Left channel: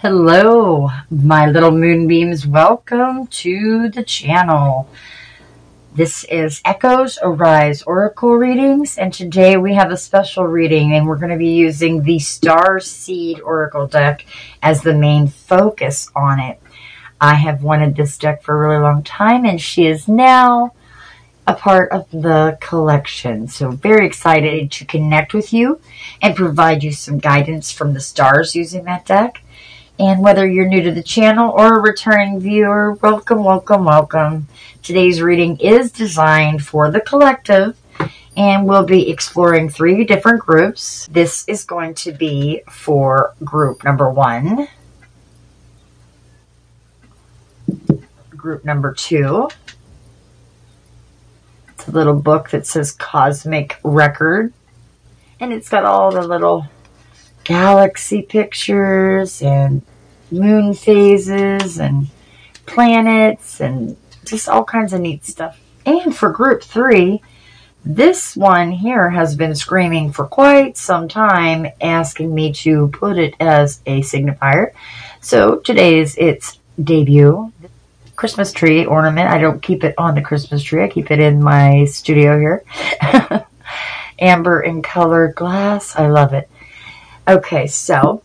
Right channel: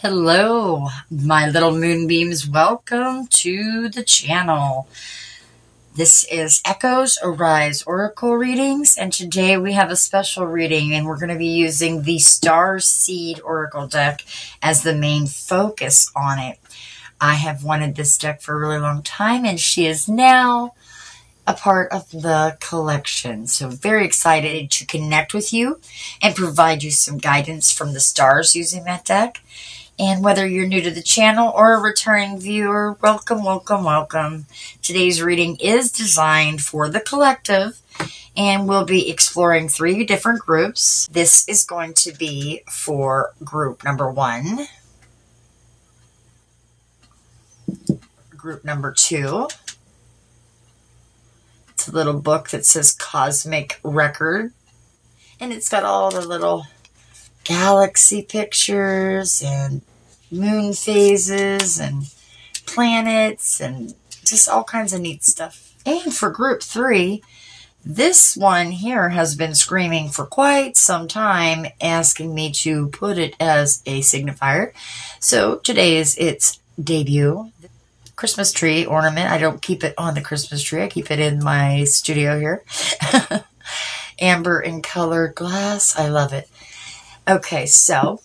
Hello, my little moonbeams. Welcome to the channel. This is Echoes Arise Oracle Readings, and today we have a special reading, and we're going to be using the Star Seed Oracle deck as the main focus on it. I have wanted this deck for a really long time, and she is now a part of the collection. So very excited to connect with you and provide you some guidance from the stars using that deck. And whether you're new to the channel or a returning viewer, welcome, welcome, welcome. Today's reading is designed for the collective, and we'll be exploring 3 different groups. This is going to be for group number 1, group number 2. It's a little book that says Cosmic Record, and it's got all the little galaxy pictures and moon phases and planets and just all kinds of neat stuff. And for group 3, this one here has been screaming for quite some time, asking me to put it as a signifier. So today's its debut. Christmas tree ornament. I don't keep it on the Christmas tree. I keep it in my studio here. Amber in colored glass. I love it. Okay, so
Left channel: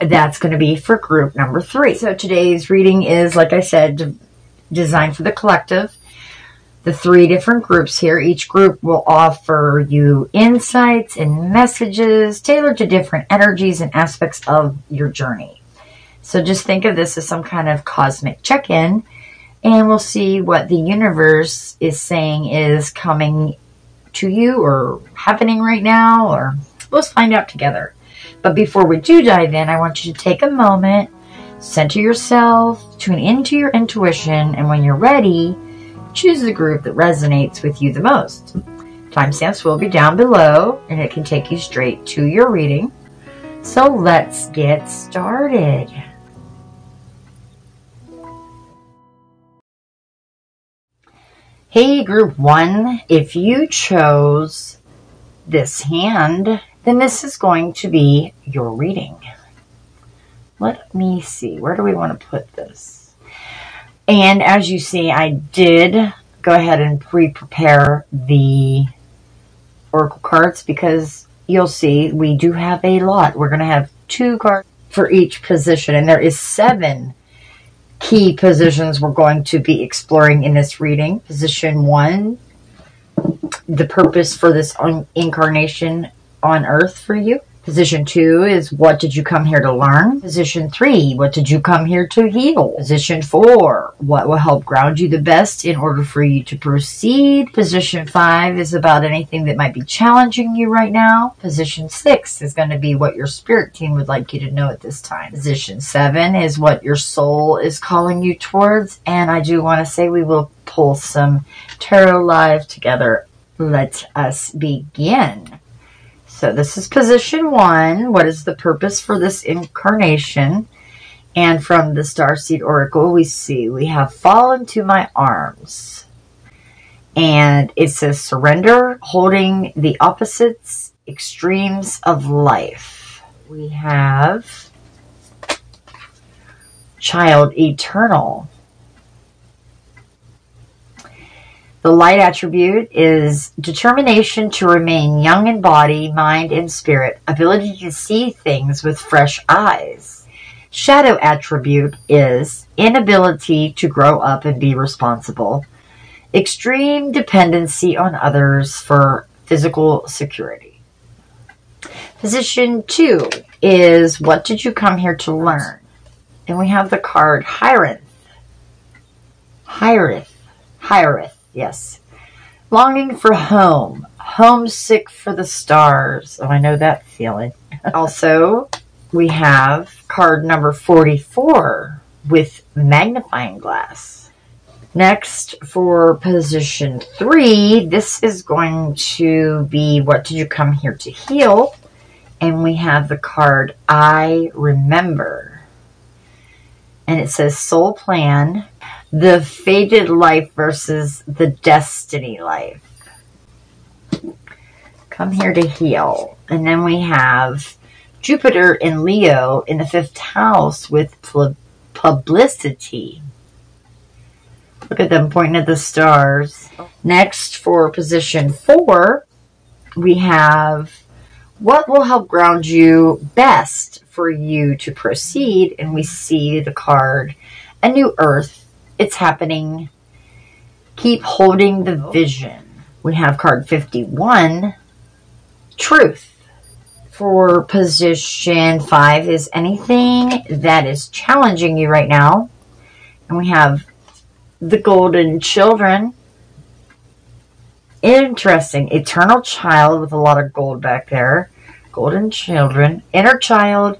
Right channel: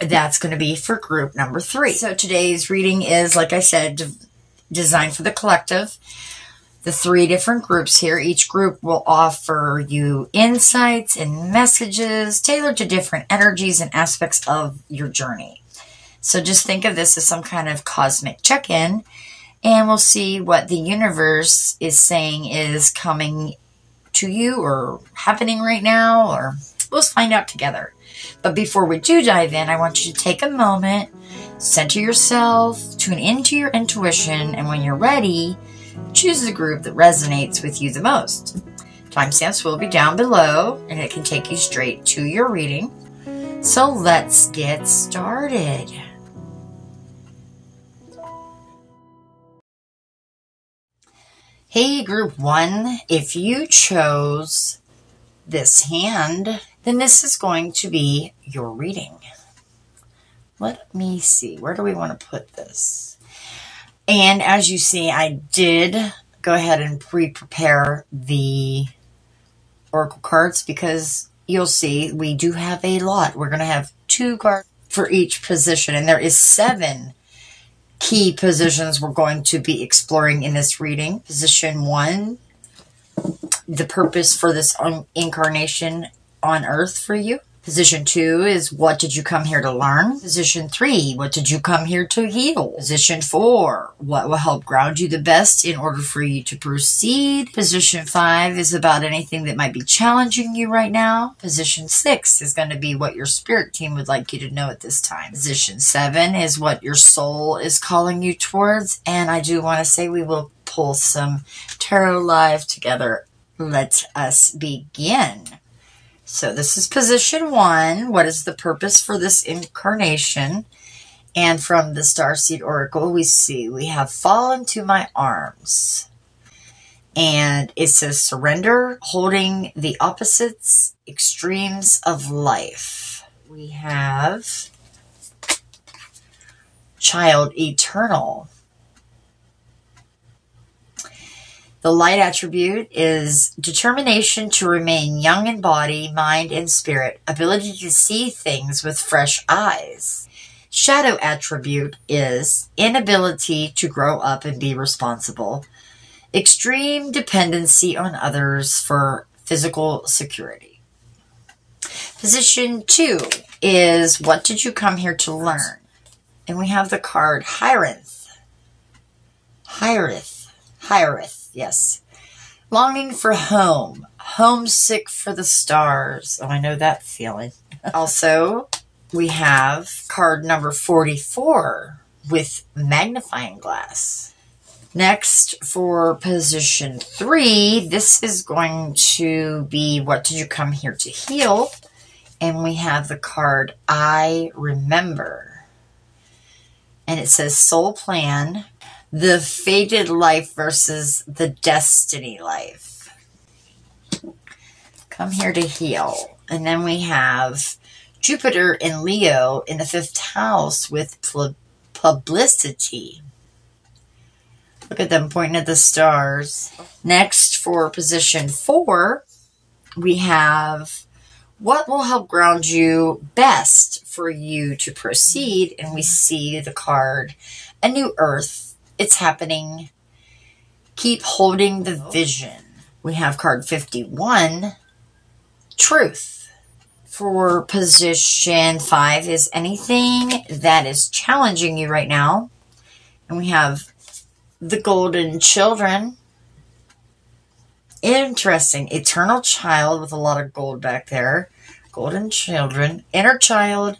that's going to be for group number 3. So today's reading is, like I said, designed for the collective. The 3 different groups here. Each group will offer you insights and messages tailored to different energies and aspects of your journey. So just think of this as some kind of cosmic check-in, and we'll see what the universe is saying is coming to you or happening right now, or let's find out together. But before we do dive in, I want you to take a moment, center yourself, tune into your intuition, and when you're ready, choose the group that resonates with you the most. Timestamps will be down below, and it can take you straight to your reading. So let's get started. Hey, group 1, if you chose this hand, then this is going to be your reading. Let me see. Where do we want to put this? And as you see, I did go ahead and pre-prepare the oracle cards because you'll see we do have a lot. We're going to have 2 cards for each position, and there is 7 key positions we're going to be exploring in this reading. Position 1, the purpose for this incarnation on earth for you. Position 2 is, what did you come here to learn? Position 3, what did you come here to heal? Position 4, what will help ground you the best in order for you to proceed? Position 5 is about anything that might be challenging you right now. Position 6 is going to be what your spirit team would like you to know at this time. Position 7 is what your soul is calling you towards. And I do want to say we will pull some tarot live together. Let us begin. So this is position 1. What is the purpose for this incarnation? And from the Starseed Oracle, we see we have fall into my arms. And it says surrender, holding the opposites, extremes of life. We have child eternal. The light attribute is determination to remain young in body, mind, and spirit, ability to see things with fresh eyes. Shadow attribute is inability to grow up and be responsible, extreme dependency on others for physical security. Position 2 is, what did you come here to learn? And we have the card Hieroth. Hieroth. Yes. Longing for home. Homesick for the stars. Oh, I know that feeling. Also, we have card number 44 with magnifying glass. Next, for position 3, this is going to be, what did you come here to heal? And we have the card I Remember. And it says soul plan. The fated life versus the destiny life. Come here to heal. And then we have Jupiter in Leo in the 5th house with publicity. Look at them pointing at the stars. Next, for position 4, we have what will help ground you best for you to proceed. And we see the card, a new earth. It's happening. Keep holding the vision. We have card 51, truth. For position 5 is anything that is challenging you right now. And we have the golden children. Interesting. Eternal child with a lot of gold back there. Golden children. Inner child.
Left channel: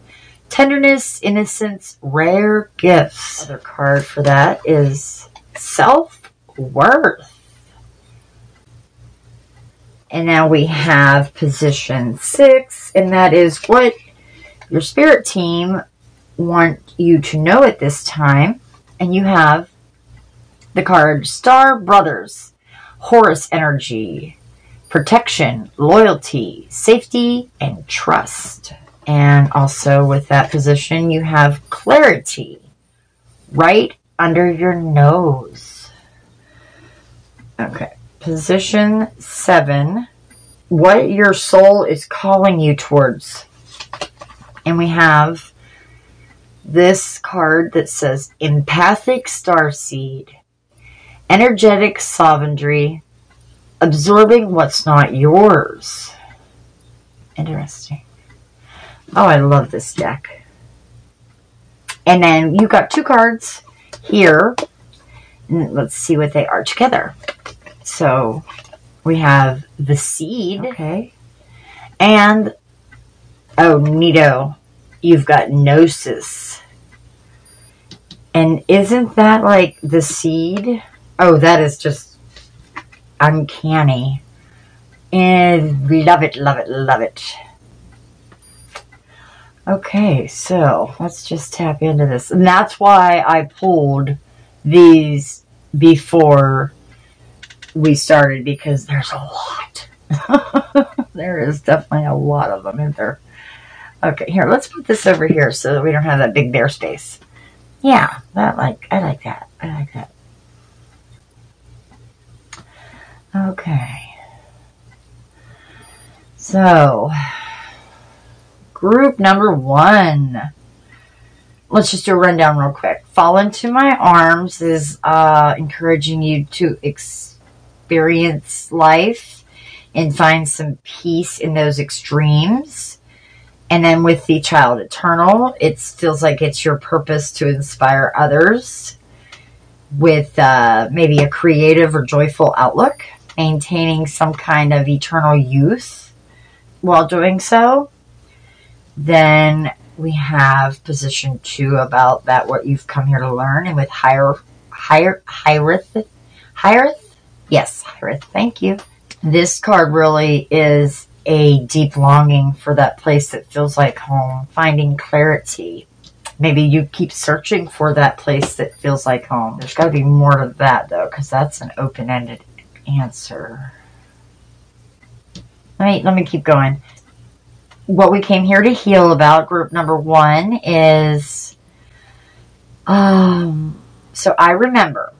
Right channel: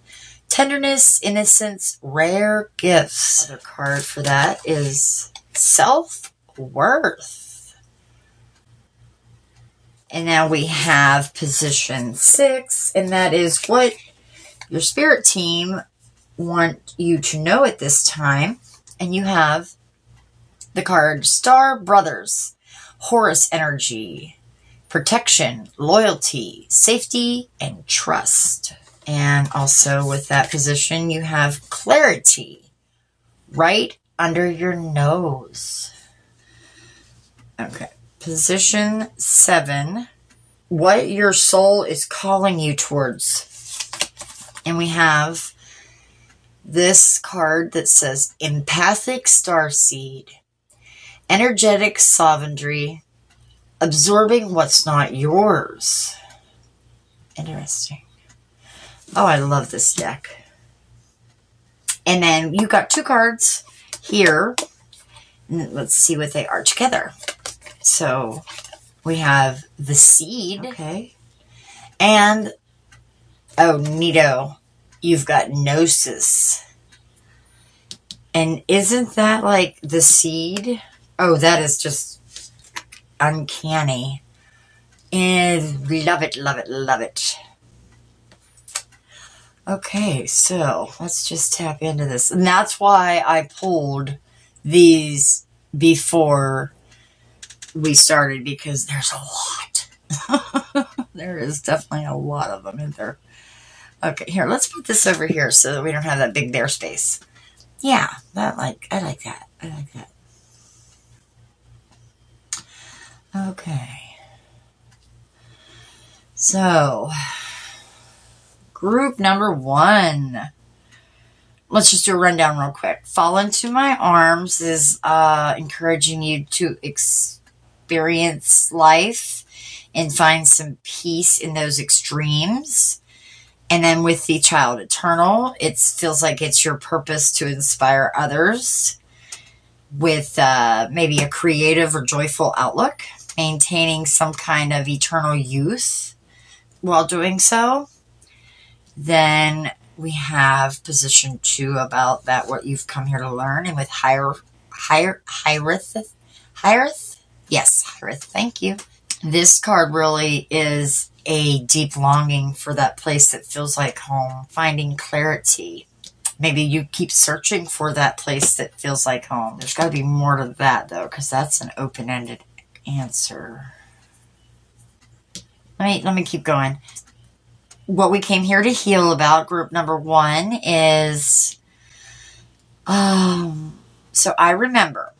Tenderness, innocence, rare gifts. Another card for that is self-worth. And now we have position 6, and that is what your spirit team want you to know at this time. And you have the card Star Brothers, Horus energy, protection, loyalty, safety, and trust. And also with that position, you have clarity right under your nose. Okay. Position 7, what your soul is calling you towards. And we have this card that says empathic starseed, energetic sovereignty, absorbing what's not yours. Interesting. Oh, I love this deck. And then you got 2 cards here. And let's see what they are together. So we have the seed, okay, and, oh, neato, you've got gnosis. And isn't that like the seed? Oh, that is just uncanny. And love it, love it, love it. Okay, so let's just tap into this. And that's why I pulled these before we started, because there's a lot. There is definitely a lot of them in there. Okay, here, let's put this over here so that we don't have that big bare space. Yeah, I like that. I like that. Okay. So, group number 1. Let's just do a rundown real quick. Fall into my arms is encouraging you to experience life and find some peace in those extremes. And then with the child eternal, it feels like it's your purpose to inspire others with maybe a creative or joyful outlook, maintaining some kind of eternal youth while doing so. Then we have position 2 about that, what you've come here to learn. And with Hyrith? Yes, Hyrith, thank you. This card really is a deep longing for that place that feels like home, finding clarity. Maybe you keep searching for that place that feels like home. There's got to be more to that, though, because that's an open-ended answer. Let me keep going. What we came here to heal about, group number 1, is... so I remember.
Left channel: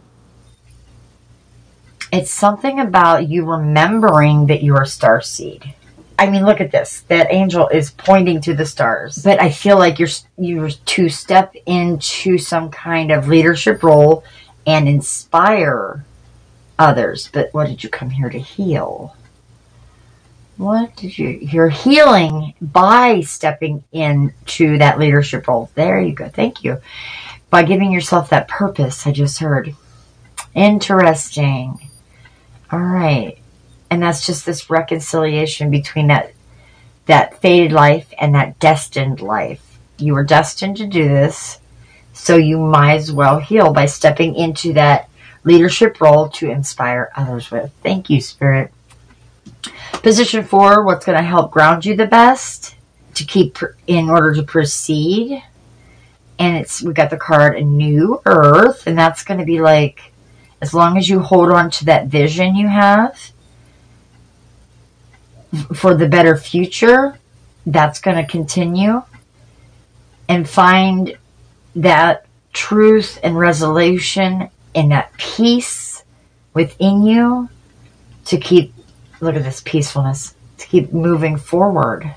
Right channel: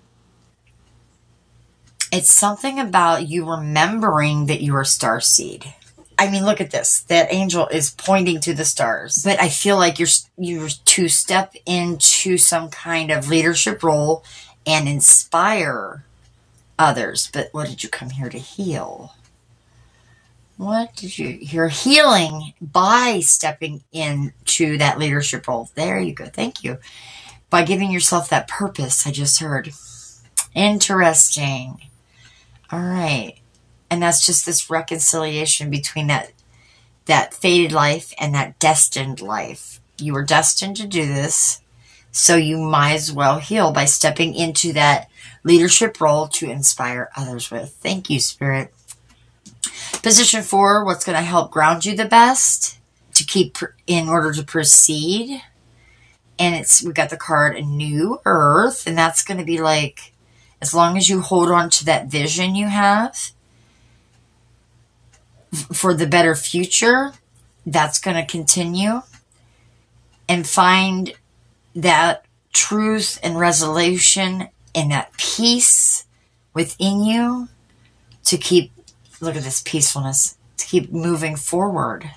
It's something about you remembering that you are starseed. I mean, look at this. That angel is pointing to the stars. But I feel like you're to step into some kind of leadership role and inspire others. But what did you come here to heal? What did you're healing by stepping into that leadership role. There you go. Thank you. By giving yourself that purpose, I just heard. Interesting. All right. And that's just this reconciliation between that fated life and that destined life. You were destined to do this, so you might as well heal by stepping into that leadership role to inspire others with. Thank you, Spirit. Position 4, what's going to help ground you the best to keep in order to proceed. And we got the card A New Earth, and that's going to be like, as long as you hold on to that vision you have for the better future, that's going to continue, and find that truth and resolution and that peace within you to keep, look at this peacefulness, to keep moving forward.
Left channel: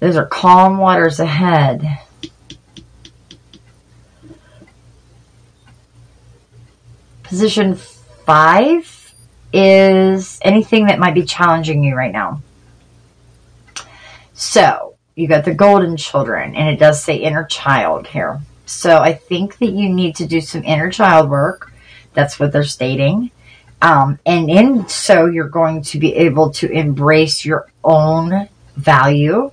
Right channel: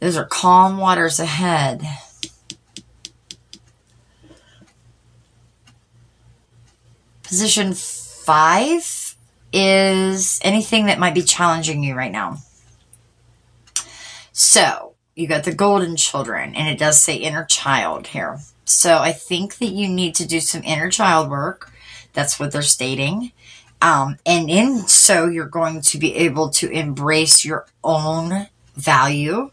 Those are calm waters ahead. Position 5 is anything that might be challenging you right now. So you got the golden children, and it does say inner child here. So I think that you need to do some inner child work. That's what they're stating. And in so you're going to be able to embrace your own value.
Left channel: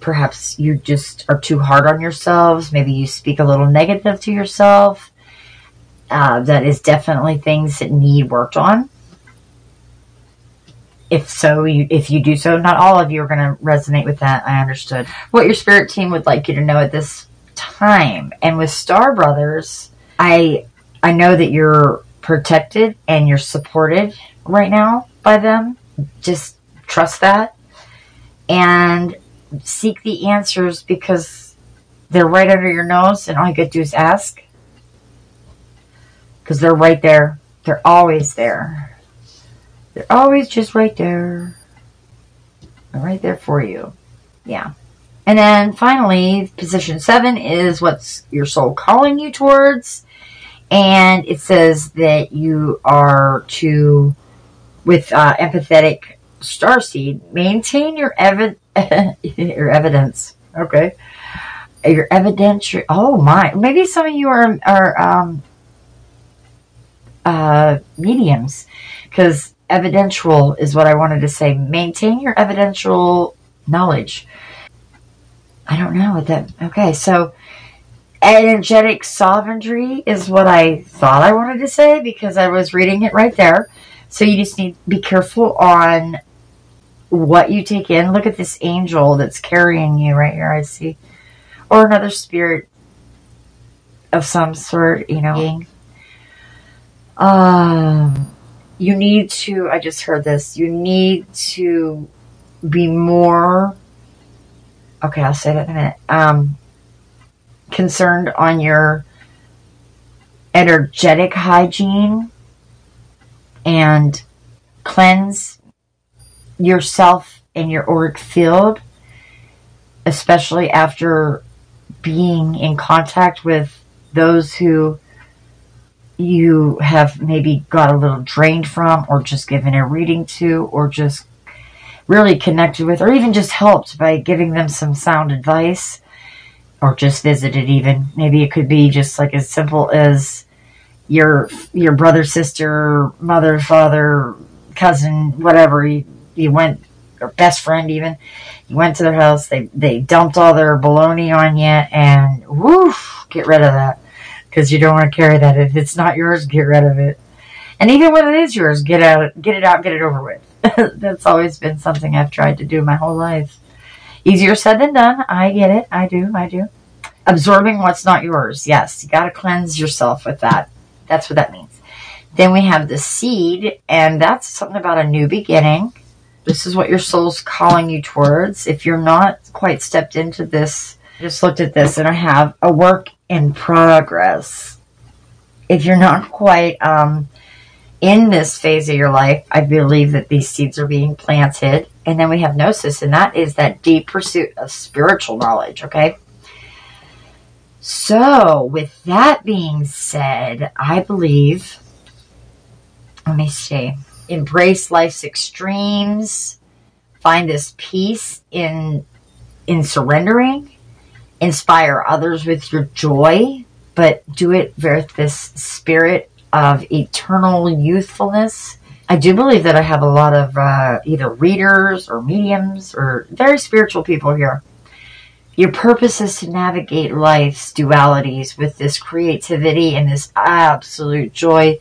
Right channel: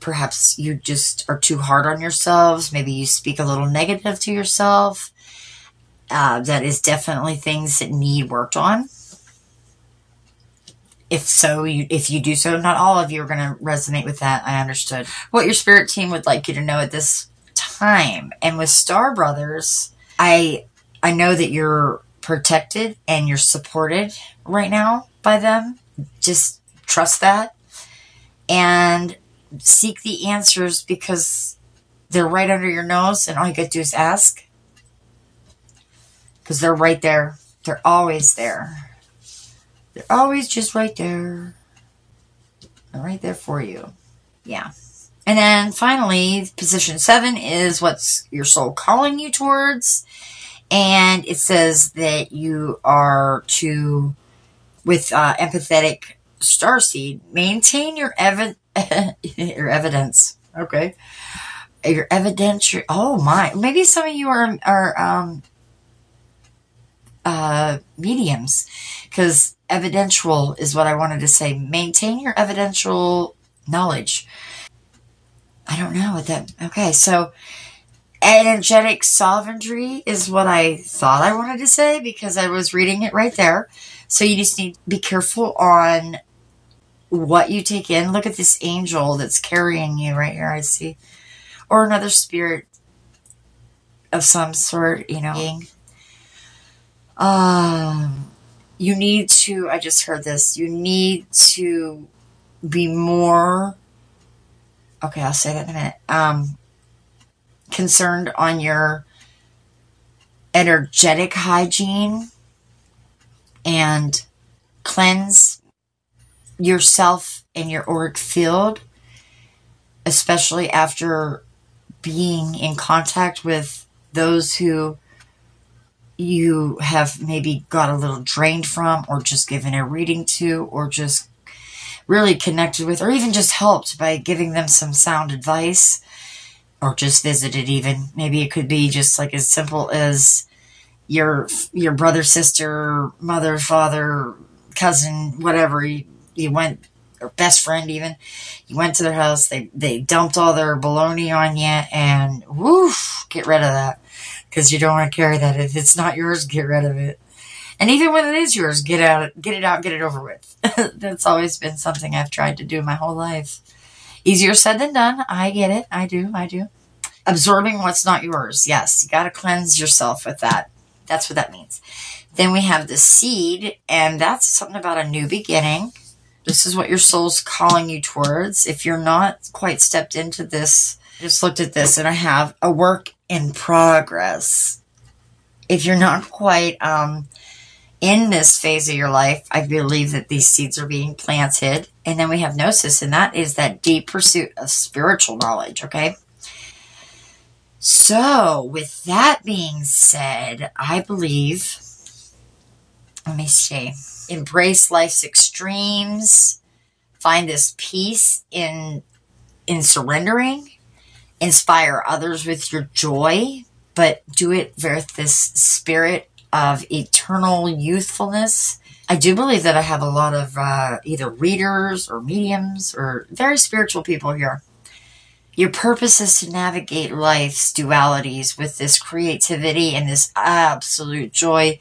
Perhaps you just are too hard on yourselves. Maybe you speak a little negative to yourself. That is definitely things that need worked on. If so, if you do so, not all of you are going to resonate with that. I understood. What your spirit team would like you to know at this time. And with Star Brothers, I know that you're protected and you're supported right now by them. Just trust that. And seek the answers, because they're right under your nose, and all you got to do is ask. Because they're right there. They're always there. They're always just right there. They're right there for you. Yeah. And then finally, position 7 is what's your soul calling you towards. And it says that you are to, with empathetic starseed, maintain your your evidence. Okay. Your evidentiary. Oh my. Maybe some of you are mediums, because evidential is what I wanted to say. Maintain your evidential knowledge. I don't know what that, okay, so energetic sovereignty is what I thought I wanted to say, because I was reading it right there. So you just need to be careful on what you take in. Look at this angel that's carrying you right here, I see. Or another spirit of some sort, you know. You need to, I just heard this, you need to be more, okay, I'll say that in a minute, concerned on your energetic hygiene and cleanse yourself and your auric field, especially after being in contact with those who you have maybe got a little drained from, or just given a reading to, or just really connected with, or even just helped by giving them some sound advice, or just visited even. Maybe it could be just like as simple as your brother, sister, mother, father, cousin, whatever. You went, or best friend even, you went to their house, they dumped all their baloney on you, and woof, get rid of that. Because you don't want to carry that. If it's not yours, get rid of it. And even when it is yours, get it out, get it over with. That's always been something I've tried to do my whole life. Easier said than done. I get it. I do. Absorbing what's not yours. Yes, you got to cleanse yourself with that. That's what that means. Then we have the seed, and that's something about a new beginning. This is what your soul's calling you towards. If you're not quite stepped into this, I just looked at this, and I have a work in progress. If you're not quite in this phase of your life, I believe that these seeds are being planted. And then we have gnosis, and that is that deep pursuit of spiritual knowledge, okay? So, with that being said, I believe, let me see, embrace life's extremes, find this peace in surrendering, inspire others with your joy, but do it with this spirit of eternal youthfulness. I do believe that I have a lot of either readers or mediums or very spiritual people here. Your purpose is to navigate life's dualities with this creativity and this absolute joy.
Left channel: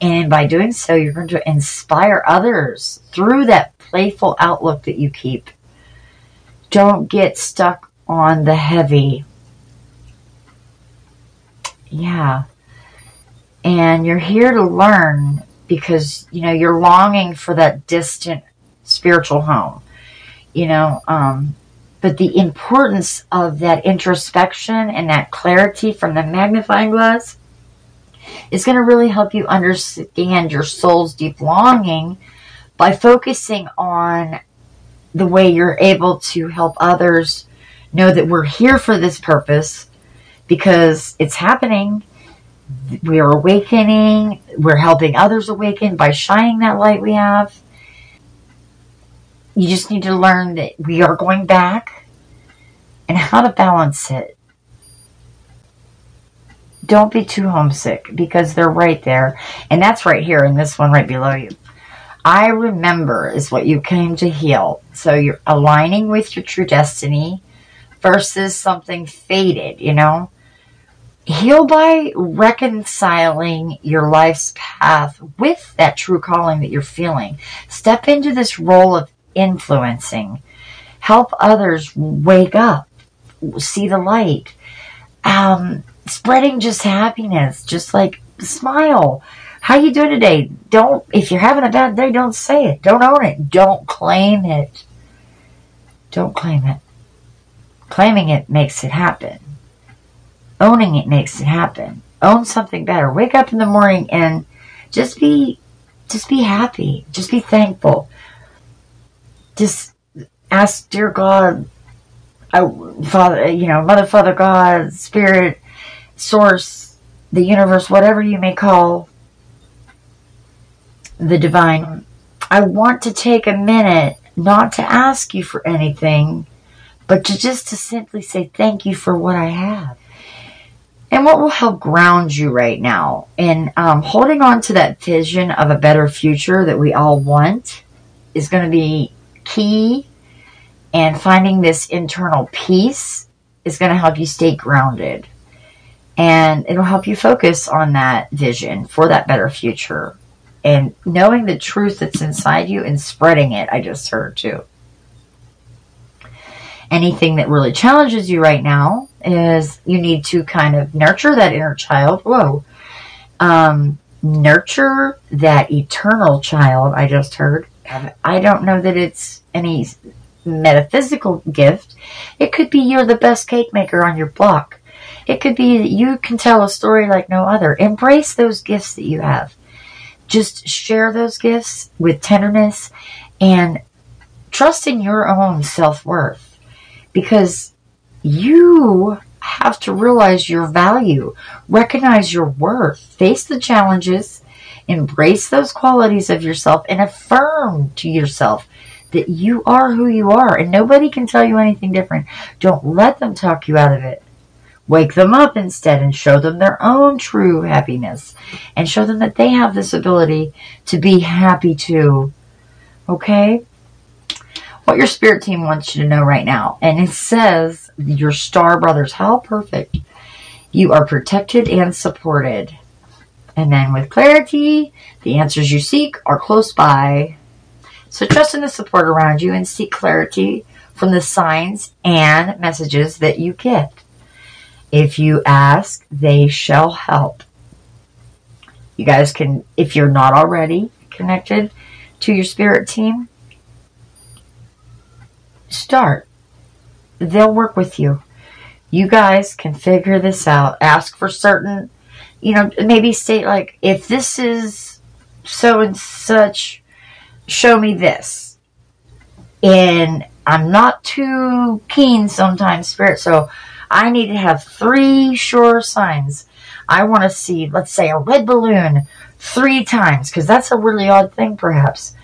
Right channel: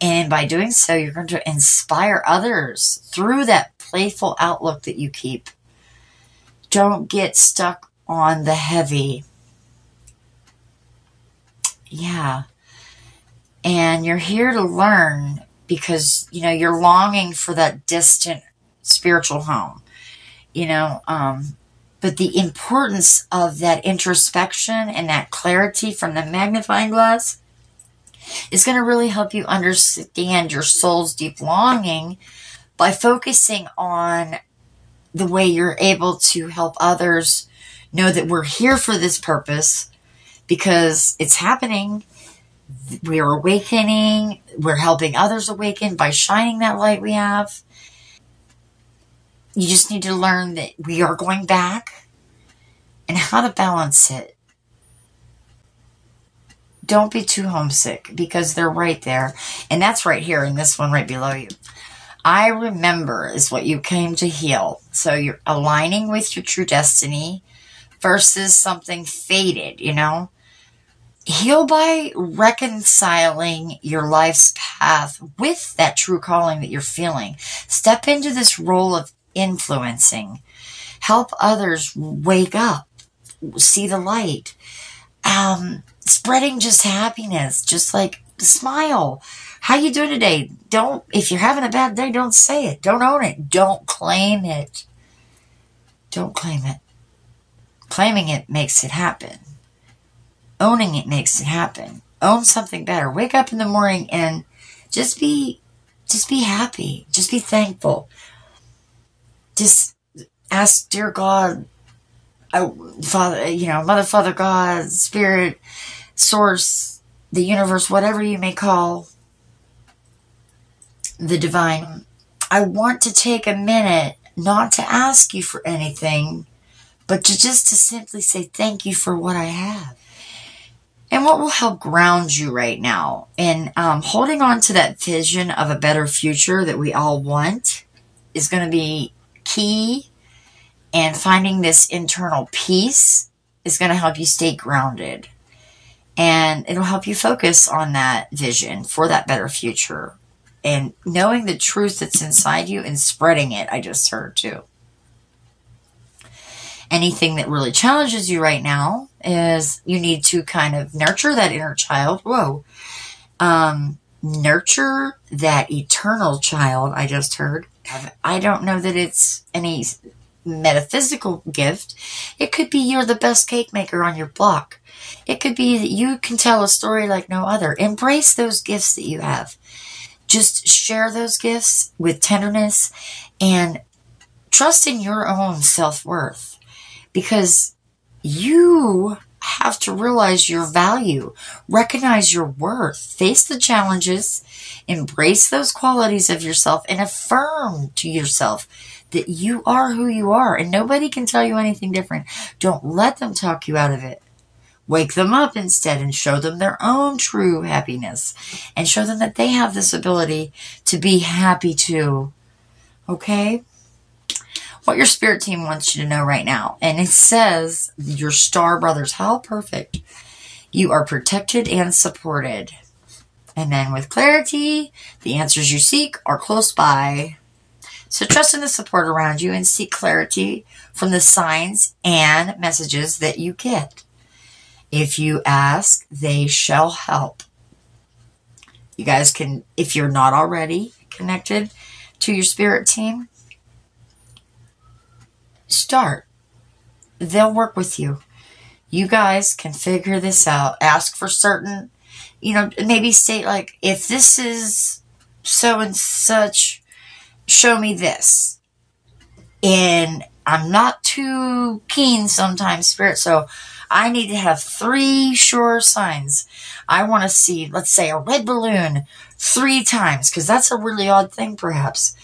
And by doing so, you're going to inspire others through that playful outlook that you keep. Don't get stuck on the heavy. Yeah. And you're here to learn because, you know, you're longing for that distant spiritual home. you know, but the importance of that introspection and that clarity from the magnifying glass is going to really help you understand your soul's deep longing by focusing on the way you're able to help others know that we're here for this purpose because it's happening. We are awakening. We're helping others awaken by shining that light we have. You just need to learn that we are going back and how to balance it. Don't be too homesick because they're right there. And that's right here in this one right below you. I remember is what you came to heal. So you're aligning with your true destiny versus something faded, you know. Heal by reconciling your life's path with that true calling that you're feeling. Step into this role of influencing. Help others wake up, see the light. Spreading just happiness, just like smile. How you doing today? If you're having a bad day, don't say it. Don't own it. Don't claim it. Don't claim it. Claiming it makes it happen. Owning it makes it happen. Own something better. Wake up in the morning and just be happy. Just be thankful. Just ask, dear God, Father, Mother, Father, God, Spirit, Source, the universe, whatever you may call the divine. I want to take a minute not to ask you for anything, but to simply say thank you for what I have. And what will help ground you right now and holding on to that vision of a better future that we all want is going to be key. And finding this internal peace is going to help you stay grounded. And it'll help you focus on that vision for that better future. And knowing the truth that's inside you and spreading it, I just heard too. Anything that really challenges you right now is you need to kind of nurture that inner child. Whoa. Nurture that eternal child, I just heard. I don't know that it's any metaphysical gift. It could be you're the best cake maker on your block. It could be that you can tell a story like no other. Embrace those gifts that you have. Just share those gifts with tenderness and trust in your own self-worth. Because you have to realize your value, recognize your worth, face the challenges, embrace those qualities of yourself, and affirm to yourself that you are who you are, and nobody can tell you anything different. Don't let them talk you out of it. Wake them up instead and show them their own true happiness, and show them that they have this ability to be happy too. Okay? What your spirit team wants you to know right now. And it says, your star brothers, how perfect. You are protected and supported. And then with clarity, the answers you seek are close by. So trust in the support around you and seek clarity from the signs and messages that you get. If you ask, they shall help. You guys can, if you're not already connected to your spirit team, start. They'll work with you. You guys can figure this out. Ask for certain, maybe state like, if this is so and such, show me this. And I'm not too keen sometimes, Spirit, so I need to have 3 sure signs. I want to see, let's say, a red balloon 3 times, because that's a really odd thing, perhaps.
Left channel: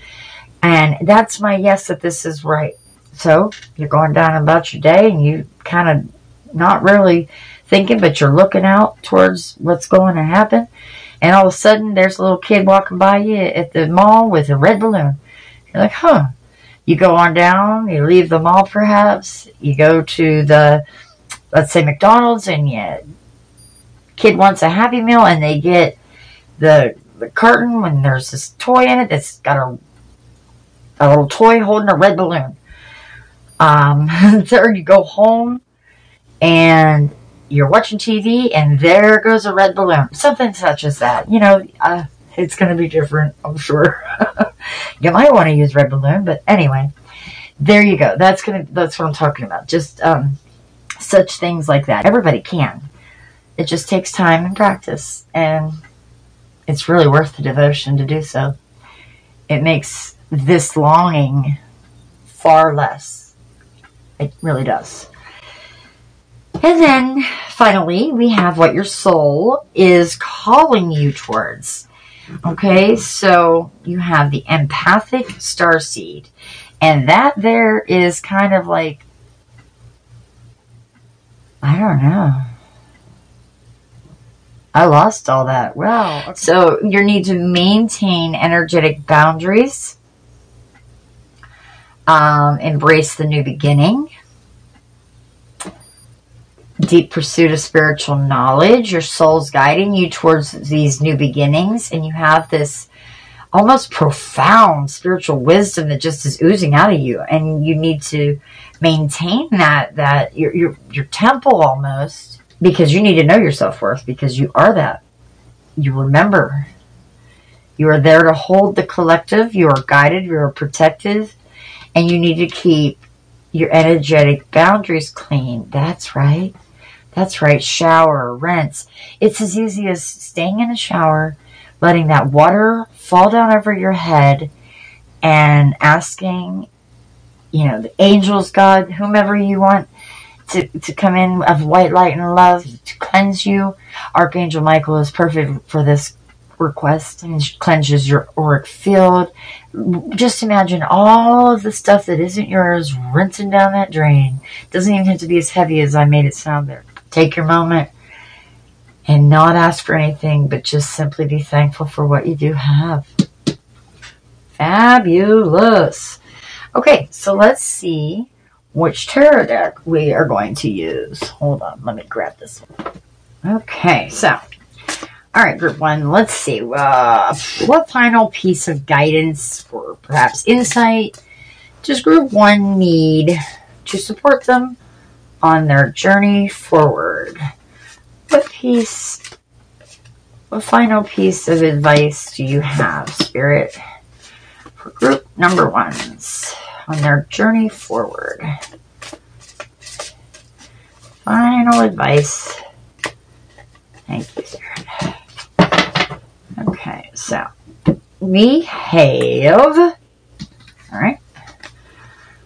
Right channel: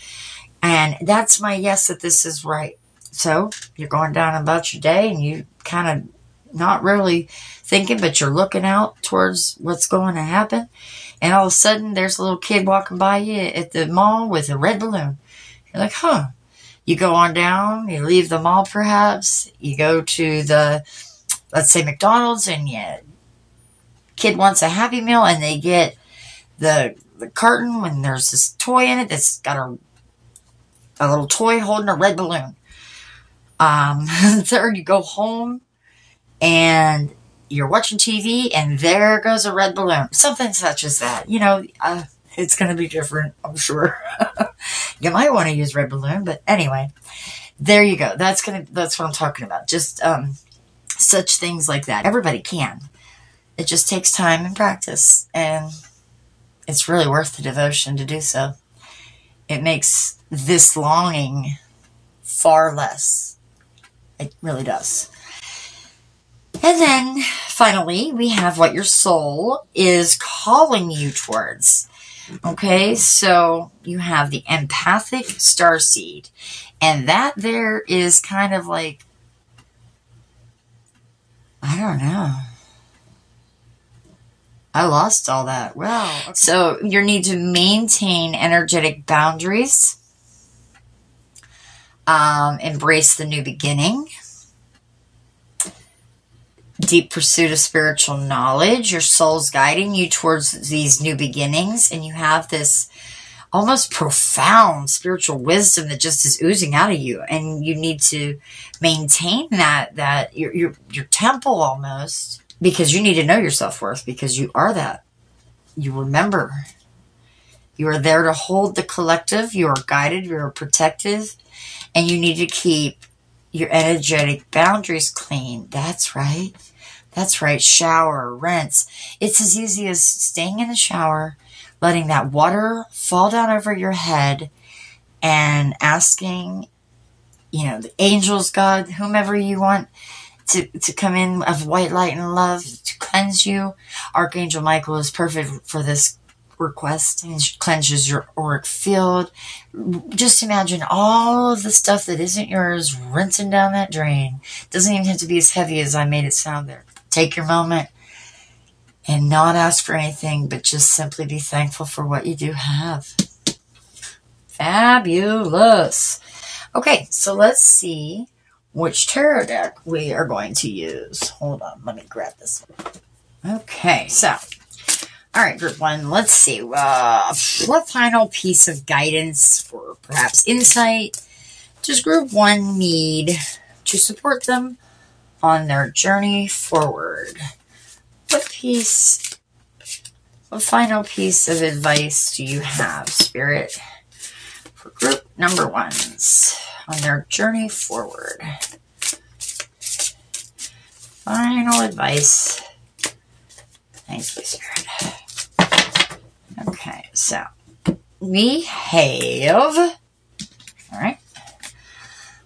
And that's my yes that this is right. So you're going down about your day and you kind of not really thinking, but you're looking out towards what's going to happen. And all of a sudden there's a little kid walking by you at the mall with a red balloon. You're like, huh. You go on down, you leave the mall perhaps, you go to the, let's say McDonald's, and kid wants a Happy Meal and they get the carton when there's this toy in it that's got a little toy holding a red balloon. Third, you go home and you're watching TV and there goes a red balloon. Something such as that. It's going to be different, I'm sure. You might want to use red balloon, but anyway. There you go. That's what I'm talking about. Just such things like that. Everybody can. It just takes time and practice, and it's really worth the devotion to do so. It makes this longing far less. It really does. And then finally, we have what your soul is calling you towards. Okay, so you have the empathic starseed, and that there is kind of like, I don't know. I lost all that. Wow. Okay. So you need to maintain energetic boundaries. Embrace the new beginning. Deep pursuit of spiritual knowledge. Your soul's guiding you towards these new beginnings. And you have this almost profound spiritual wisdom that just is oozing out of you. And you need to maintain that your temple almost. Because you need to know your self-worth, because you are that. You remember. You are there to hold the collective. You are guided. You are protective. And you need to keep your energetic boundaries clean. That's right. That's right. Shower, rinse. It's as easy as staying in the shower, letting that water fall down over your head, and asking, the angels, God, whomever you want, to come in of white light and love to cleanse you. Archangel Michael is perfect for this request, and cleanses your auric field. Just imagine all of the stuff that isn't yours rinsing down that drain. Doesn't even have to be as heavy as I made it sound there. Take your moment and not ask for anything, but just simply be thankful for what you do have. Fabulous. Okay, so let's see which tarot deck we are going to use. Hold on, let me grab this one. Okay, so, all right, group one, let's see. What final piece of guidance or perhaps insight does group one need to support them on their journey forward? What final piece of advice do you have, Spirit, for group number ones on their journey forward? Final advice. Thank you, Spirit. Okay, so we have, all right,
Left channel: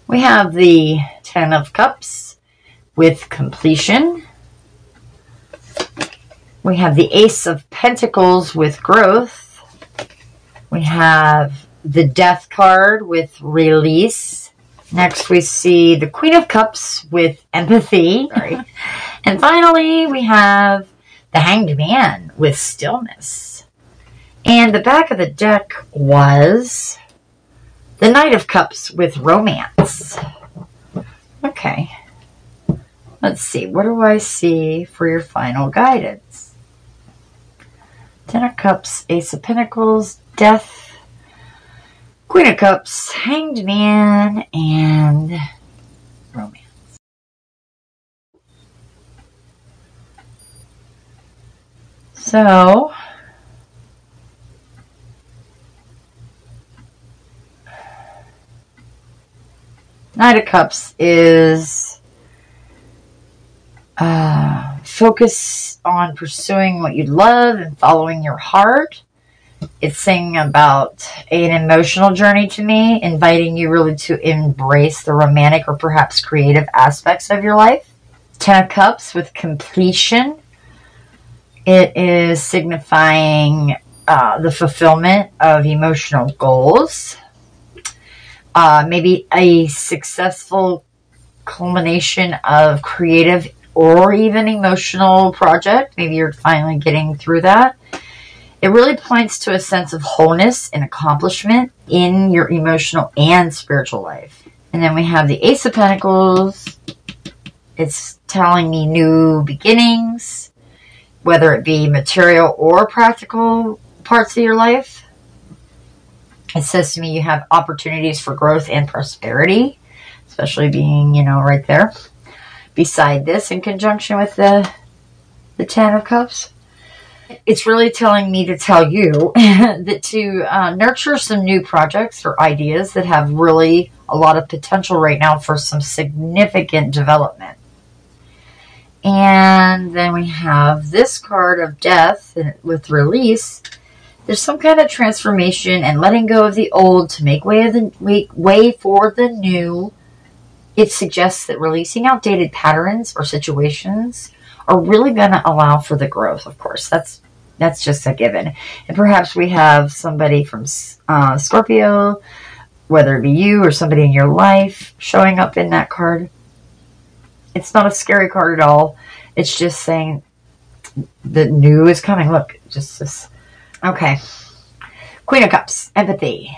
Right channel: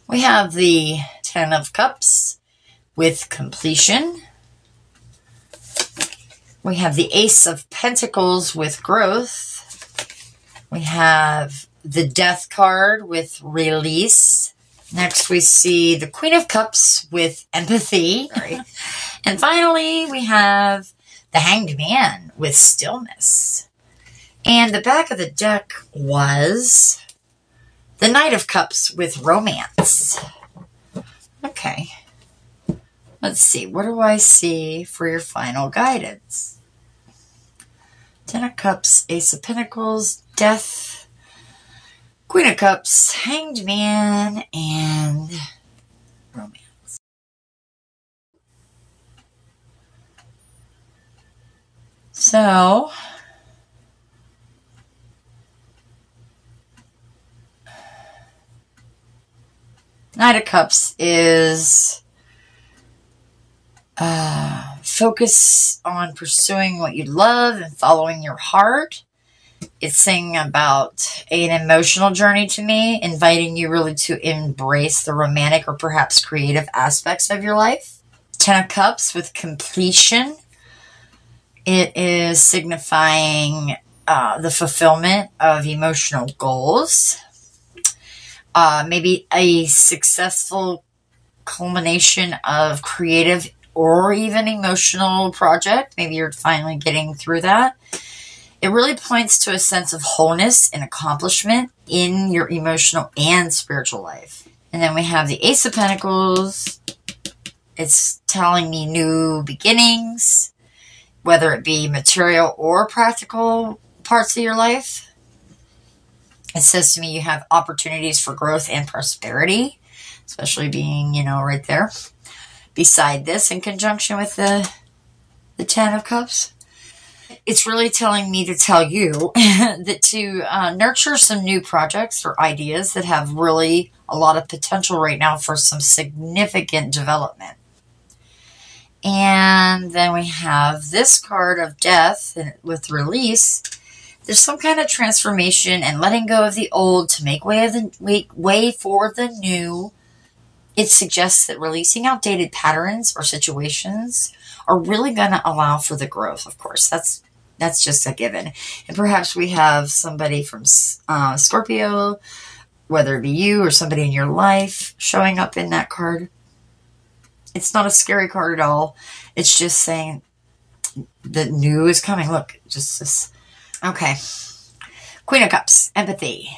we have the 10 of Cups with completion. We have the Ace of Pentacles with growth. We have the Death card with release. Next, we see the Queen of Cups with empathy. Sorry. And finally, we have the Hanged Man with stillness. And the back of the deck was the Knight of Cups with romance. Okay. Let's see. What do I see for your final guidance? 10 of Cups, Ace of Pentacles, Death, Queen of Cups, Hanged Man, and romance. So, Knight of Cups is focus on pursuing what you love and following your heart. It's saying about an emotional journey to me, inviting you really to embrace the romantic or perhaps creative aspects of your life. 10 of Cups with completion. It is signifying the fulfillment of emotional goals. Maybe a successful culmination of creative or even emotional project. Maybe you're finally getting through that. It really points to a sense of wholeness and accomplishment in your emotional and spiritual life. And then we have the Ace of Pentacles. It's telling me new beginnings, whether it be material or practical parts of your life. It says to me you have opportunities for growth and prosperity, especially being, right there beside this in conjunction with the 10 of Cups. It's really telling me to tell you that to nurture some new projects or ideas that have really a lot of potential right now for some significant development. And then we have this card of death with release. There's some kind of transformation and letting go of the old to make way for the new. It suggests that releasing outdated patterns or situations are really going to allow for the growth. Of course, that's just a given. And perhaps we have somebody from Scorpio, whether it be you or somebody in your life, showing up in that card. It's not a scary card at all. It's just saying the new is coming. Look, just this. Okay. Queen of Cups, empathy.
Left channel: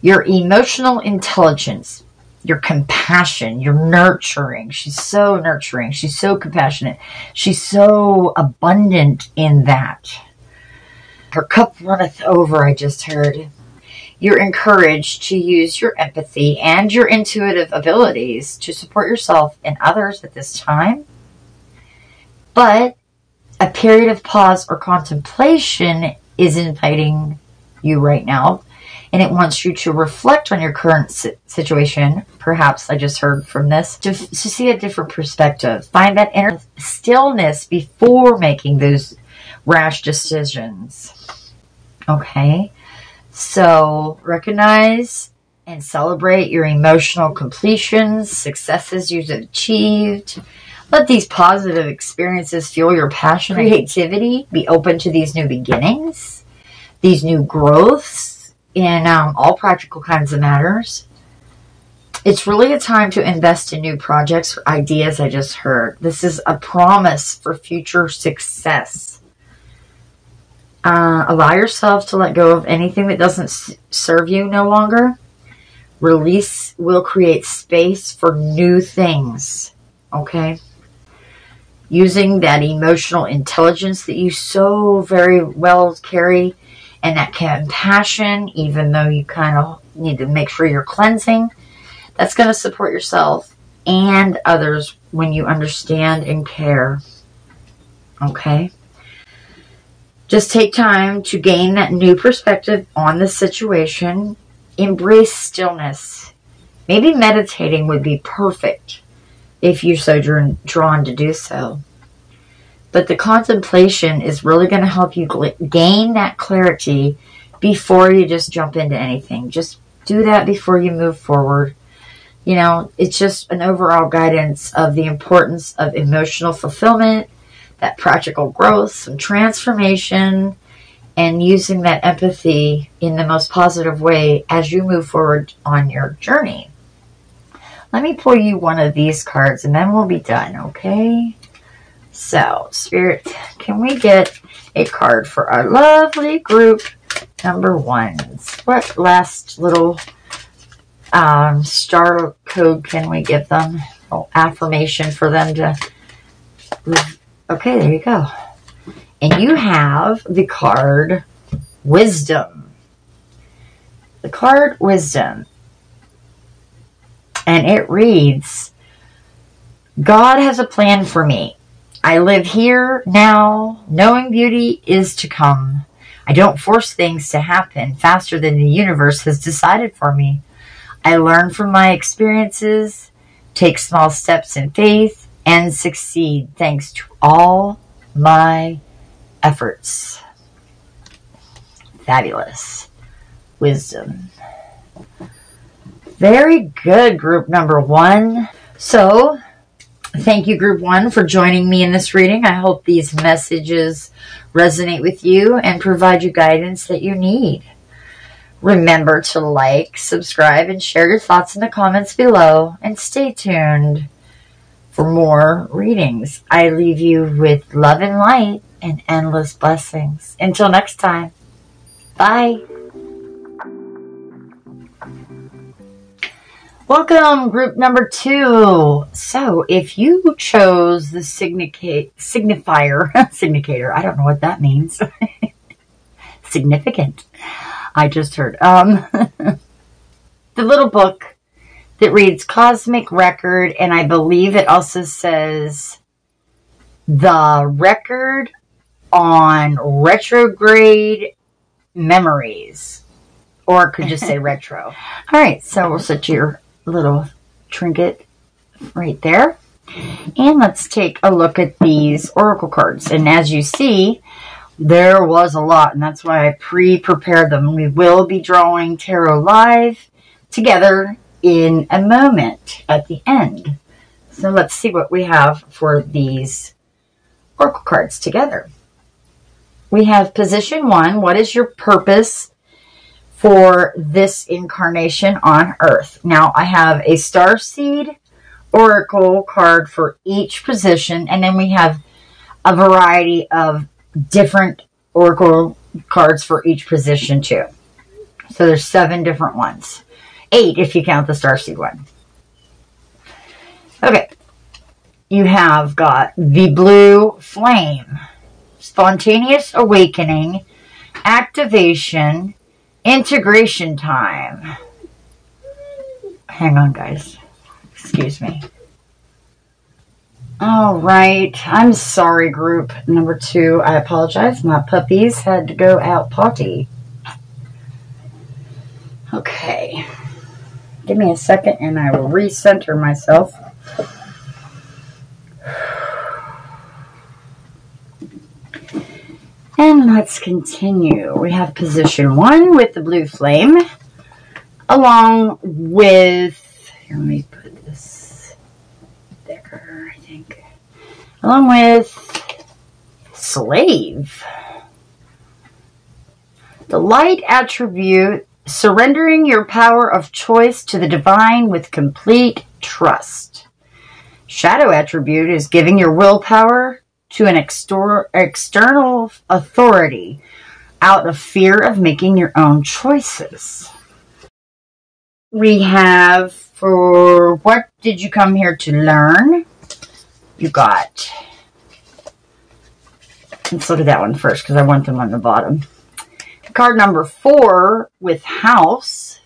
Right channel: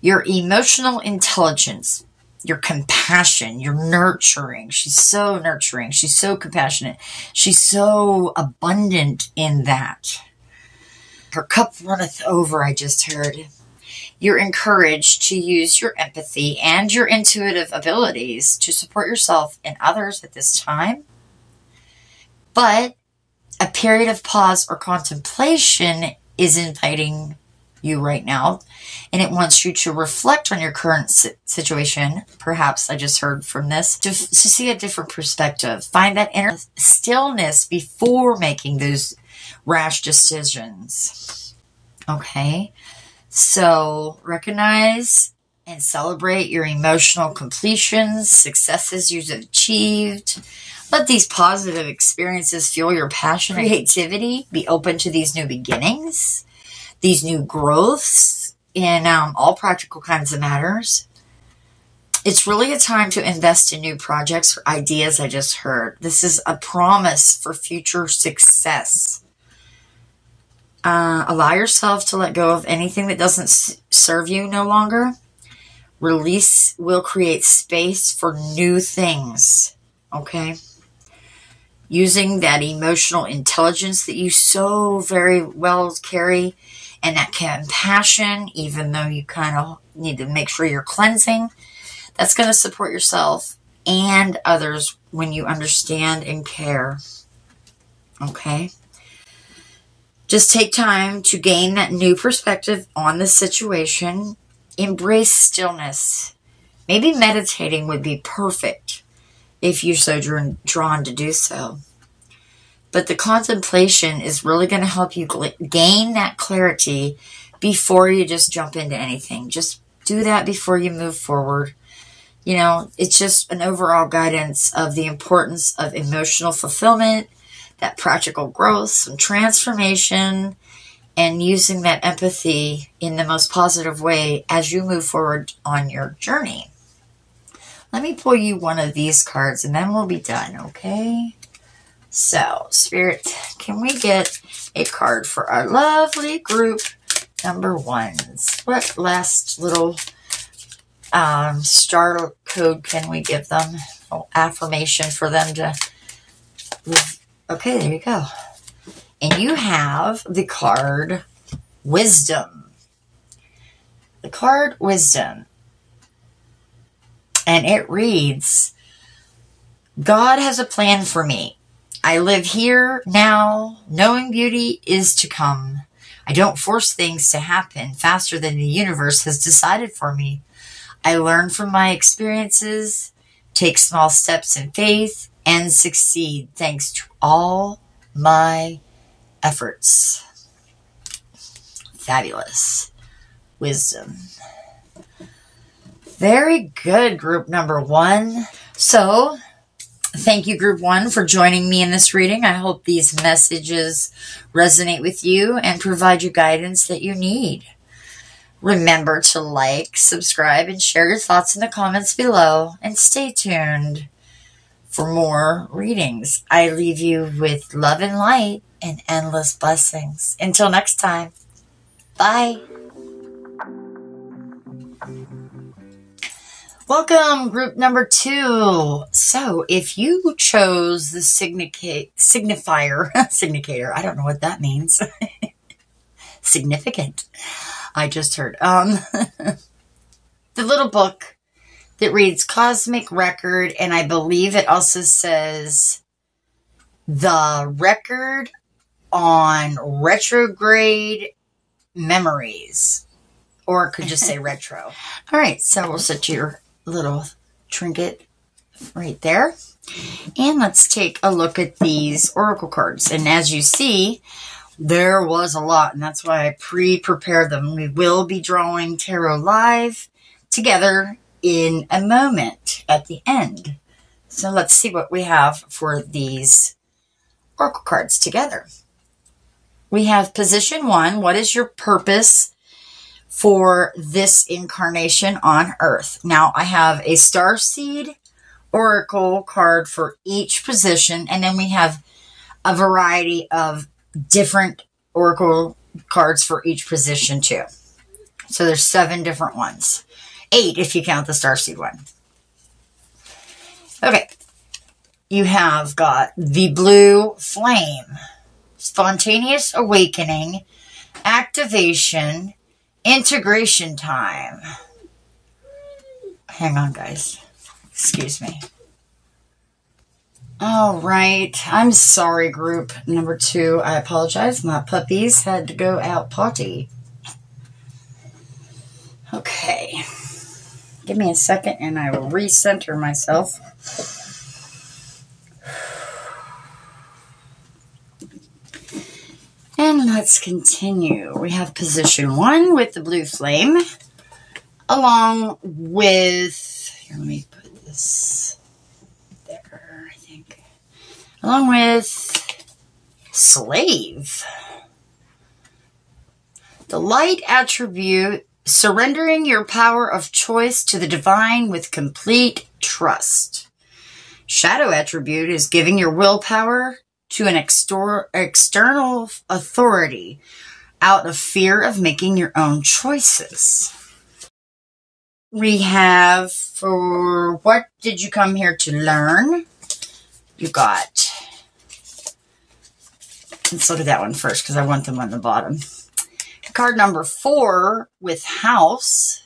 Your emotional intelligence, your compassion, your nurturing. She's so nurturing. She's so compassionate. She's so abundant in that. Her cup runneth over, I just heard. You're encouraged to use your empathy and your intuitive abilities to support yourself and others at this time. But a period of pause or contemplation is inviting you right now. And it wants you to reflect on your current situation. Perhaps I just heard from this. To see a different perspective. Find that inner stillness before making those rash decisions. Okay. So recognize and celebrate your emotional completions, successes you've achieved. Let these positive experiences fuel your passion and creativity. Be open to these new beginnings, these new growths in all practical kinds of matters. It's really a time to invest in new projects or ideas, I just heard. This is a promise for future success. Allow yourself to let go of anything that doesn't serve you no longer. Release will create space for new things. Okay? Using that emotional intelligence that you so very well carry and that compassion, even though you kind of need to make sure you're cleansing, that's going to support yourself and others when you understand and care. Okay? Just take time to gain that new perspective on the situation. Embrace stillness. Maybe meditating would be perfect if you're so drawn to do so. But the contemplation is really going to help you gain that clarity before you just jump into anything. Just do that before you move forward. You know, it's just an overall guidance of the importance of emotional fulfillment, that practical growth, some transformation, and using that empathy in the most positive way as you move forward on your journey. Let me pull you one of these cards and then we'll be done, okay? So, Spirit, can we get a card for our lovely group number ones? What last little star code can we give them? Oh, affirmation for them to... Okay, there you go. And you have the card Wisdom. The card Wisdom. And it reads, God has a plan for me. I live here now, knowing beauty is to come. I don't force things to happen faster than the universe has decided for me. I learn from my experiences, take small steps in faith, and succeed thanks to all my efforts. Fabulous. Wisdom. Very good, group number one. So, thank you, group one, for joining me in this reading. I hope these messages resonate with you and provide you guidance that you need. Remember to like, subscribe, and share your thoughts in the comments below. And stay tuned for more readings. I leave you with love and light and endless blessings. Until next time. Bye. Welcome, group number two. So, if you chose the signifier, I don't know what that means. Significant. I just heard. The little book that reads Cosmic Record, and I believe it also says The Record on retrograde memories. Or it could just say retro. All right, so we'll set your little trinket right there. And let's take a look at these oracle cards. And as you see, there was a lot, and that's why I pre-prepared them. We will be drawing tarot live together in a moment at the end. So let's see what we have for these oracle cards together. We have position 1. What is your purpose for this incarnation on Earth? Now, I have a starseed oracle card for each position, and then we have a variety of different oracle cards for each position too. So there's 7 different ones. 8 if you count the starseed one. Okay. You have got the blue flame, spontaneous awakening, activation, integration time. Hang on, guys. Excuse me. All right. I'm sorry, group number 2. I apologize. My puppies had to go out potty. Okay. Give me a second and I will recenter myself. And let's continue. We have position 1 with the blue flame, along with, here, let me put this there, I think, along with slave. The light attribute, surrendering your power of choice to the divine with complete trust. Shadow attribute is giving your willpower to an external authority out of fear of making your own choices. We have, for what did you come here to learn? You got, let's look at that one first because I want them on the bottom. Card number 4 with house.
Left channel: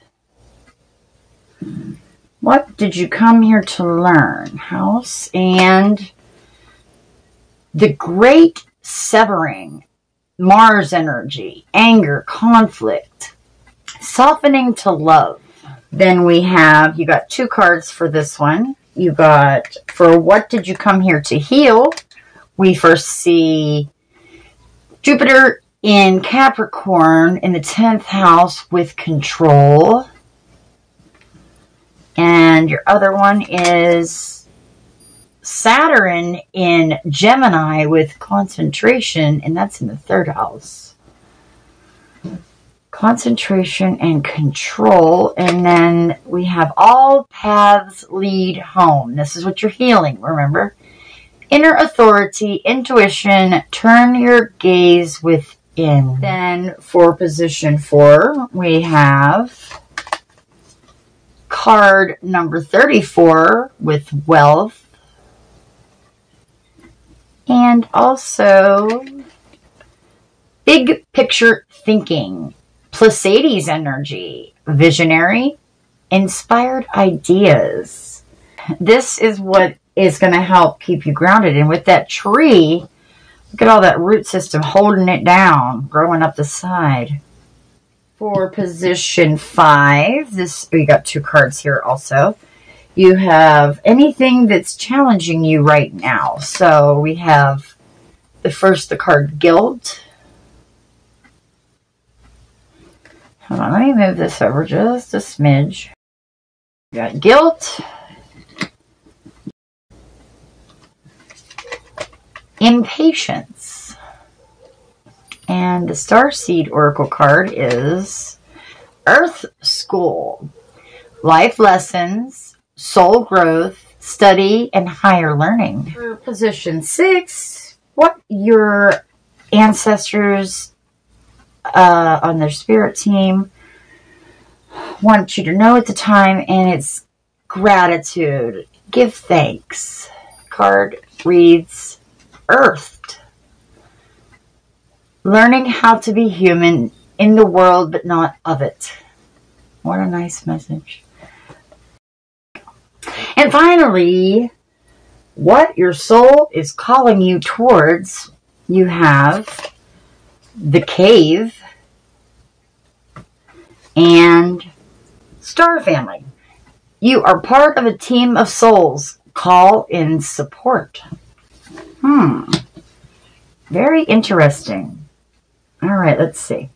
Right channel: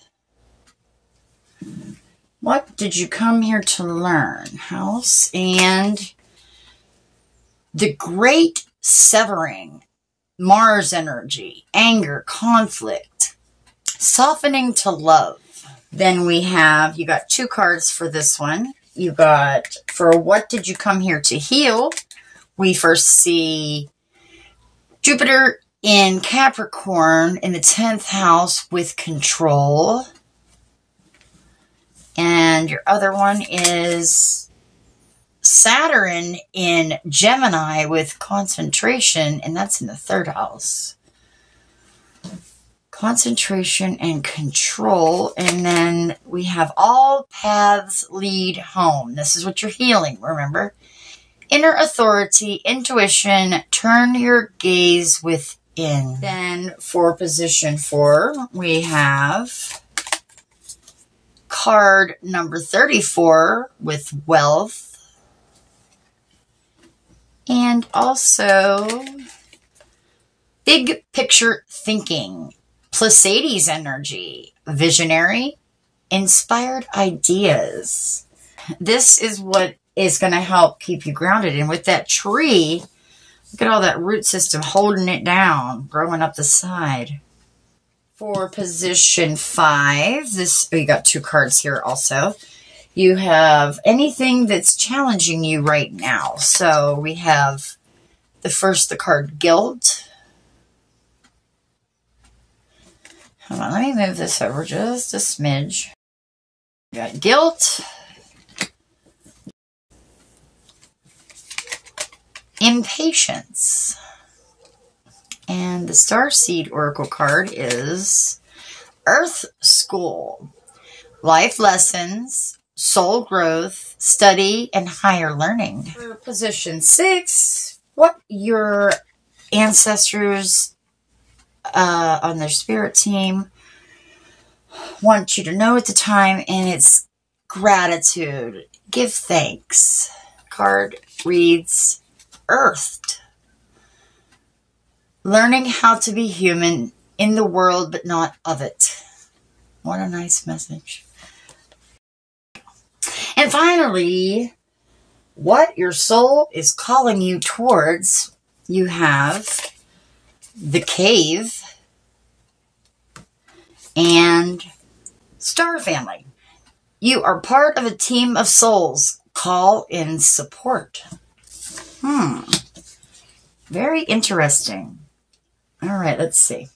What did you come here to learn? House and the great severing, Mars energy, anger, conflict, softening to love. Then we have, you got 2 cards for this one. You got, for what did you come here to heal? We first see Jupiter in Capricorn in the 10th house with control. And your other one is Saturn in Gemini with concentration, and that's in the 3rd house. Concentration and control. And then we have all paths lead home. This is what you're healing, remember? Inner authority, intuition, turn your gaze within. Then for position 4, we have card number 34 with wealth. And also big picture thinking, Pleiades energy, visionary, inspired ideas. This is what is going to help keep you grounded. And with that tree, look at all that root system holding it down, growing up the side. For position 5, this, we got 2 cards here also. You have anything that's challenging you right now. So we have the card guilt. Hold on, let me move this over just a smidge. We got guilt. Impatience. And the Starseed Oracle card is Earth School. Life lessons, soul growth, study, and higher learning. For position 6, what your ancestors on their spirit team want you to know at the time, and it's gratitude. Give thanks. Card reads Earthed. Learning how to be human in the world, but not of it. What a nice message. And finally, what your soul is calling you towards. you have the Cave and Star Family. You are part of a team of souls. Call in support. Very interesting. All right, let's see.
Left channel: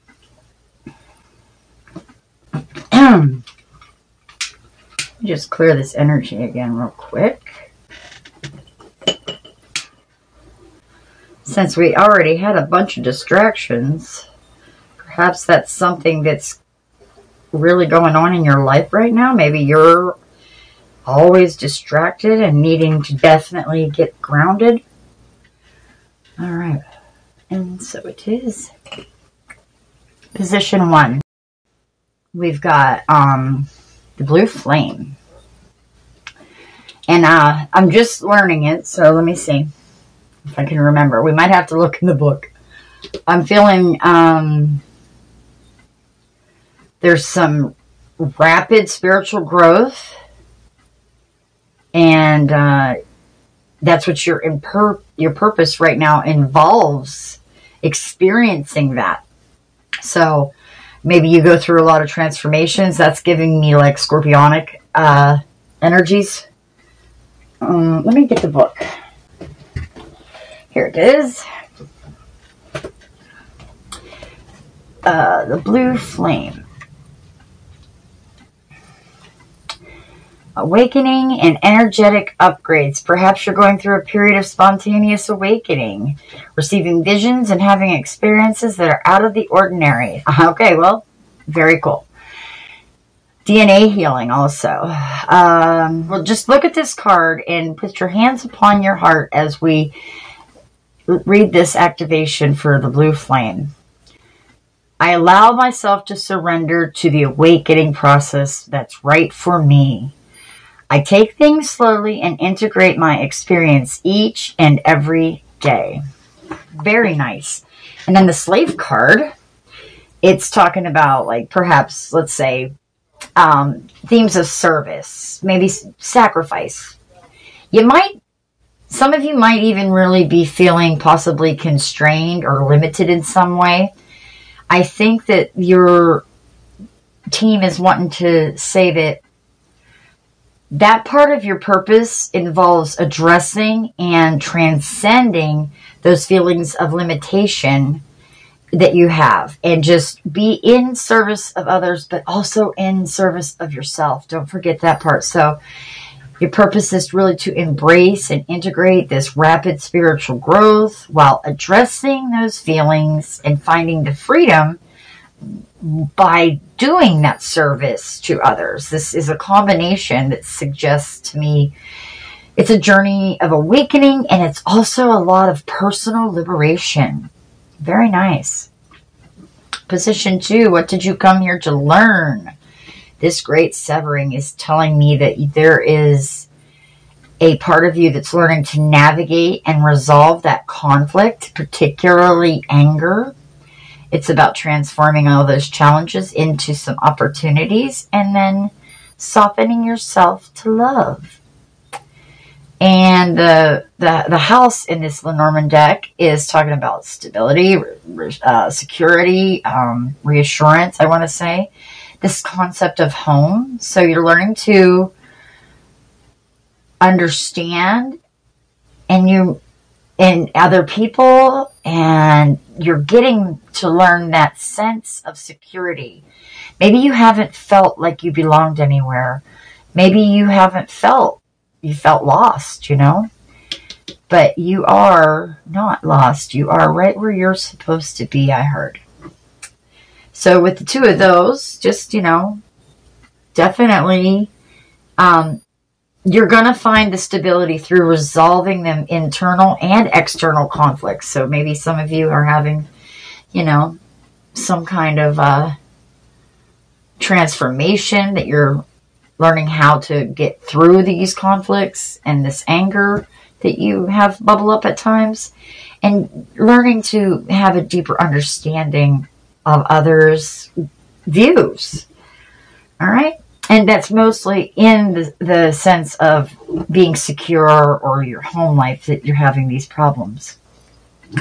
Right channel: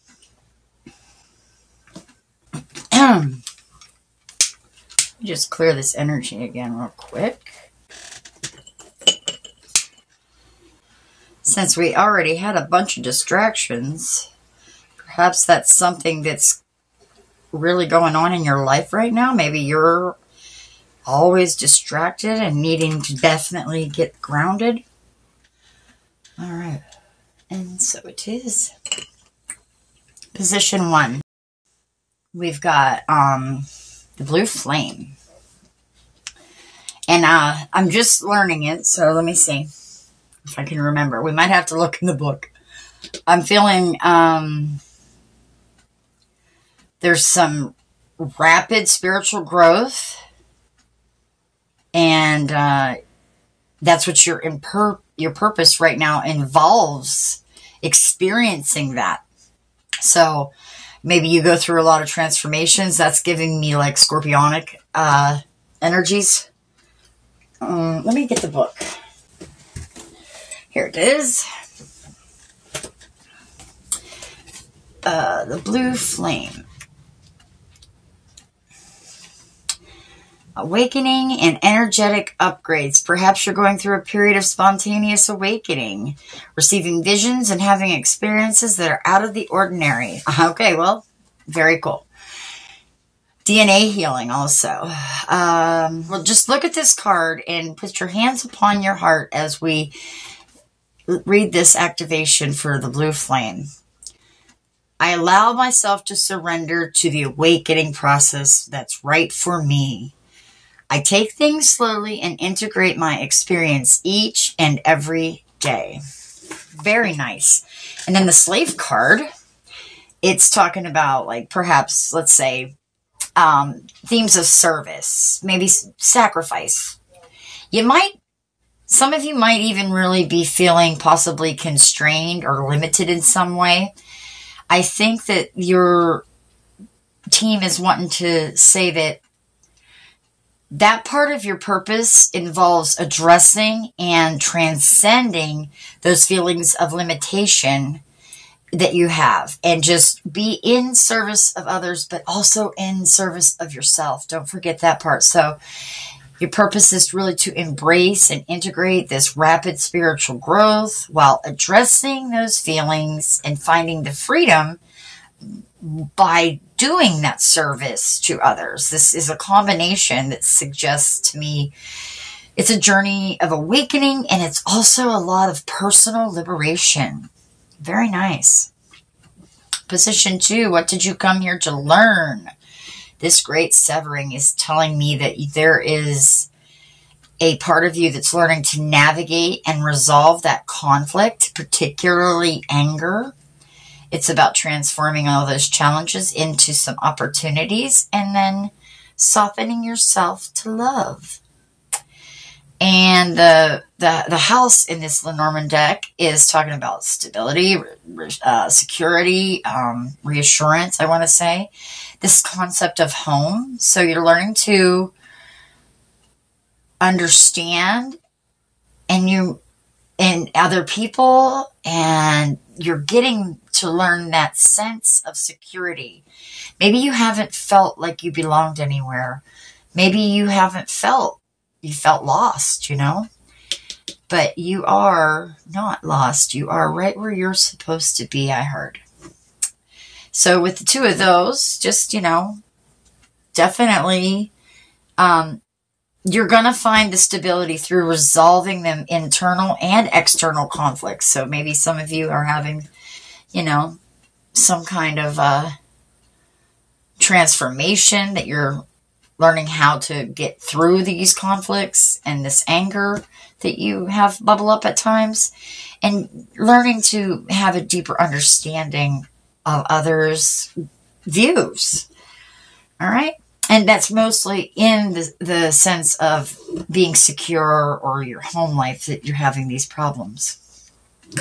Just clear this energy again real quick. Since we already had a bunch of distractions, perhaps that's something that's really going on in your life right now. Maybe you're always distracted and needing to definitely get grounded. All right. And so it is. Position 1. We've got the blue flame. And I'm just learning it, so let me see if I can remember. We might have to look in the book. I'm feeling there's some rapid spiritual growth, and that's what your purpose right now involves, experiencing that. So maybe you go through a lot of transformations. That's giving me like scorpionic energies. Let me get the book. Here it is. The blue flame. Awakening and energetic upgrades. Perhaps you're going through a period of spontaneous awakening, receiving visions and having experiences that are out of the ordinary. Okay, well, very cool. DNA healing also. Well, just look at this card and put your hands upon your heart as we read this activation for the blue flame. I allow myself to surrender to the awakening process that's right for me. I take things slowly and integrate my experience each and every day. Very nice. And then the slave card, it's talking about, like, perhaps, let's say, themes of service, maybe sacrifice. Some of you might even really be feeling possibly constrained or limited in some way. I think that your team is wanting to say that part of your purpose involves addressing and transcending those feelings of limitation that you have, and just be in service of others, but also in service of yourself. Don't forget that part. So your purpose is really to embrace and integrate this rapid spiritual growth while addressing those feelings and finding the freedom by doing that service to others. This is a combination that suggests to me it's a journey of awakening, and it's also a lot of personal liberation. Very nice. Position 2, what did you come here to learn? This great severing is telling me that there is a part of you that's learning to navigate and resolve that conflict, particularly anger. It's about transforming all those challenges into some opportunities and then softening yourself to love. And the house in this Lenormand deck is talking about stability, security, reassurance, I want to say. This concept of home. So you're learning to understand and other people, and you're getting to learn that sense of security. Maybe you haven't felt like you belonged anywhere. Maybe you felt lost, but you are not lost. You are right where you're supposed to be, I heard. So with the two of those, just, definitely, you're going to find the stability through resolving them internal and external conflicts. So maybe some of you are having, some kind of transformation that you're learning how to get through these conflicts and this anger that you have bubble up at times, and learning to have a deeper understanding of others' views. All right? And that's mostly in the sense of being secure or your home life that you're having these problems.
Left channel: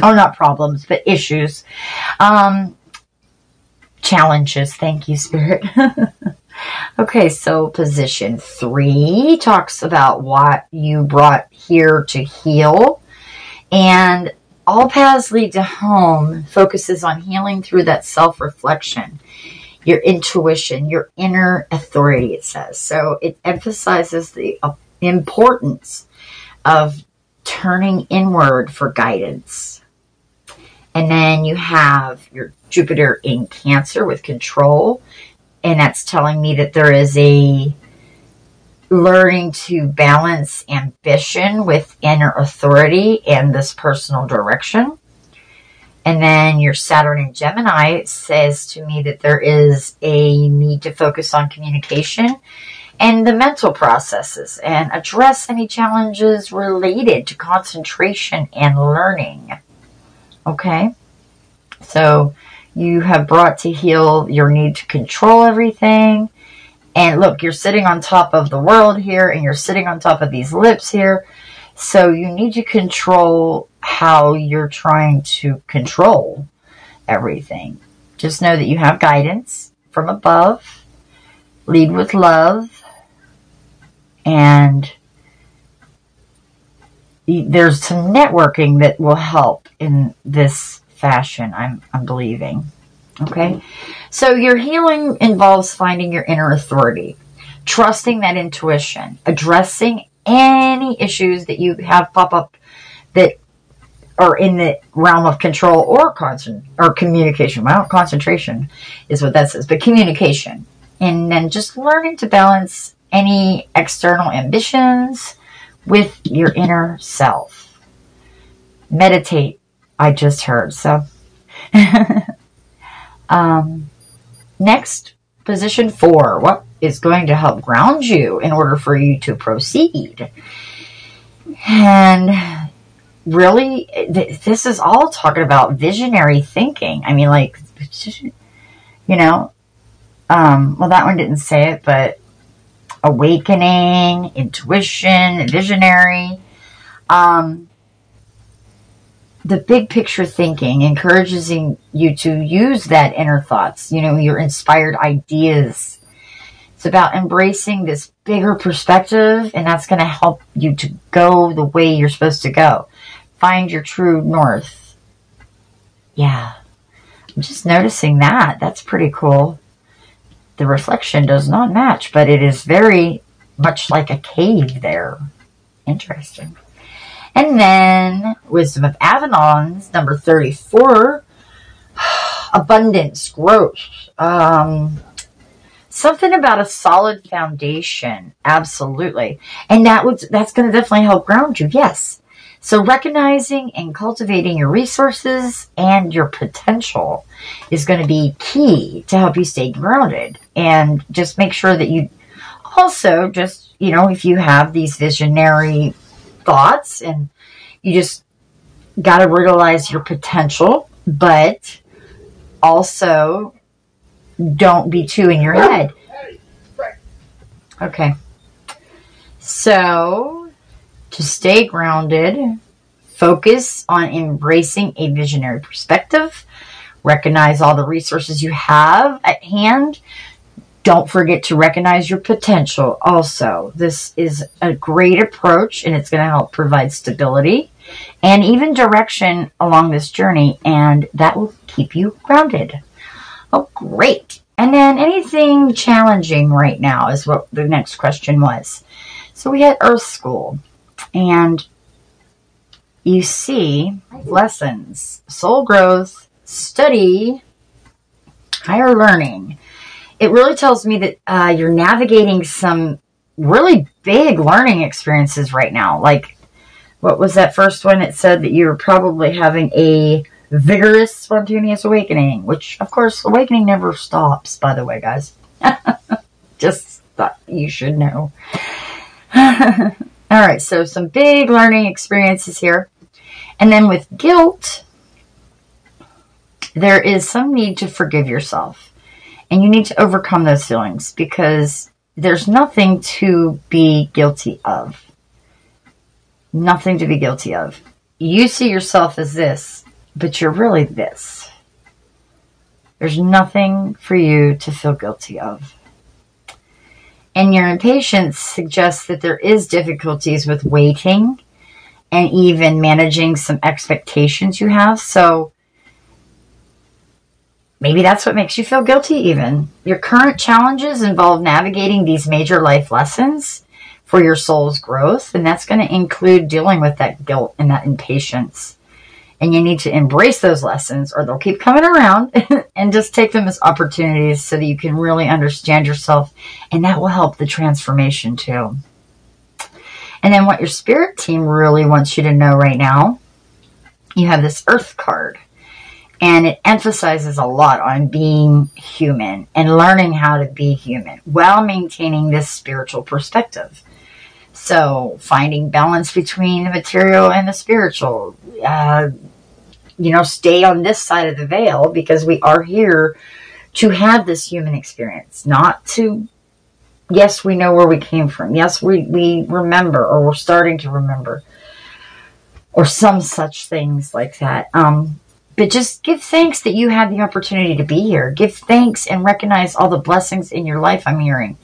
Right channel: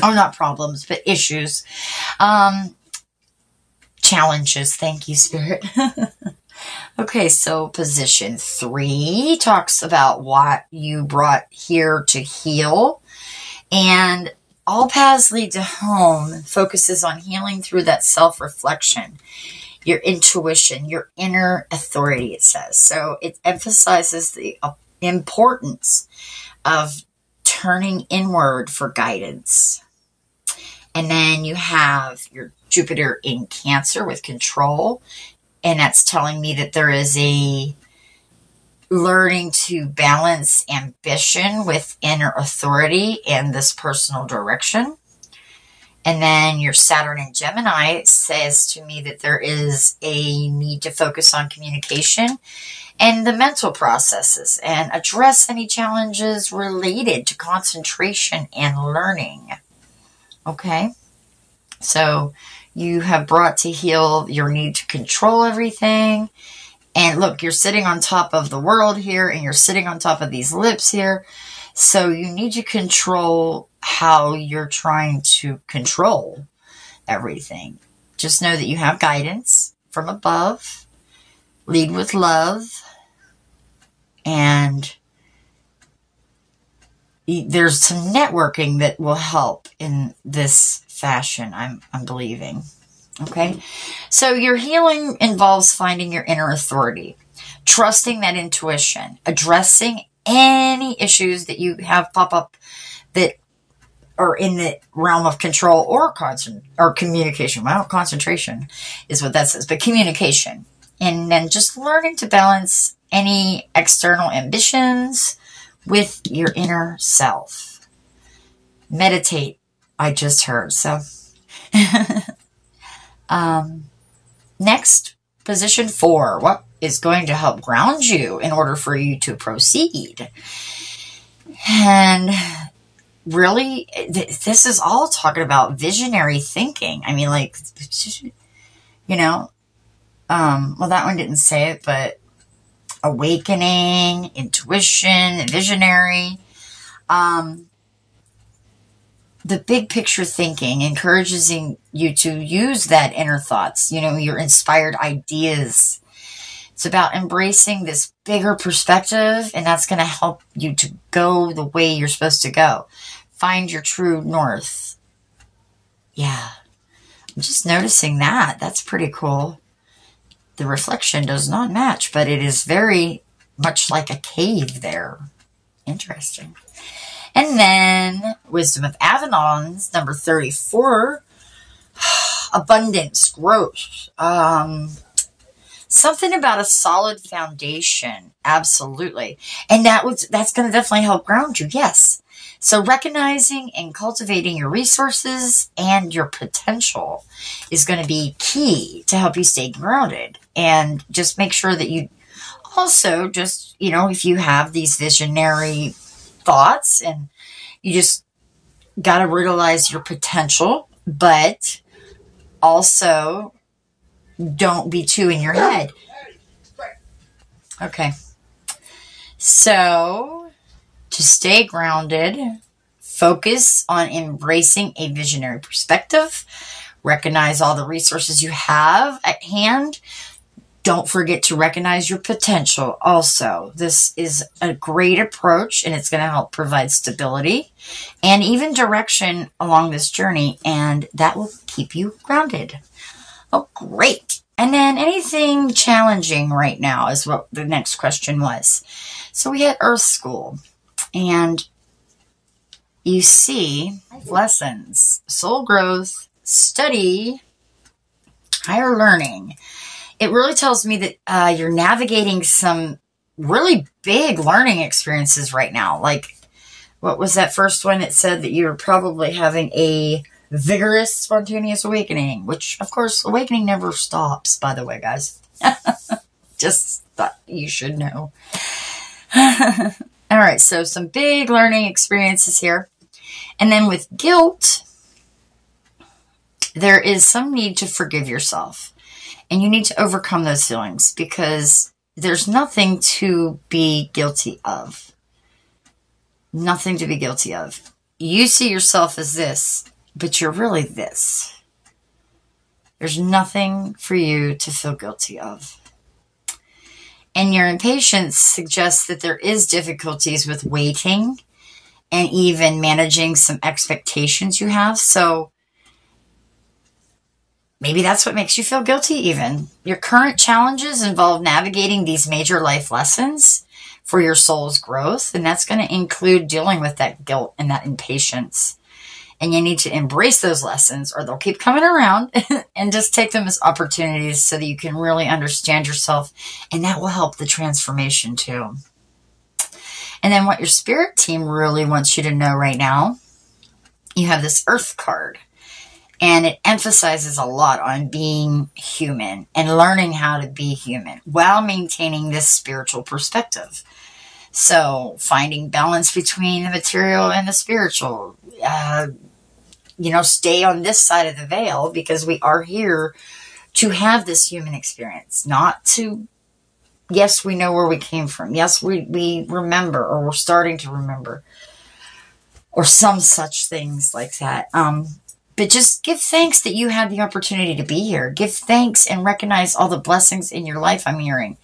Oh, not problems, but issues. Challenges. Thank you, Spirit. Okay, so position 3 talks about what you brought here to heal. And all paths lead to home focuses on healing through that self-reflection, your intuition, your inner authority, it says. So it emphasizes the importance of turning inward for guidance. And then you have your Jupiter in Cancer with control. And that's telling me that there is a learning to balance ambition with inner authority and this personal direction. And then your Saturn in Gemini says to me that there is a need to focus on communication and the mental processes and address any challenges related to concentration and learning. Okay? So you have brought to heal your need to control everything. And look, you're sitting on top of the world here, and you're sitting on top of these lips here. So you need to control how you're trying to control everything. Just know that you have guidance from above. Lead with love. And there's some networking that will help in this fashion, I'm believing. Okay? So your healing involves finding your inner authority, trusting that intuition, addressing any issues that you have pop up that are in the realm of control or communication. Well, concentration is what that says, but communication. And then just learning to balance any external ambitions with your inner self. Meditate, I just heard. So, next, position 4. What is going to help ground you in order for you to proceed? And really, this is all talking about visionary thinking. I mean, like, you know, well, that one didn't say it, but awakening, intuition, visionary. The big picture thinking encourages you to use that inner thoughts, you know, your inspired ideas. It's about embracing this bigger perspective, and that's going to help you to go the way you're supposed to go. Find your true north. Yeah. I'm just noticing that. That's pretty cool. The reflection does not match, but it is very much like a cave there. Interesting. And then Wisdom of Avalon's number 34. Abundance, growth. Something about a solid foundation. Absolutely. And that's going to definitely help ground you. Yes. So recognizing and cultivating your resources and your potential is going to be key to help you stay grounded. And just make sure that you also just, you know, if you have these visionary thoughts and you just got to realize your potential, but also don't be too in your head. Okay. So to stay grounded, focus on embracing a visionary perspective. Recognize all the resources you have at hand. Don't forget to recognize your potential also. This is a great approach, and it's going to help provide stability and even direction along this journey, and that will keep you grounded. Oh, great. And then anything challenging right now is what the next question was. So we had Earth School, and you see lessons, soul growth, study, higher learning. It really tells me that you're navigating some really big learning experiences right now. Like, what was that first one? It said that you're probably having a vigorous, spontaneous awakening, which, of course, awakening never stops, by the way, guys. Just thought you should know. All right, so some big learning experiences here. And then with guilt, there is some need to forgive yourself. And you need to overcome those feelings because there's nothing to be guilty of. Nothing to be guilty of. you see yourself as this, but you're really this. There's nothing for you to feel guilty of. And your impatience suggests that there is difficulties with waiting and even managing some expectations you have. So maybe that's what makes you feel guilty even. Your current challenges involve navigating these major life lessons for your soul's growth. And that's going to include dealing with that guilt and that impatience. And you need to embrace those lessons or they'll keep coming around and just take them as opportunities so that you can really understand yourself. And that will help the transformation too. And then what your spirit team really wants you to know right now, you have this Earth card. And it emphasizes a lot on being human and learning how to be human while maintaining this spiritual perspective. So finding balance between the material and the spiritual. Stay on this side of the veil because we are here to have this human experience, not to, yes, we know where we came from. Yes, we remember, or we're starting to remember, or some such things like that. But just give thanks that you had the opportunity to be here. Give thanks and recognize all the blessings in your life, I'm hearing.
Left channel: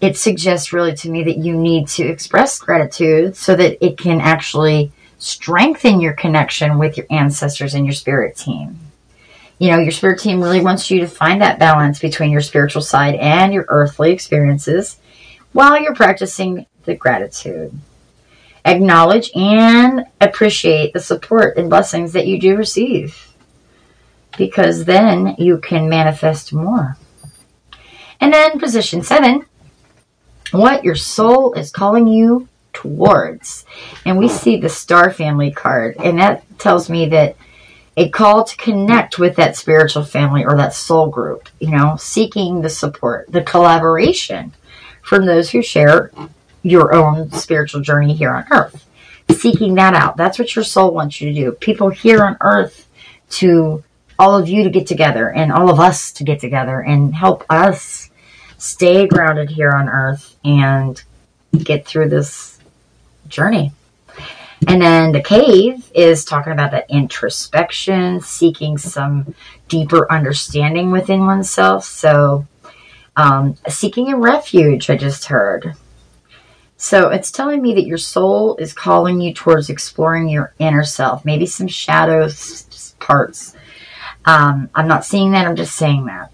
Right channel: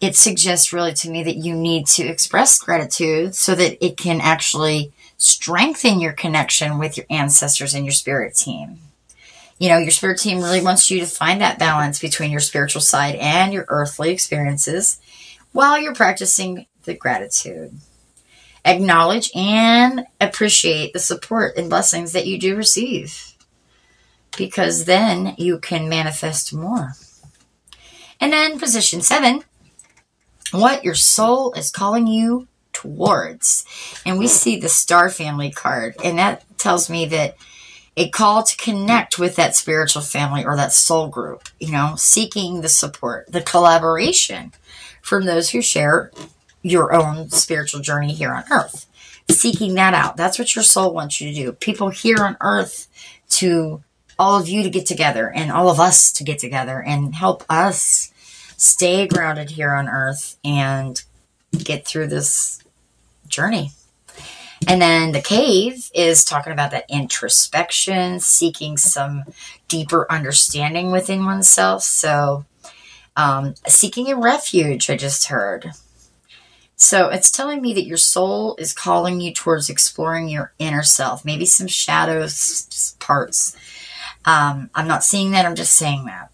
It suggests really to me that you need to express gratitude so that it can actually strengthen your connection with your ancestors and your spirit team. Your spirit team really wants you to find that balance between your spiritual side and your earthly experiences while you're practicing the gratitude. Acknowledge and appreciate the support and blessings that you do receive, because then you can manifest more. And then position 7, what your soul is calling you towards. And we see the Star Family card, and that tells me that a call to connect with that spiritual family or that soul group, seeking the support, the collaboration from those who share your own spiritual journey here on earth. Seeking that out. That's what your soul wants you to do. People here on earth, to all of you to get together and all of us to get together and help us stay grounded here on earth and get through this journey. And then the cave is talking about that introspection, seeking some deeper understanding within oneself. So seeking a refuge, I just heard. So it's telling me that your soul is calling you towards exploring your inner self, maybe some shadow parts. I'm not seeing that, I'm just saying that.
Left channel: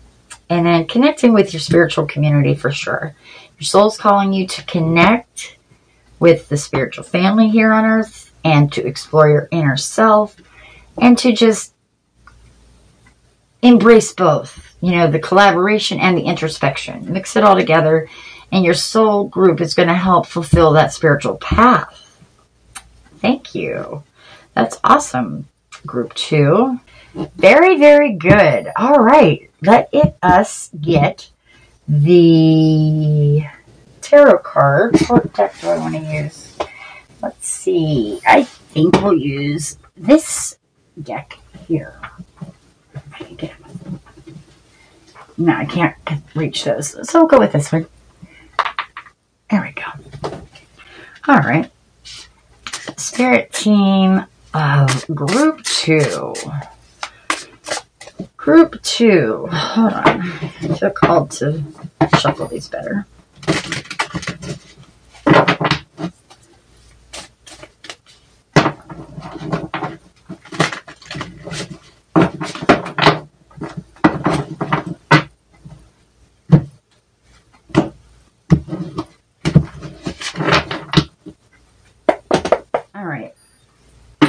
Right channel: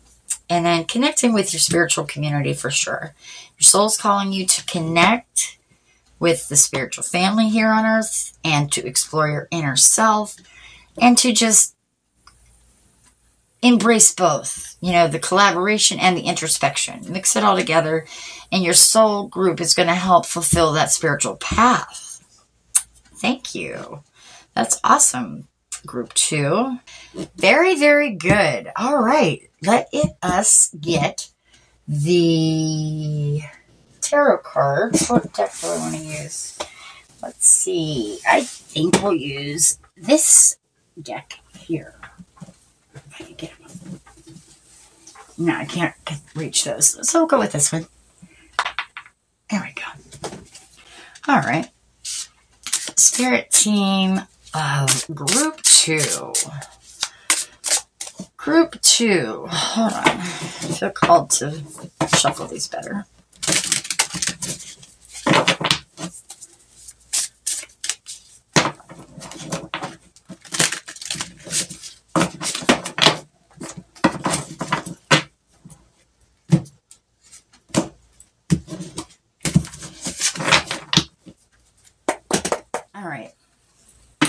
And then connecting with your spiritual community for sure. Your soul's calling you to connect with the spiritual family here on earth and to explore your inner self and to just embrace both, the collaboration and the introspection. Mix it all together. And your soul group is going to help fulfill that spiritual path. Thank you. That's awesome. Group 2. Very, very good. All right. Let us get the tarot card. What deck do I want to use? Let's see. I think we'll use this deck here. If I can get it. No, I can't reach those. So we'll go with this one. There we go. All right. Spirit team of group 2. Group 2. Hold on. I feel called to shuffle these better.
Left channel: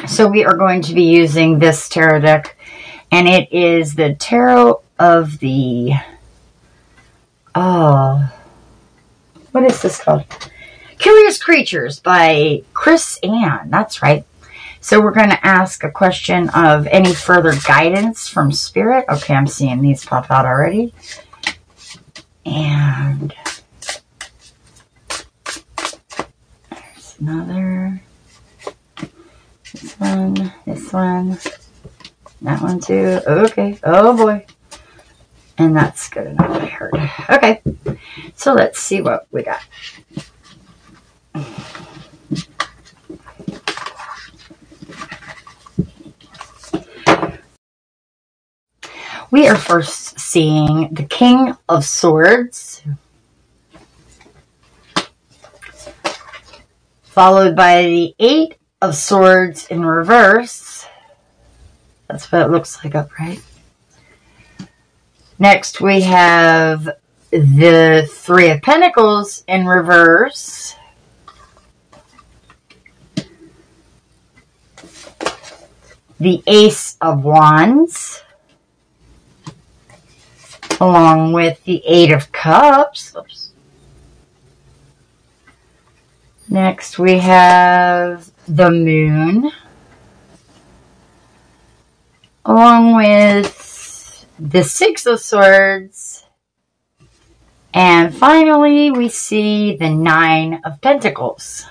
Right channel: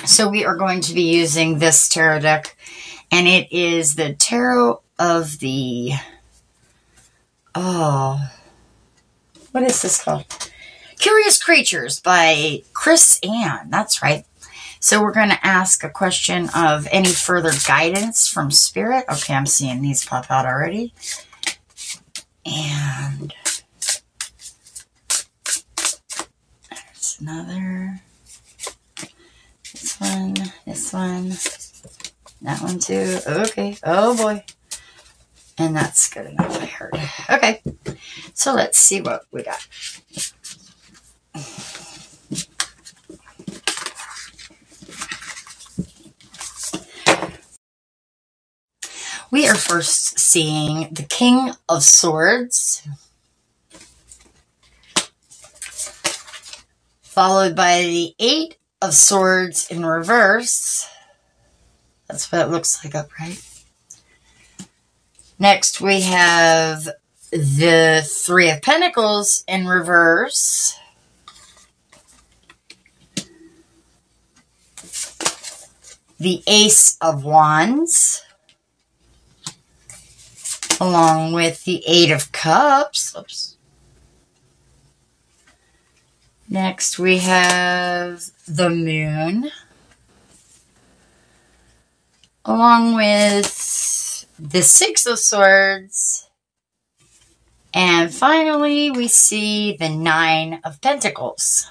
So we are going to be using this tarot deck, and it is the Tarot of the, what is this called? Curious Creatures by Chris Ann. That's right. So we're going to ask a question of any further guidance from Spirit. Okay, I'm seeing these pop out already. And there's another. This one, that one too. Okay. Oh boy. And that's good enough, I heard. Okay. So let's see what we got. we are first seeing the King of Swords, followed by the Eight of Swords in reverse. That's what it looks like upright. Next, we have the Three of Pentacles in reverse. The Ace of Wands, along with the Eight of Cups. Oops. Next, we have the Moon, along with the Six of Swords. And finally, we see the Nine of Pentacles.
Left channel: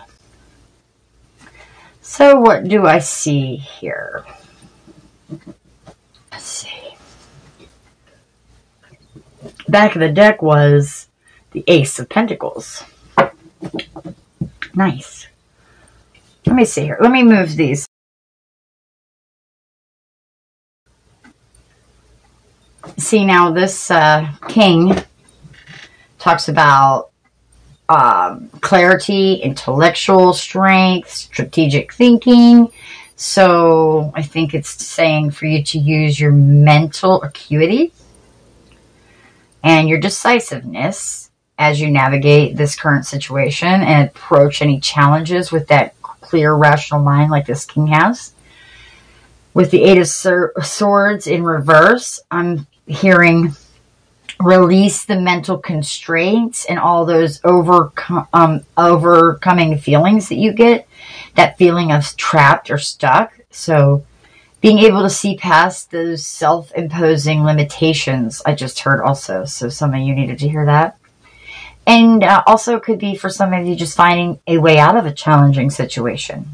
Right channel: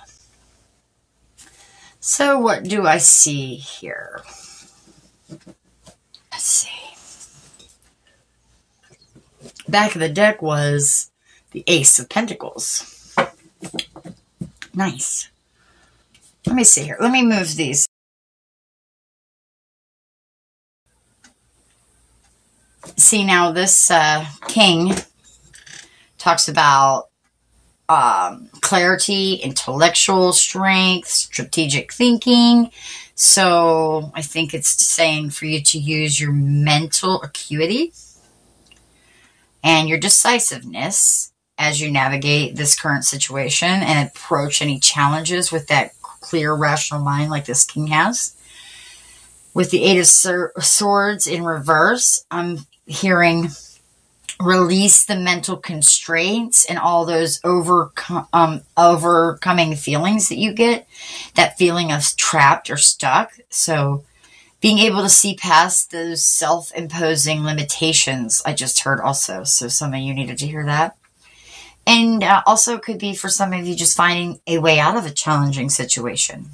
So what do I see here? Let's see. Back of the deck was the Ace of Pentacles. Nice. Let me see here. Let me move these. See, now this king talks about clarity, intellectual strength, strategic thinking. So I think it's saying for you to use your mental acuity and your decisiveness as you navigate this current situation and approach any challenges with that clear, rational mind like this king has. With the Eight of Swords in reverse, I'm hearing release the mental constraints and all those overcoming feelings that you get, that feeling of trapped or stuck. So being able to see past those self-imposing limitations, I just heard also. So some of you needed to hear that. And also could be for some of you just finding a way out of a challenging situation.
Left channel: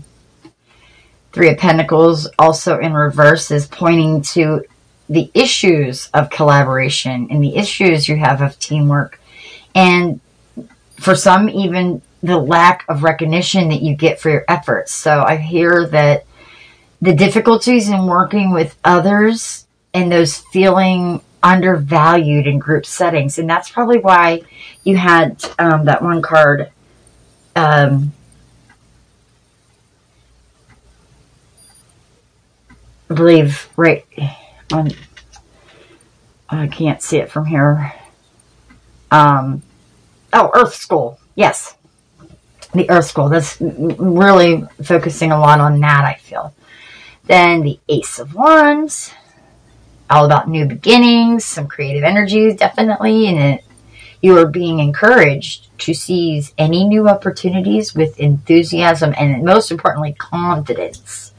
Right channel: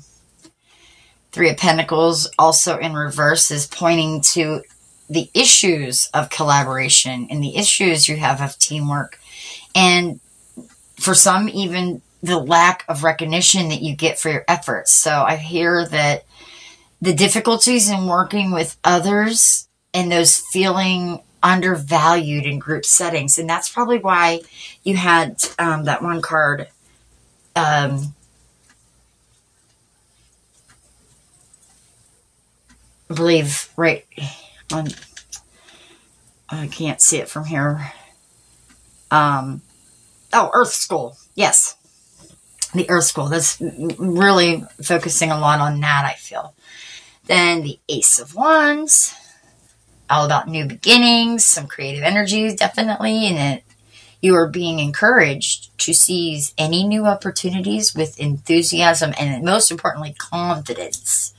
Three of Pentacles also in reverse is pointing to the issues of collaboration and the issues you have of teamwork. And for some, even the lack of recognition that you get for your efforts. So I hear that the difficulties in working with others and those feeling undervalued in group settings. And that's probably why you had that one card, I believe, right on, I can't see it from here. Oh, Earth School. Yes. The Earth School. That's really focusing a lot on that, I feel. Then the Ace of Wands. All about new beginnings, some creative energy, definitely. And you are being encouraged to seize any new opportunities with enthusiasm and, most importantly, confidence.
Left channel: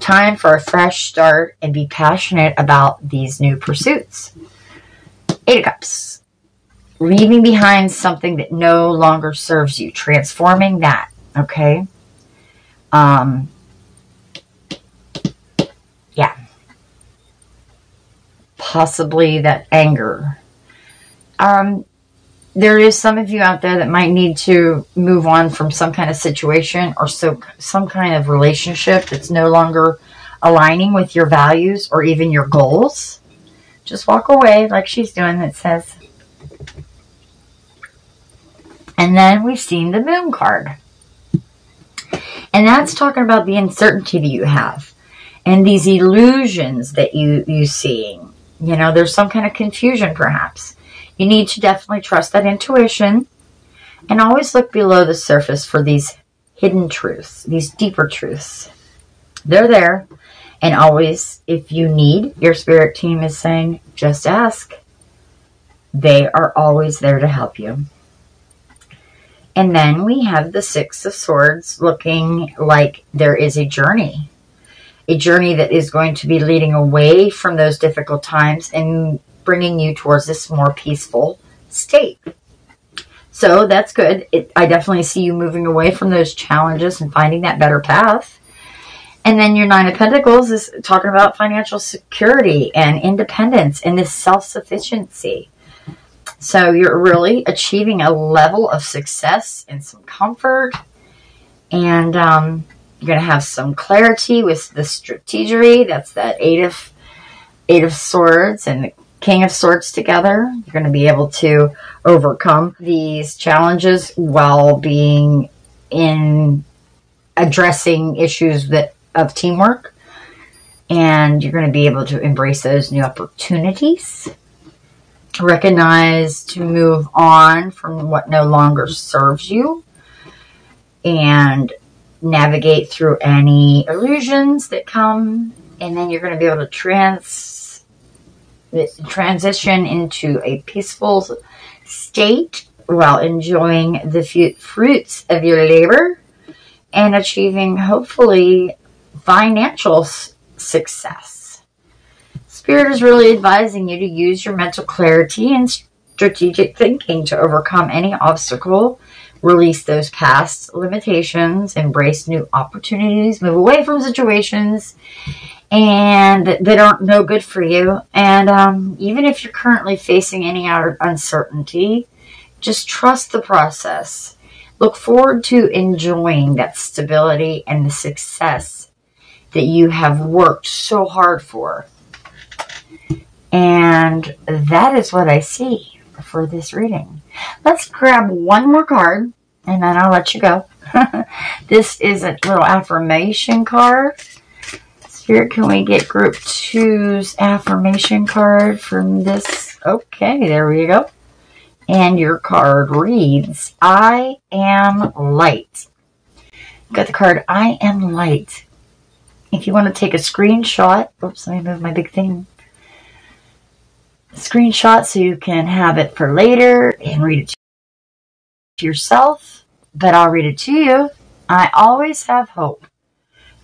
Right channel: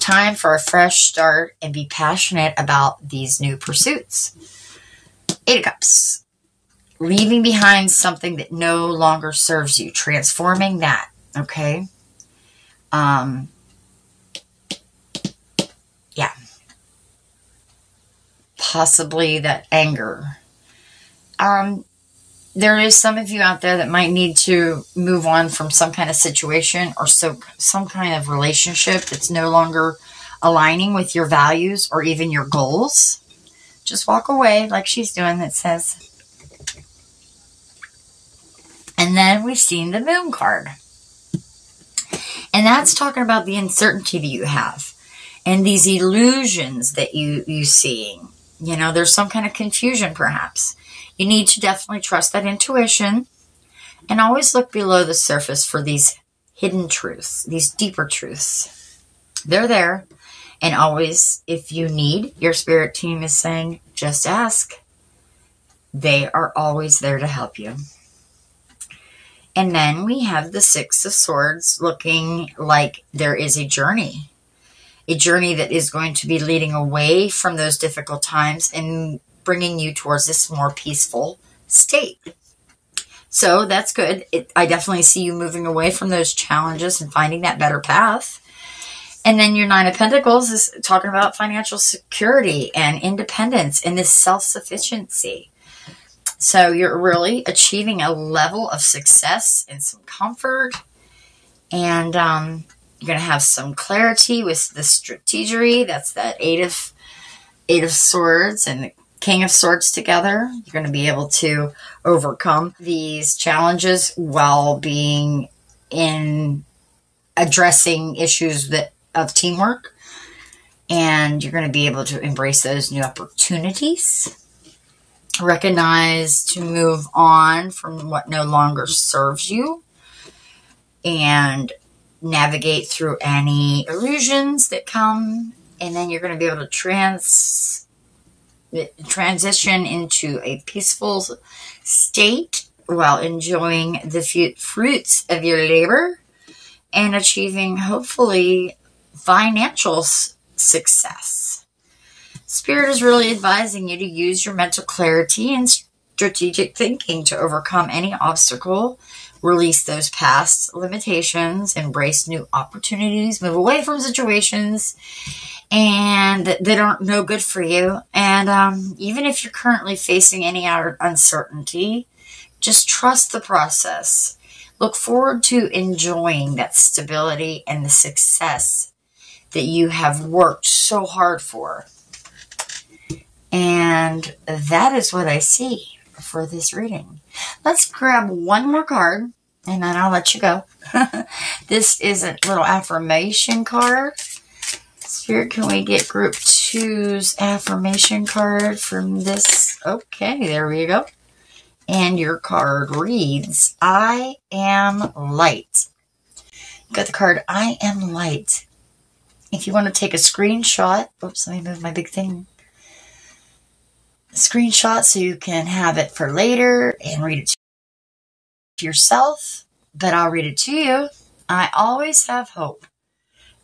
Time for a fresh start and be passionate about these new pursuits. Eight of Cups. Leaving behind something that no longer serves you. Transforming that. Okay? Yeah. Possibly that anger. There is some of you out there that might need to move on from some kind of situation or some kind of relationship that's no longer aligning with your values or even your goals. Just walk away like she's doing, it says. And then we've seen the Moon card. And that's talking about the uncertainty that you have and these illusions that you seeing. You know, there's some kind of confusion perhaps. You need to definitely trust that intuition and always look below the surface for these hidden truths, these deeper truths. They're there. And always, if you need, your spirit team is saying, just ask. They are always there to help you. And then we have the Six of Swords looking like there is a journey. A journey that is going to be leading away from those difficult times and bringing you towards this more peaceful state. So that's good. I definitely see you moving away from those challenges and finding that better path. And then your Nine of Pentacles is talking about financial security and independence and this self-sufficiency. So you're really achieving a level of success and some comfort. And you're going to have some clarity with the strategery. That's that Eight of Swords and King of Swords together. You're going to be able to overcome these challenges while being in addressing issues of teamwork. And you're going to be able to embrace those new opportunities. Recognize to move on from what no longer serves you. And navigate through any illusions that come. And then you're going to be able to transition into a peaceful state while enjoying the fruits of your labor and achieving, hopefully, financial success. Spirit is really advising you to use your mental clarity and strategic thinking to overcome any obstacle, release those past limitations, embrace new opportunities, move away from situations and that aren't no good for you. And even if you're currently facing any uncertainty, just trust the process. Look forward to enjoying that stability and the success that you have worked so hard for. And that is what I see for this reading. Let's grab one more card and then I'll let you go. This is a little affirmation card. Spirit, can we get group 2's affirmation card from this? Okay, there we go. And your card reads, I am light. You got the card, I am light. If you want to take a screenshot, oops, let me move my big thing. Screenshot so you can have it for later and read it to yourself, but I'll read it to you. I always have hope.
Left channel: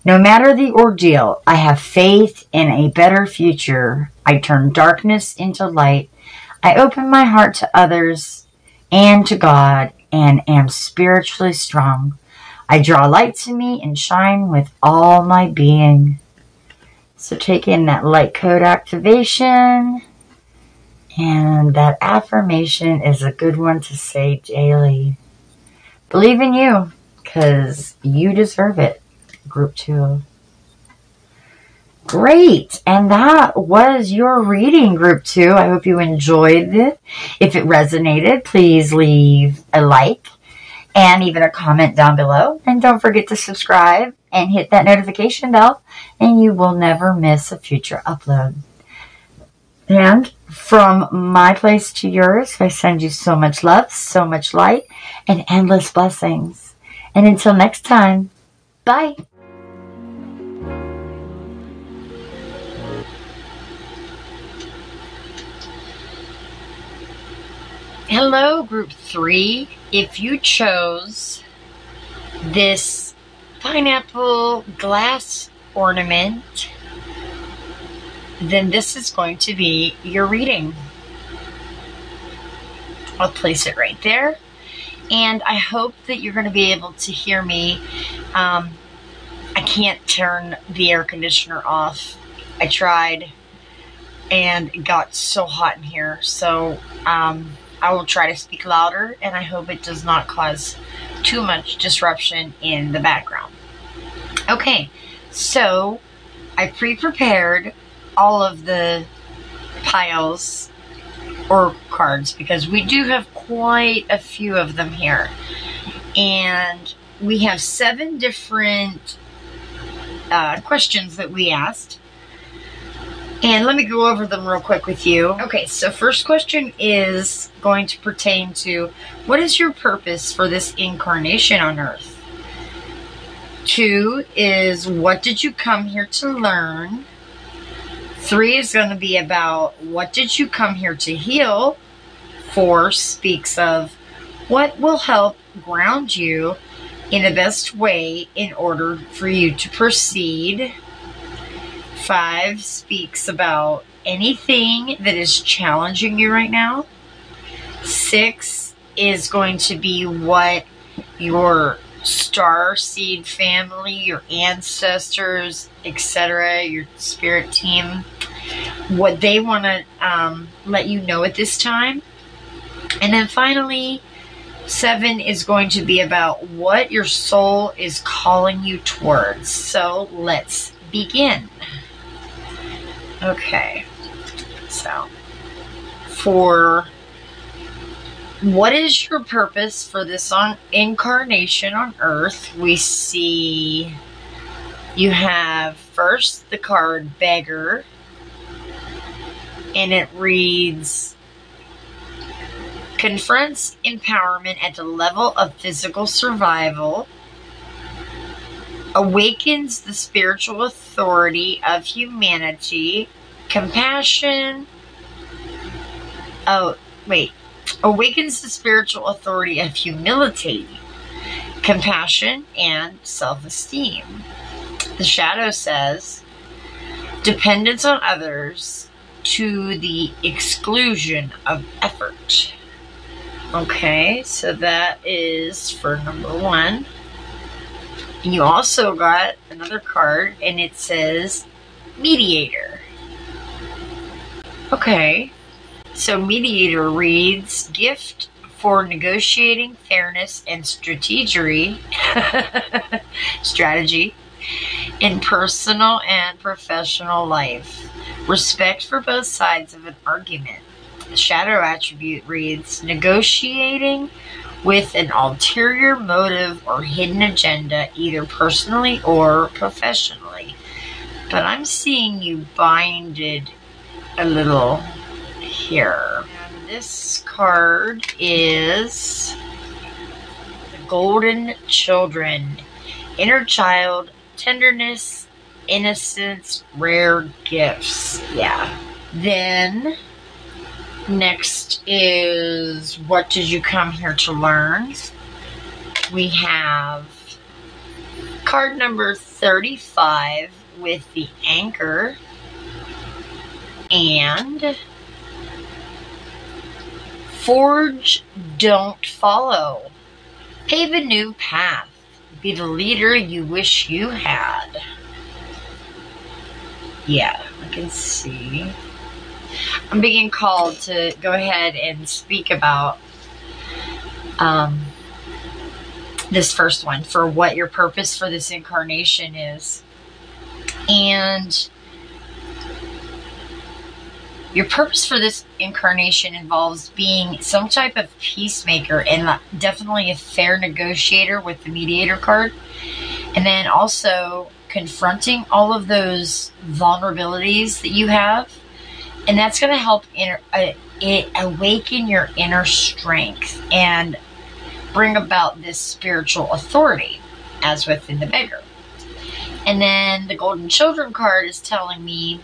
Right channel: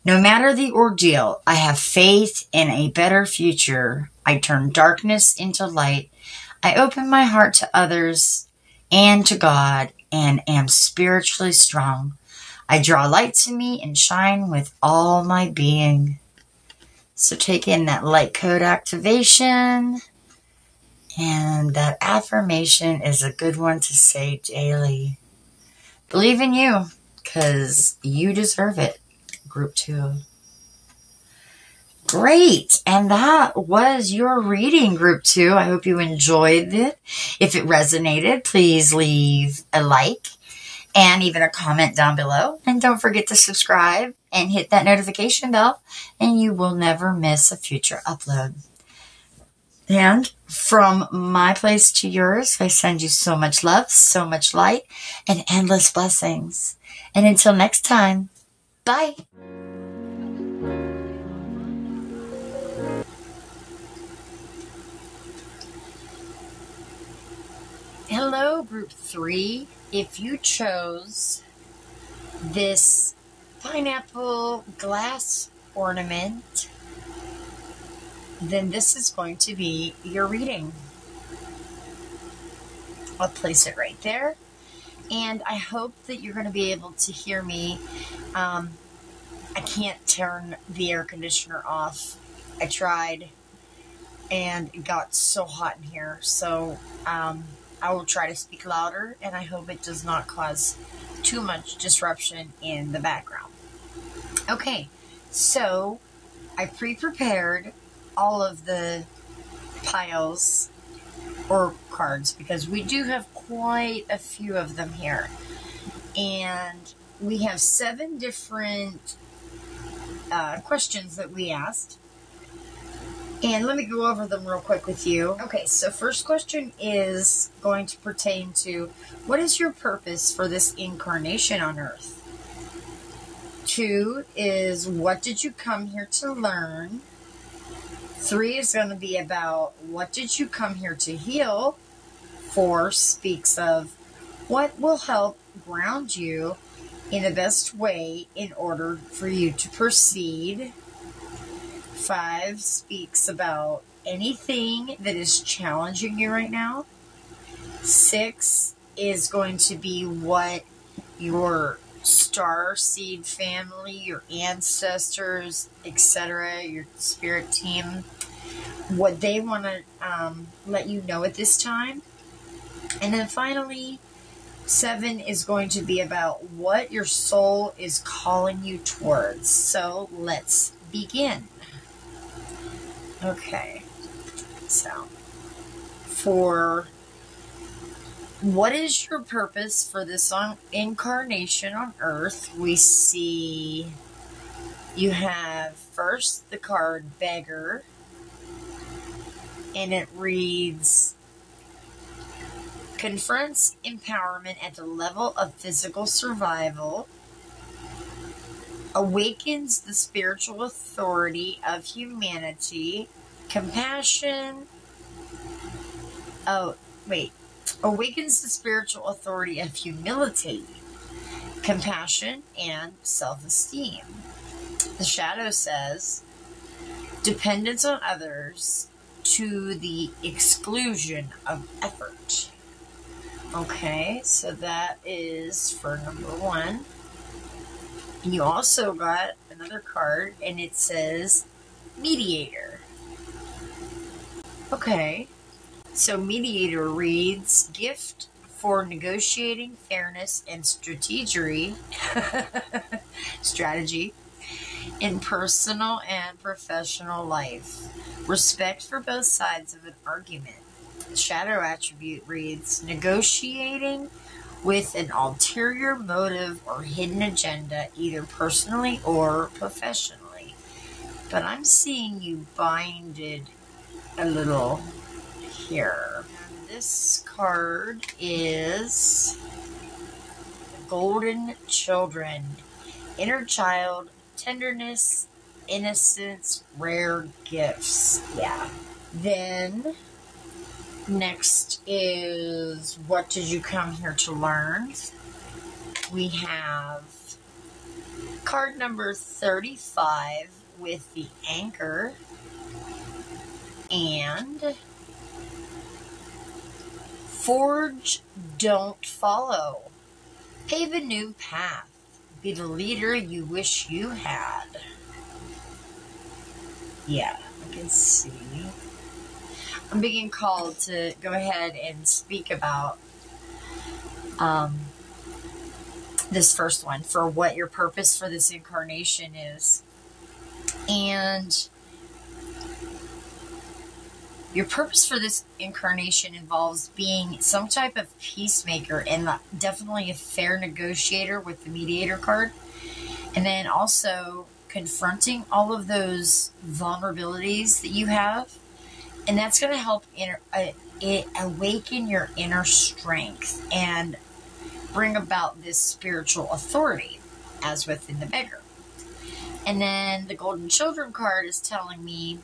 No matter the ordeal, I have faith in a better future. I turn darkness into light. I open my heart to others and to God and am spiritually strong. I draw light to me and shine with all my being. So take in that light code activation. And that affirmation is a good one to say daily. Believe in you, because you deserve it. Group 2. Great. And that was your reading, Group 2. I hope you enjoyed it. If it resonated, please leave a like and even a comment down below. And don't forget to subscribe and hit that notification bell, and you will never miss a future upload. And from my place to yours, I send you so much love, so much light, and endless blessings. And until next time, bye. Hello, Group 3. If you chose this pineapple glass ornament, then this is going to be your reading. I'll place it right there. And I hope that you're going to be able to hear me. I can't turn the air conditioner off. I tried and it got so hot in here. So I will try to speak louder, and I hope it does not cause too much disruption in the background. Okay, so I pre-prepared all of the piles or cards because we do have quite a few of them here. And we have 7 different questions that we asked. And let me go over them real quick with you. Okay, so first question is going to pertain to, what is your purpose for this incarnation on Earth? 2 is, what did you come here to learn? 3 is going to be about, what did you come here to heal? 4 speaks of, what will help ground you in the best way in order for you to proceed? 5 speaks about anything that is challenging you right now. 6 is going to be what your star seed family, your ancestors, etc., your spirit team, what they want to let you know at this time. And then finally, 7 is going to be about what your soul is calling you towards. So let's begin. Okay, so for what is your purpose for this incarnation on Earth, we see you have first the card Beggar, and it reads, confronts empowerment at the level of physical survival, awakens the spiritual authority of humanity, compassion, awakens the spiritual authority of humility, compassion, and self-esteem. The shadow says, dependence on others to the exclusion of effort. Okay, so that is for number 1. And you also got another card, and it says Mediator. Okay, so Mediator reads, gift for negotiating fairness and strategy in personal and professional life. Respect for both sides of an argument. The shadow attribute reads, negotiating with an ulterior motive or hidden agenda, either personally or professionally. But I'm seeing you binded a little here. And this card is the Golden Children. Inner child, tenderness, innocence, rare gifts. Yeah. Then next is, what did you come here to learn? We have card number 35 with the anchor, and forge, don't follow. Pave a new path. Be the leader you wish you had. Yeah, I can see. I'm being called to go ahead and speak about this first one, for what your purpose for this incarnation is. And your purpose for this incarnation involves being some type of peacemaker and definitely a fair negotiator with the Mediator card. And then also confronting all of those vulnerabilities that you have. And that's going to help awaken your inner strength and bring about this spiritual authority, as within the Beggar. And then the Golden Children card is telling me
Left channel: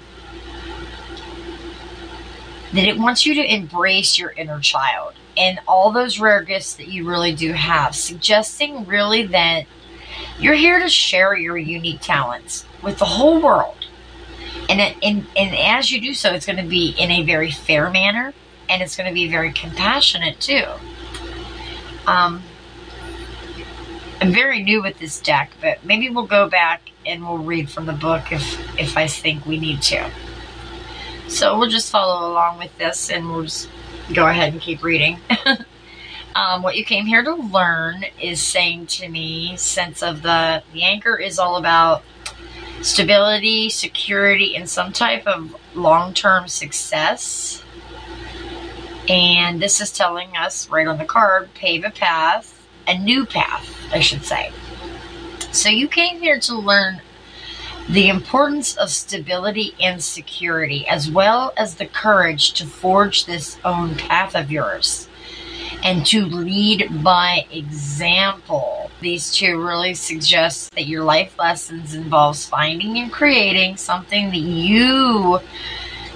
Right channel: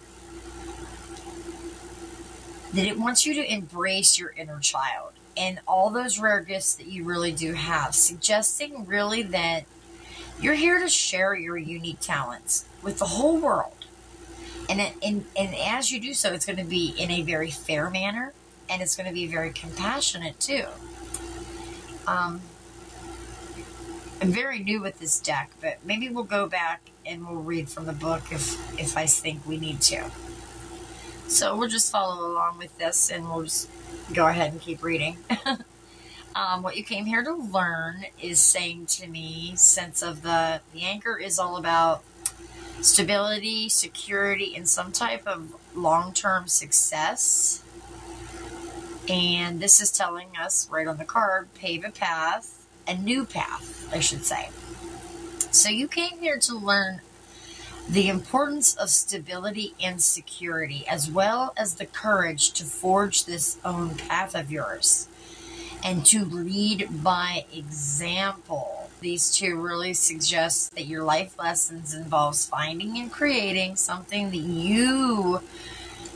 that it wants you to embrace your inner child and all those rare gifts that you really do have, suggesting really that you're here to share your unique talents with the whole world. And as you do so, it's going to be in a very fair manner, and it's going to be very compassionate too. I'm very new with this deck, but maybe we'll go back and we'll read from the book if I think we need to. So we'll just follow along with this, and we'll just go ahead and keep reading. What you came here to learn is saying to me, sense of the anchor is all about stability, security, and some type of long-term success. And this is telling us right on the card, pave a path, a new path, I should say. So you came here to learn the importance of stability and security, as well as the courage to forge this own path of yours and to lead by example. These two really suggest that your life lessons involves finding and creating something that you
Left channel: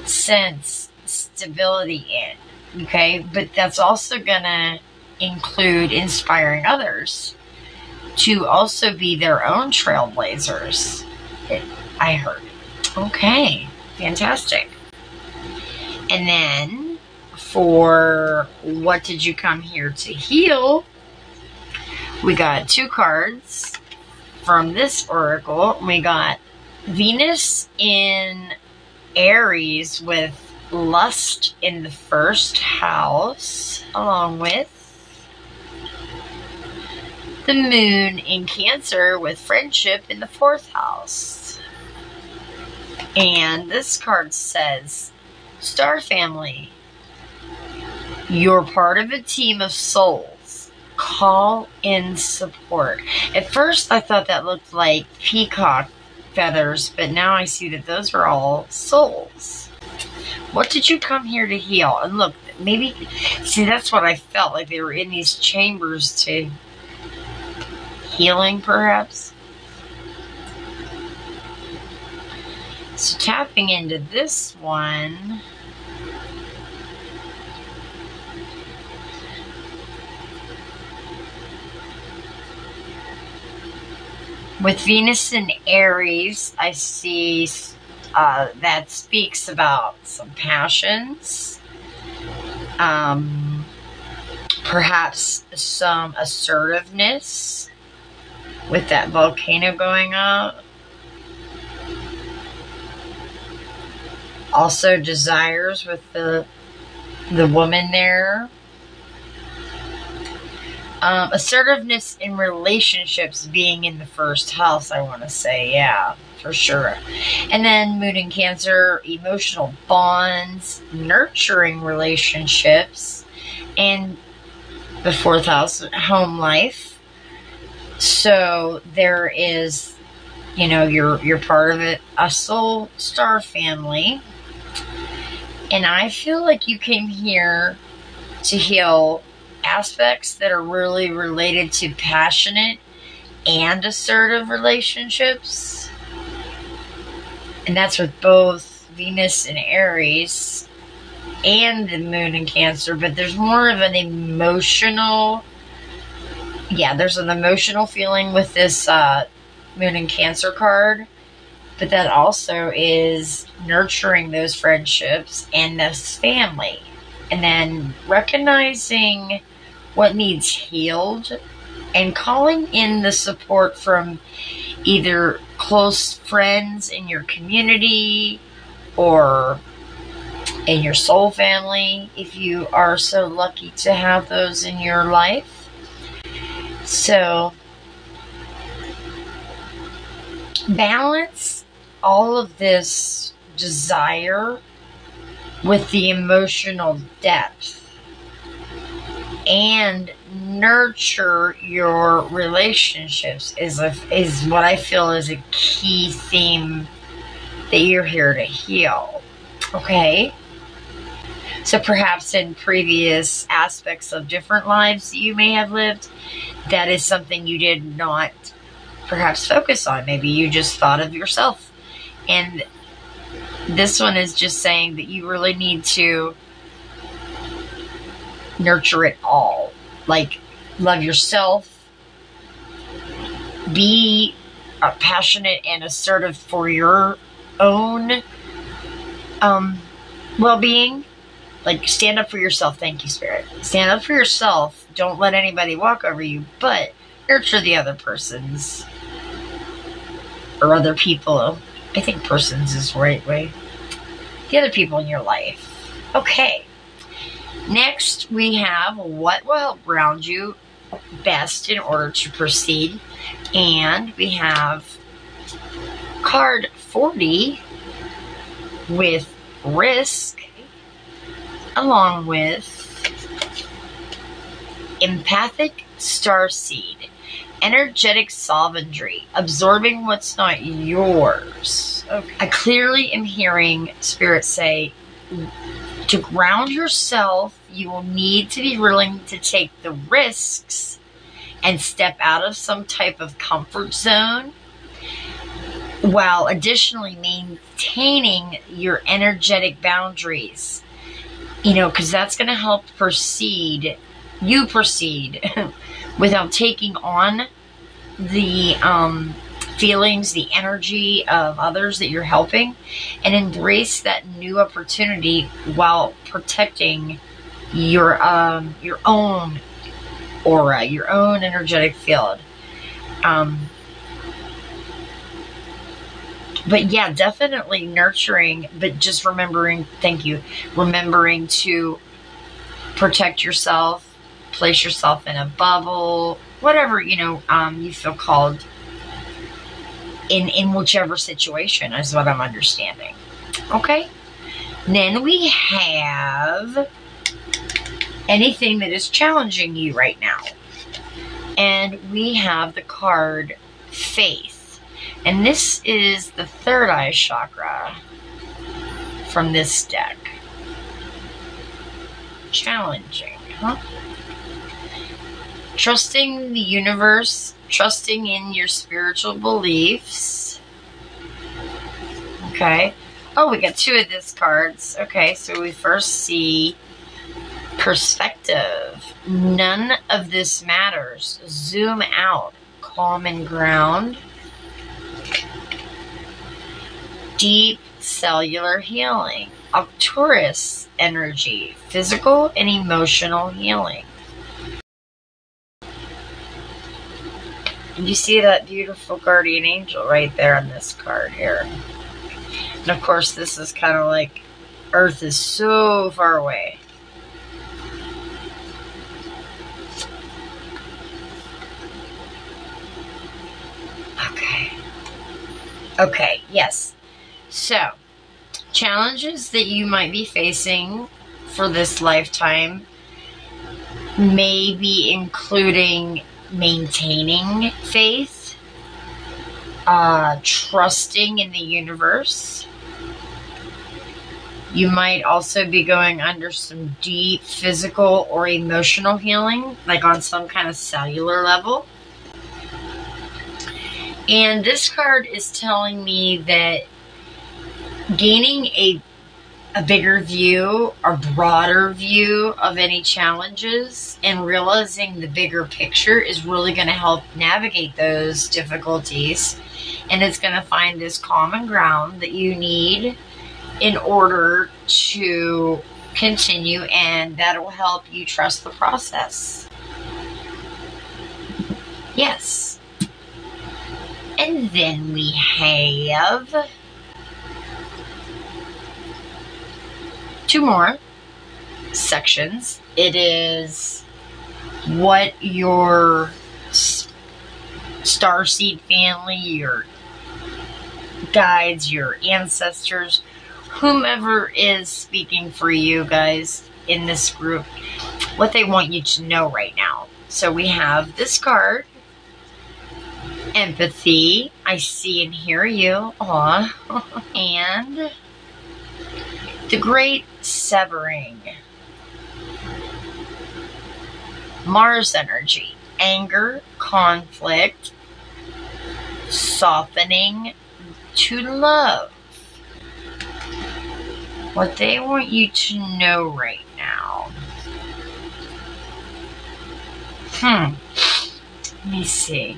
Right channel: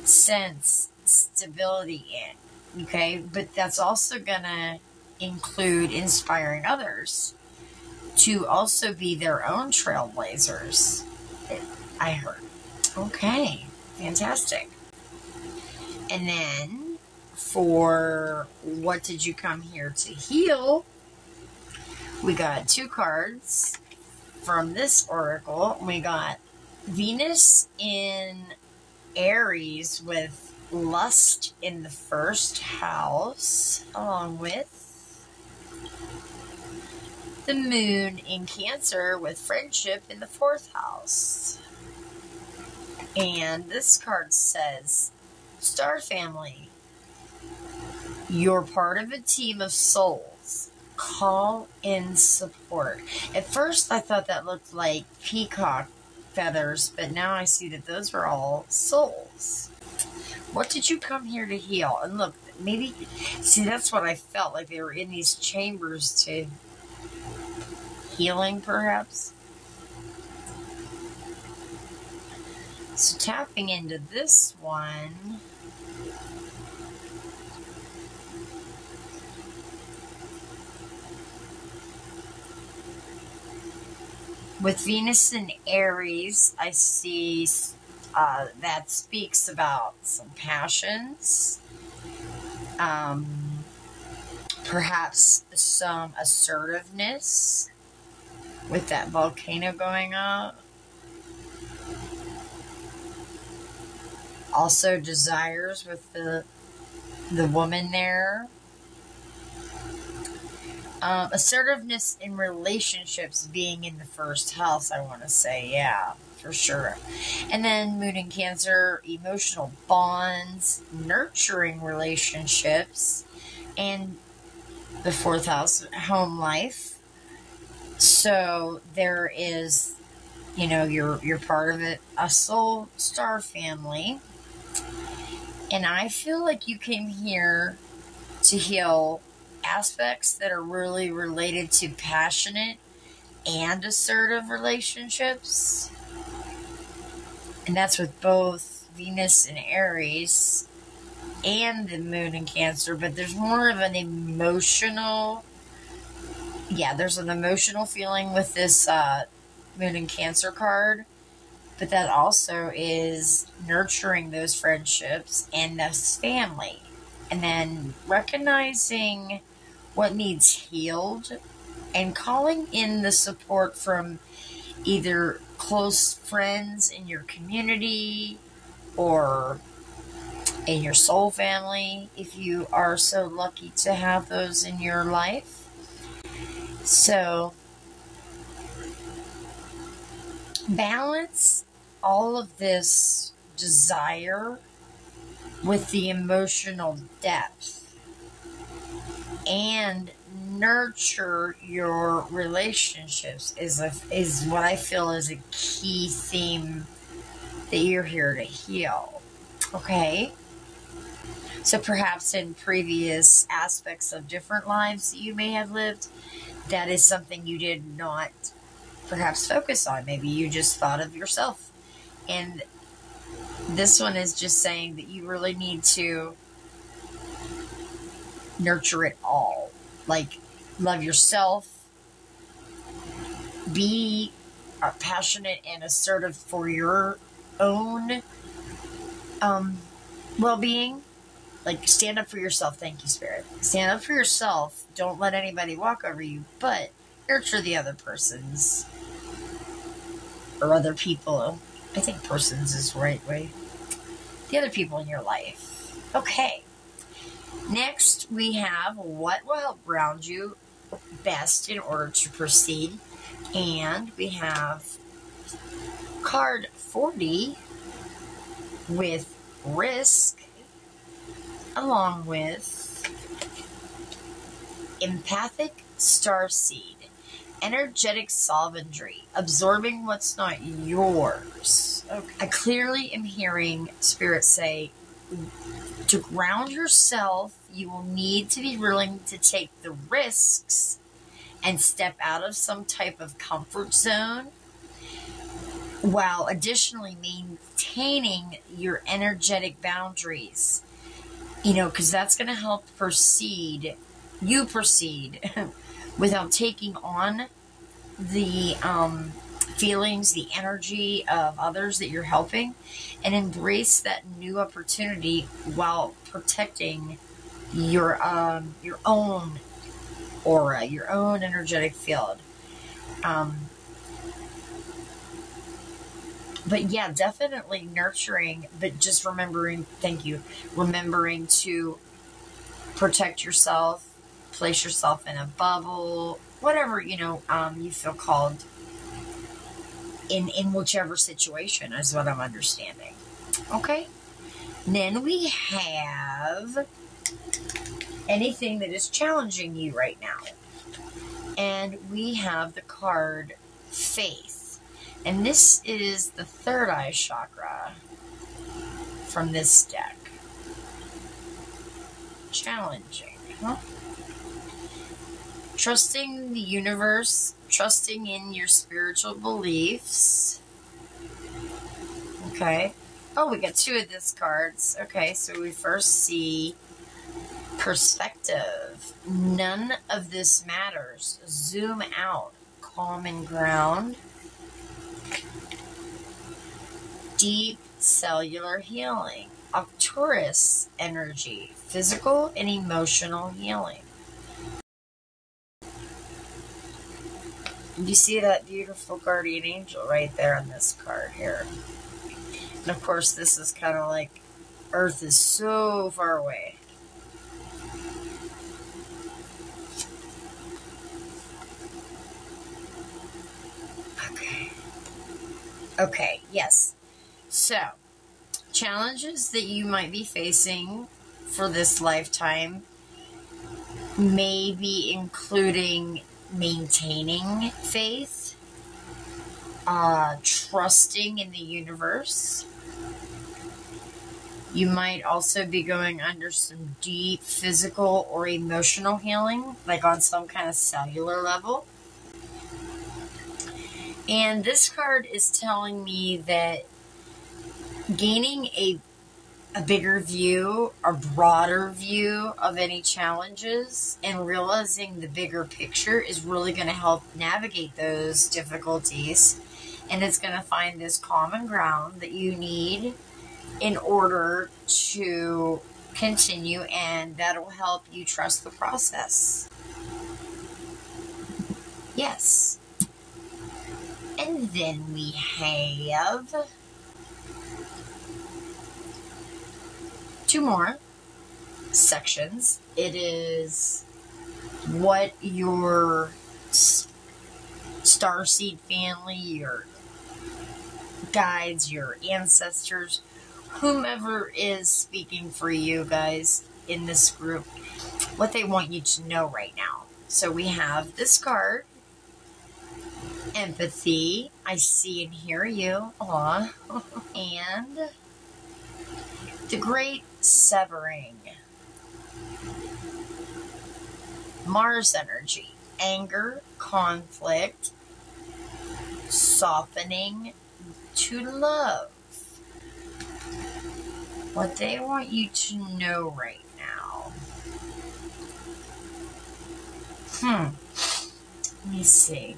sense stability in, okay? But that's also gonna include inspiring others to also be their own trailblazers, I heard. Okay, fantastic. And then for what did you come here to heal, we got 2 cards from this oracle. We got Venus in Aries with lust in the 1st house, along with the moon in Cancer with friendship in the 4th house. And this card says, Star Family, You're part of a team of souls. Call in support. At first, I thought that looked like peacock feathers, but now I see that those are all souls. What did you come here to heal? And look, maybe, see, that's what I felt like. They were in these chambers to healing, perhaps. So tapping into this one, with Venus in Aries, I see that speaks about some passions, perhaps some assertiveness with that volcano going up. Also desires with the woman there. Assertiveness in relationships being in the first house, I want to say, yeah, for sure. And then Moon in Cancer, emotional bonds, nurturing relationships, and the fourth house, home life. So there is, you know, you're part of it, a soul star family. And I feel like you came here to heal aspects that are really related to passionate and assertive relationships. And that's with both Venus and Aries and the Moon in Cancer. But there's more of an emotional, there's an emotional feeling with this Moon in Cancer card. But that also is nurturing those friendships and this family. And then recognizing what needs healed and calling in the support from either close friends in your community or in your soul family, if you are so lucky to have those in your life. So balance all of this desire with the emotional depth and nurture your relationships is what I feel is a key theme that you're here to heal. Okay? So perhaps in previous aspects of different lives that you may have lived, that is something you did not perhaps focus on. Maybe you just thought of yourself. And this one is just saying that you really need to nurture it all. Like, love yourself. Be passionate and assertive for your own well-being. Like, stand up for yourself. Thank you, Spirit. Stand up for yourself. Don't let anybody walk over you, but nurture the other persons or other people. I think persons is the right way. The other people in your life. Okay. Next, we have what will help ground you best in order to proceed. And we have card 40 with risk, along with empathic starseed. Energetic sovereignty, absorbing what's not yours. Okay. I clearly am hearing Spirit say, to ground yourself, you will need to be willing to take the risks and step out of some type of comfort zone, while additionally maintaining your energetic boundaries. You know, because that's going to help you proceed without taking on the feelings, the energy of others that you're helping, and embrace that new opportunity while protecting your own aura, your own energetic field. But yeah, definitely nurturing, but just remembering to protect yourself, place yourself in a bubble, whatever, you feel called in whichever situation is what I'm understanding. Okay? Then we have anything that is challenging you right now. And we have the card Faith. And this is the third eye chakra from this deck. Challenging, huh? Trusting the universe, trusting in your spiritual beliefs. Okay. Oh, we got two of these cards. Okay, so we first see perspective. None of this matters. Zoom out. Common ground. Deep cellular healing. Arcturus energy. Physical and emotional healing. And you see that beautiful guardian angel right there on this card here. And of course, this is kind of like Earth is so far away. Okay, yes. So, challenges that you might be facing for this lifetime may be including maintaining faith, trusting in the universe. You might also be going under some deep physical or emotional healing, like on some kind of cellular level. And this card is telling me that gaining a bigger view or broader view of any challenges and realizing the bigger picture is really going to help navigate those difficulties. And it's going to find this common ground that you need in order to continue, and that will help you trust the process. Yes. And then we have two more sections. It is what your starseed family, your guides, your ancestors, whomever is speaking for you guys in this group, what they want you to know right now. So we have this card. Empathy. I see and hear you. Aw. And the Great Severing. Mars energy. Anger, conflict, softening to love. What they want you to know right now. Let me see.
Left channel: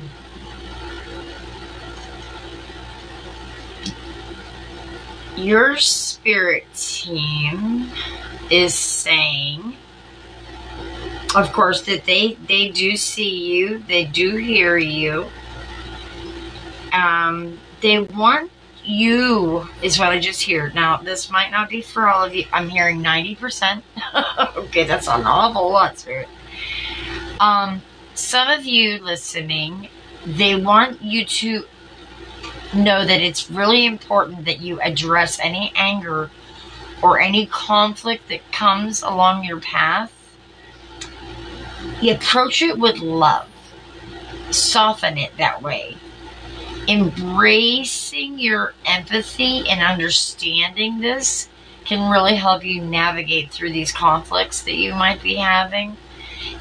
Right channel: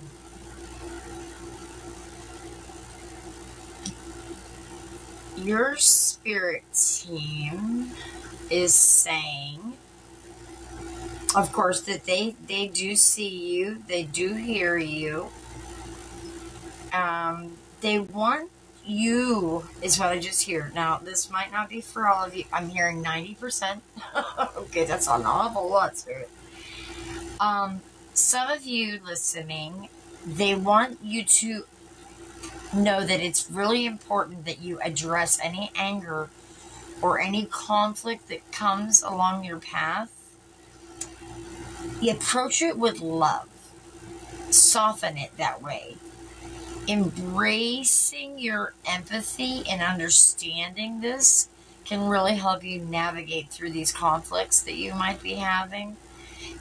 Your spirit team is saying, of course, that they do see you, they do hear you. They want you, is what I just hear. Now, this might not be for all of you. I'm hearing 90%. Okay, that's an awful lot, Spirit. Some of you listening, they want you to know that it's really important that you address any anger or any conflict that comes along your path. You approach it with love. Soften it that way. Embracing your empathy and understanding this can really help you navigate through these conflicts that you might be having.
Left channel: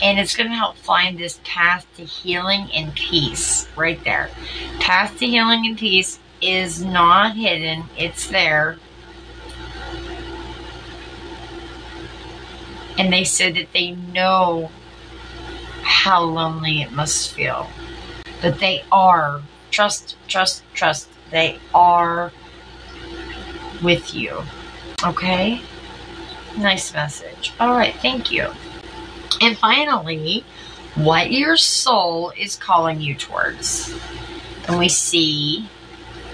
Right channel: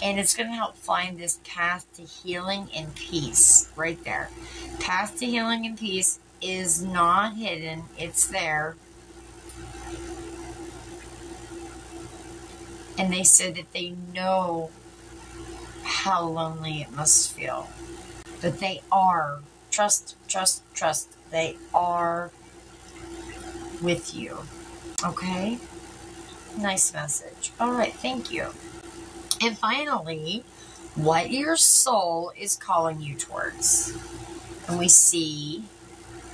And it's going to help find this path to healing and peace right there. Path to healing and peace is not hidden. It's there. And they said that they know how lonely it must feel. But they are. Trust, trust, trust. They are with you. Okay? Nice message. All right, thank you. And finally, what your soul is calling you towards. And we see,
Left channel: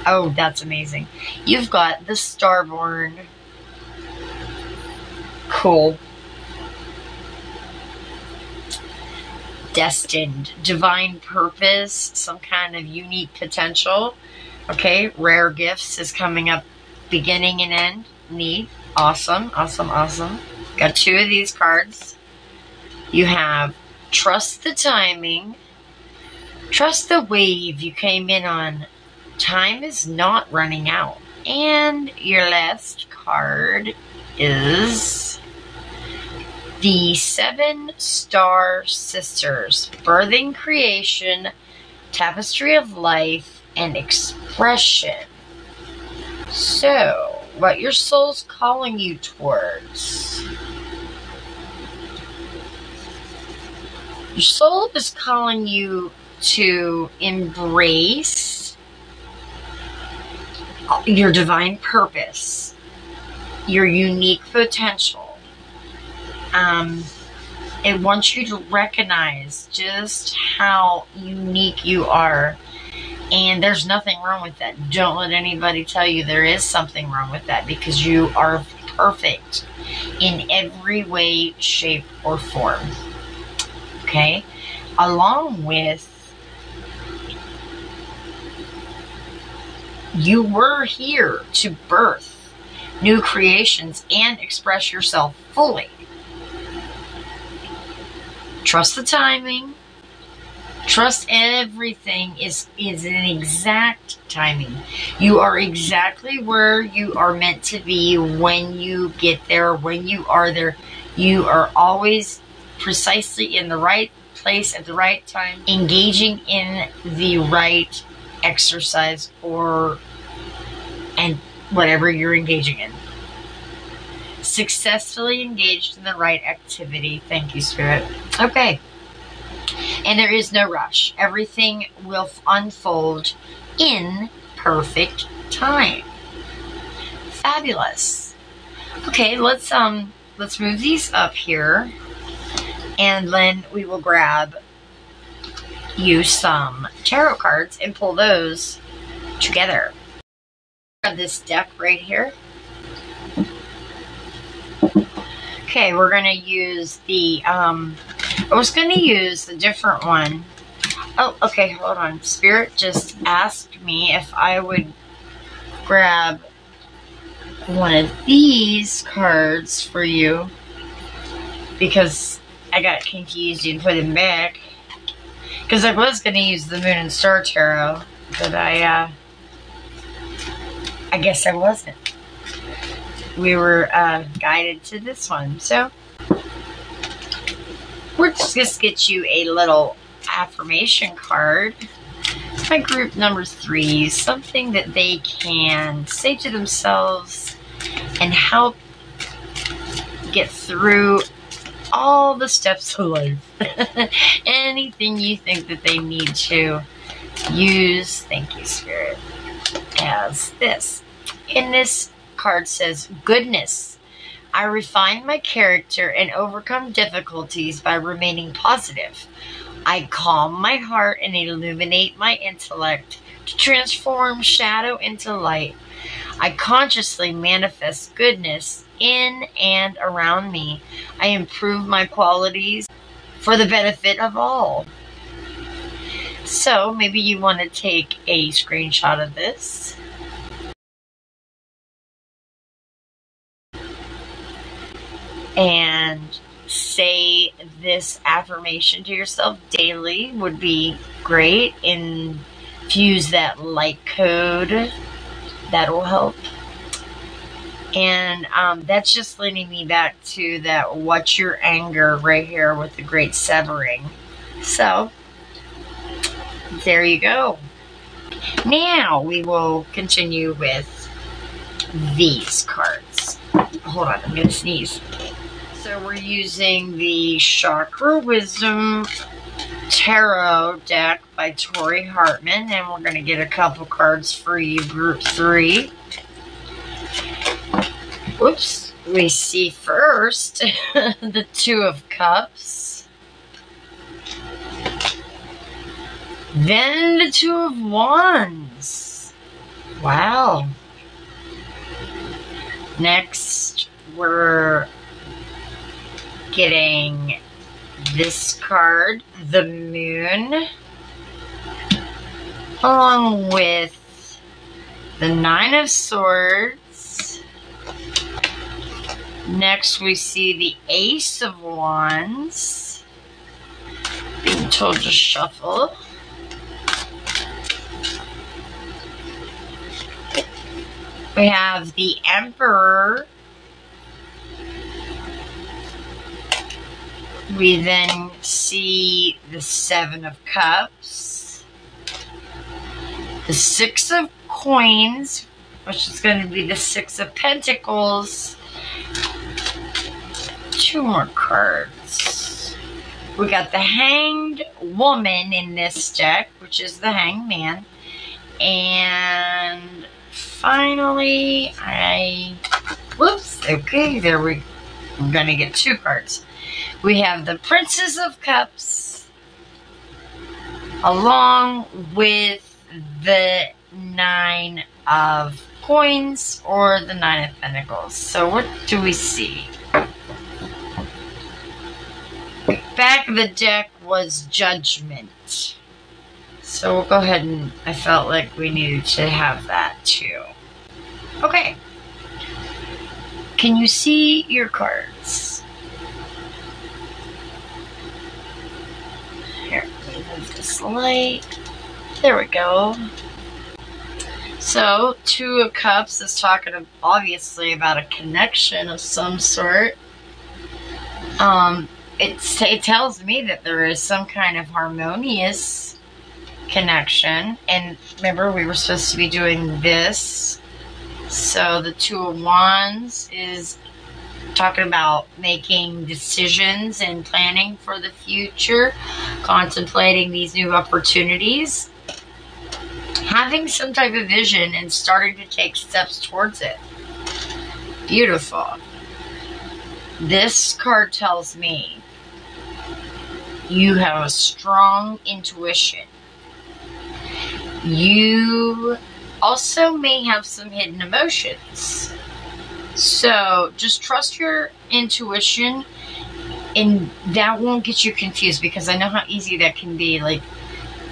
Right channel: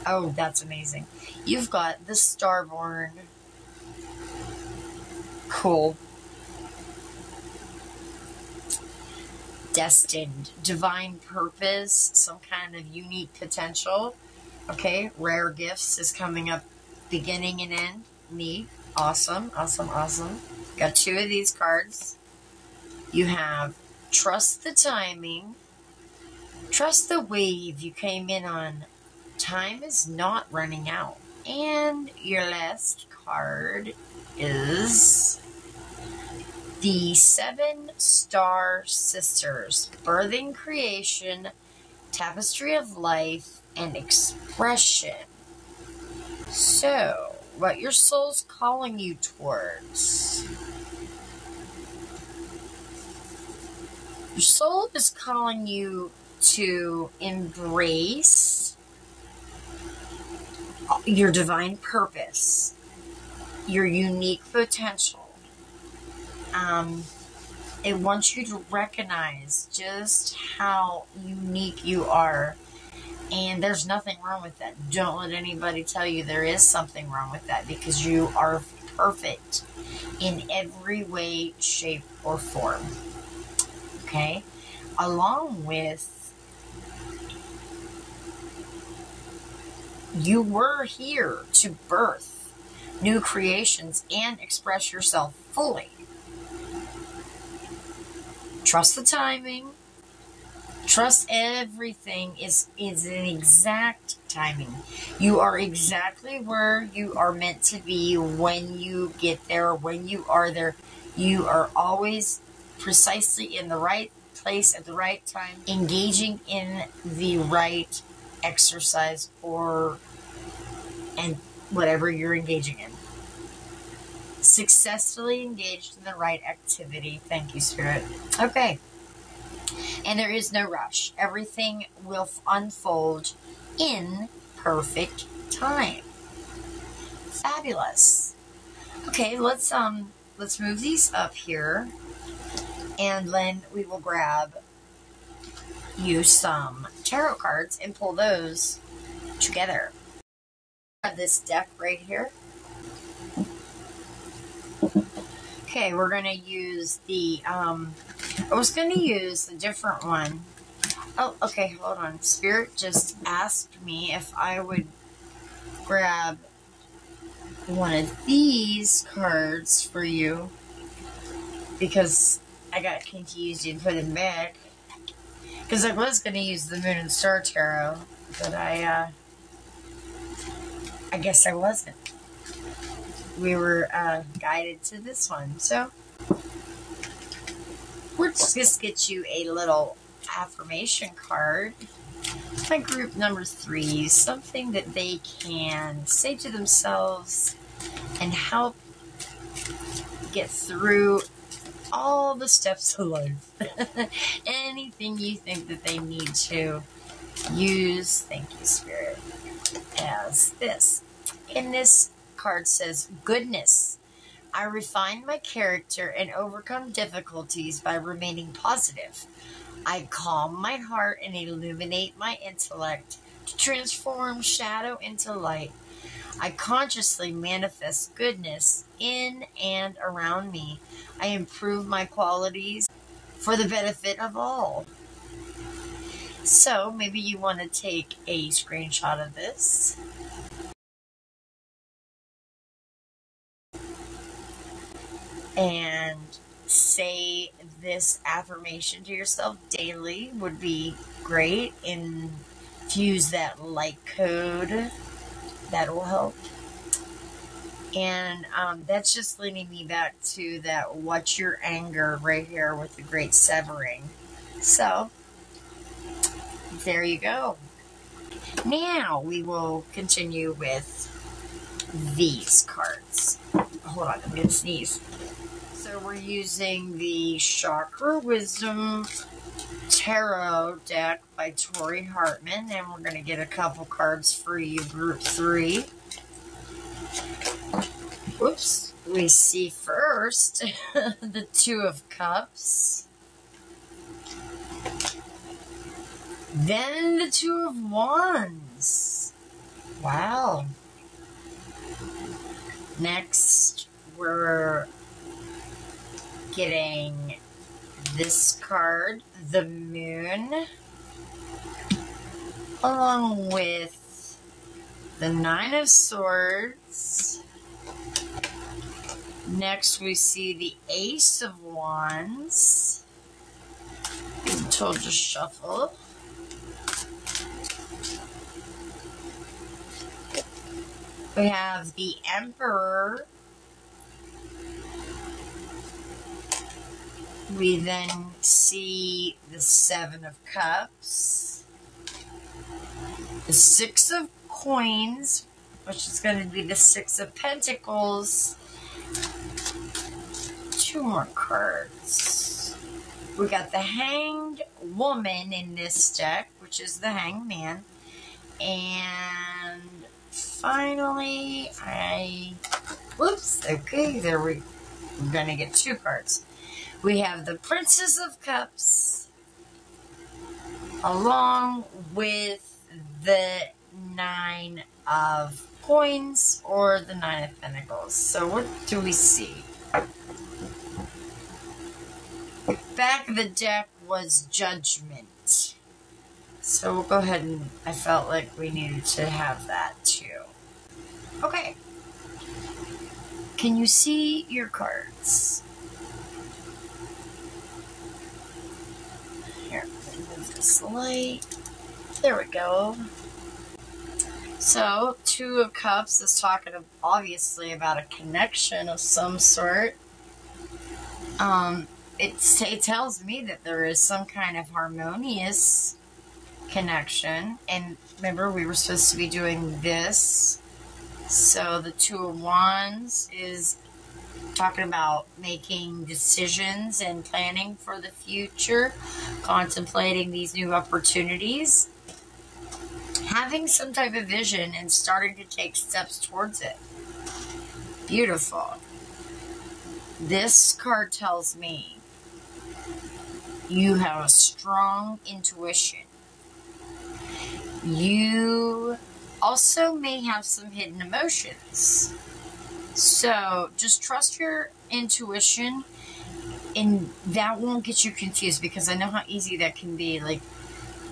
oh, that's amazing. You've got the Starborn. Cool. Destined, divine purpose, some kind of unique potential. Okay, rare gifts is coming up, beginning and end. Neat. Awesome, awesome, awesome. Got two of these cards. You have trust the timing, trust the wave you came in on. Time is not running out. And your last card is the 7 Star Sisters, birthing creation, tapestry of life, and expression. So, what your soul's calling you towards? Your soul is calling you to embrace your divine purpose, your unique potential. It wants you to recognize just how unique you are. And there's nothing wrong with that. Don't let anybody tell you there is something wrong with that, because you are perfect in every way, shape, or form. Okay? Along with, you were here to birth new creations and express yourself fully. Trust the timing. Trust everything is in exact timing. You are exactly where you are meant to be when you get there, when you are there. You are always precisely in the right place at the right time, engaging in the right exercise and whatever you're engaging in. Successfully engaged in the right activity. Thank you, Spirit. Okay. And there is no rush. Everything will unfold in perfect time. Fabulous. Okay, let's move these up here, and then we will grab you some tarot cards and pull those together. Grab this deck right here. Okay, we're going to use the, I was going to use a different one. Oh, okay, hold on. Spirit just asked me if I would grab one of these cards for you, because I got confused and put them back. Because I was going to use the Moon and Star Tarot, but I guess I wasn't. We were guided to this one. So, we're just get you a little affirmation card. My group number 3, something that they can say to themselves and help get through all the steps of life. Anything you think that they need to use, thank you, Spirit, as this. In this card says, goodness. I refine my character and overcome difficulties by remaining positive. I calm my heart and illuminate my intellect to transform shadow into light. I consciously manifest goodness in and around me. I improve my qualities for the benefit of all. So maybe you want to take a screenshot of this. And say this affirmation to yourself daily would be great. Infuse that light code. That will help. And that's just leading me back to that what's your anger right here with the great severing. So, there you go. Now we will continue with these cards. Hold on, I'm going to sneeze. So we're using the Chakra Wisdom Tarot deck by Tori Hartman, and we're going to get a couple cards for you, Group 3. Whoops. We see first the 2 of Cups. Then the 2 of Wands. Wow. Next, we're getting this card, the Moon, along with the 9 of Swords. Next, we see the Ace of Wands. being told to shuffle. We have the Emperor. We then see the Seven of Cups, the Six of Coins, which is going to be the Six of Pentacles. Two more cards. We got the Hanged Woman in this deck, which is the Hanged Man. And finally, whoops, okay, we're going to get two cards. We have the Princess of Cups, along with the Nine of Coins, or the Nine of Pentacles. So what do we see? Back of the deck was Judgment. So we'll go ahead and, I felt like we needed to have that too. Okay. Can you see your cards? Here, let me move this light. There we go. So, Two of Cups is talking obviously about a connection of some sort. It tells me that there is some kind of harmonious connection. And remember, we were supposed to be doing this. So the Two of Wands is talking about making decisions and planning for the future, contemplating these new opportunities, having some type of vision and starting to take steps towards it. Beautiful. This card tells me you have a strong intuition. You also may have some hidden emotions. So just trust your intuition, and that won't get you confused, because I know how easy that can be. Like,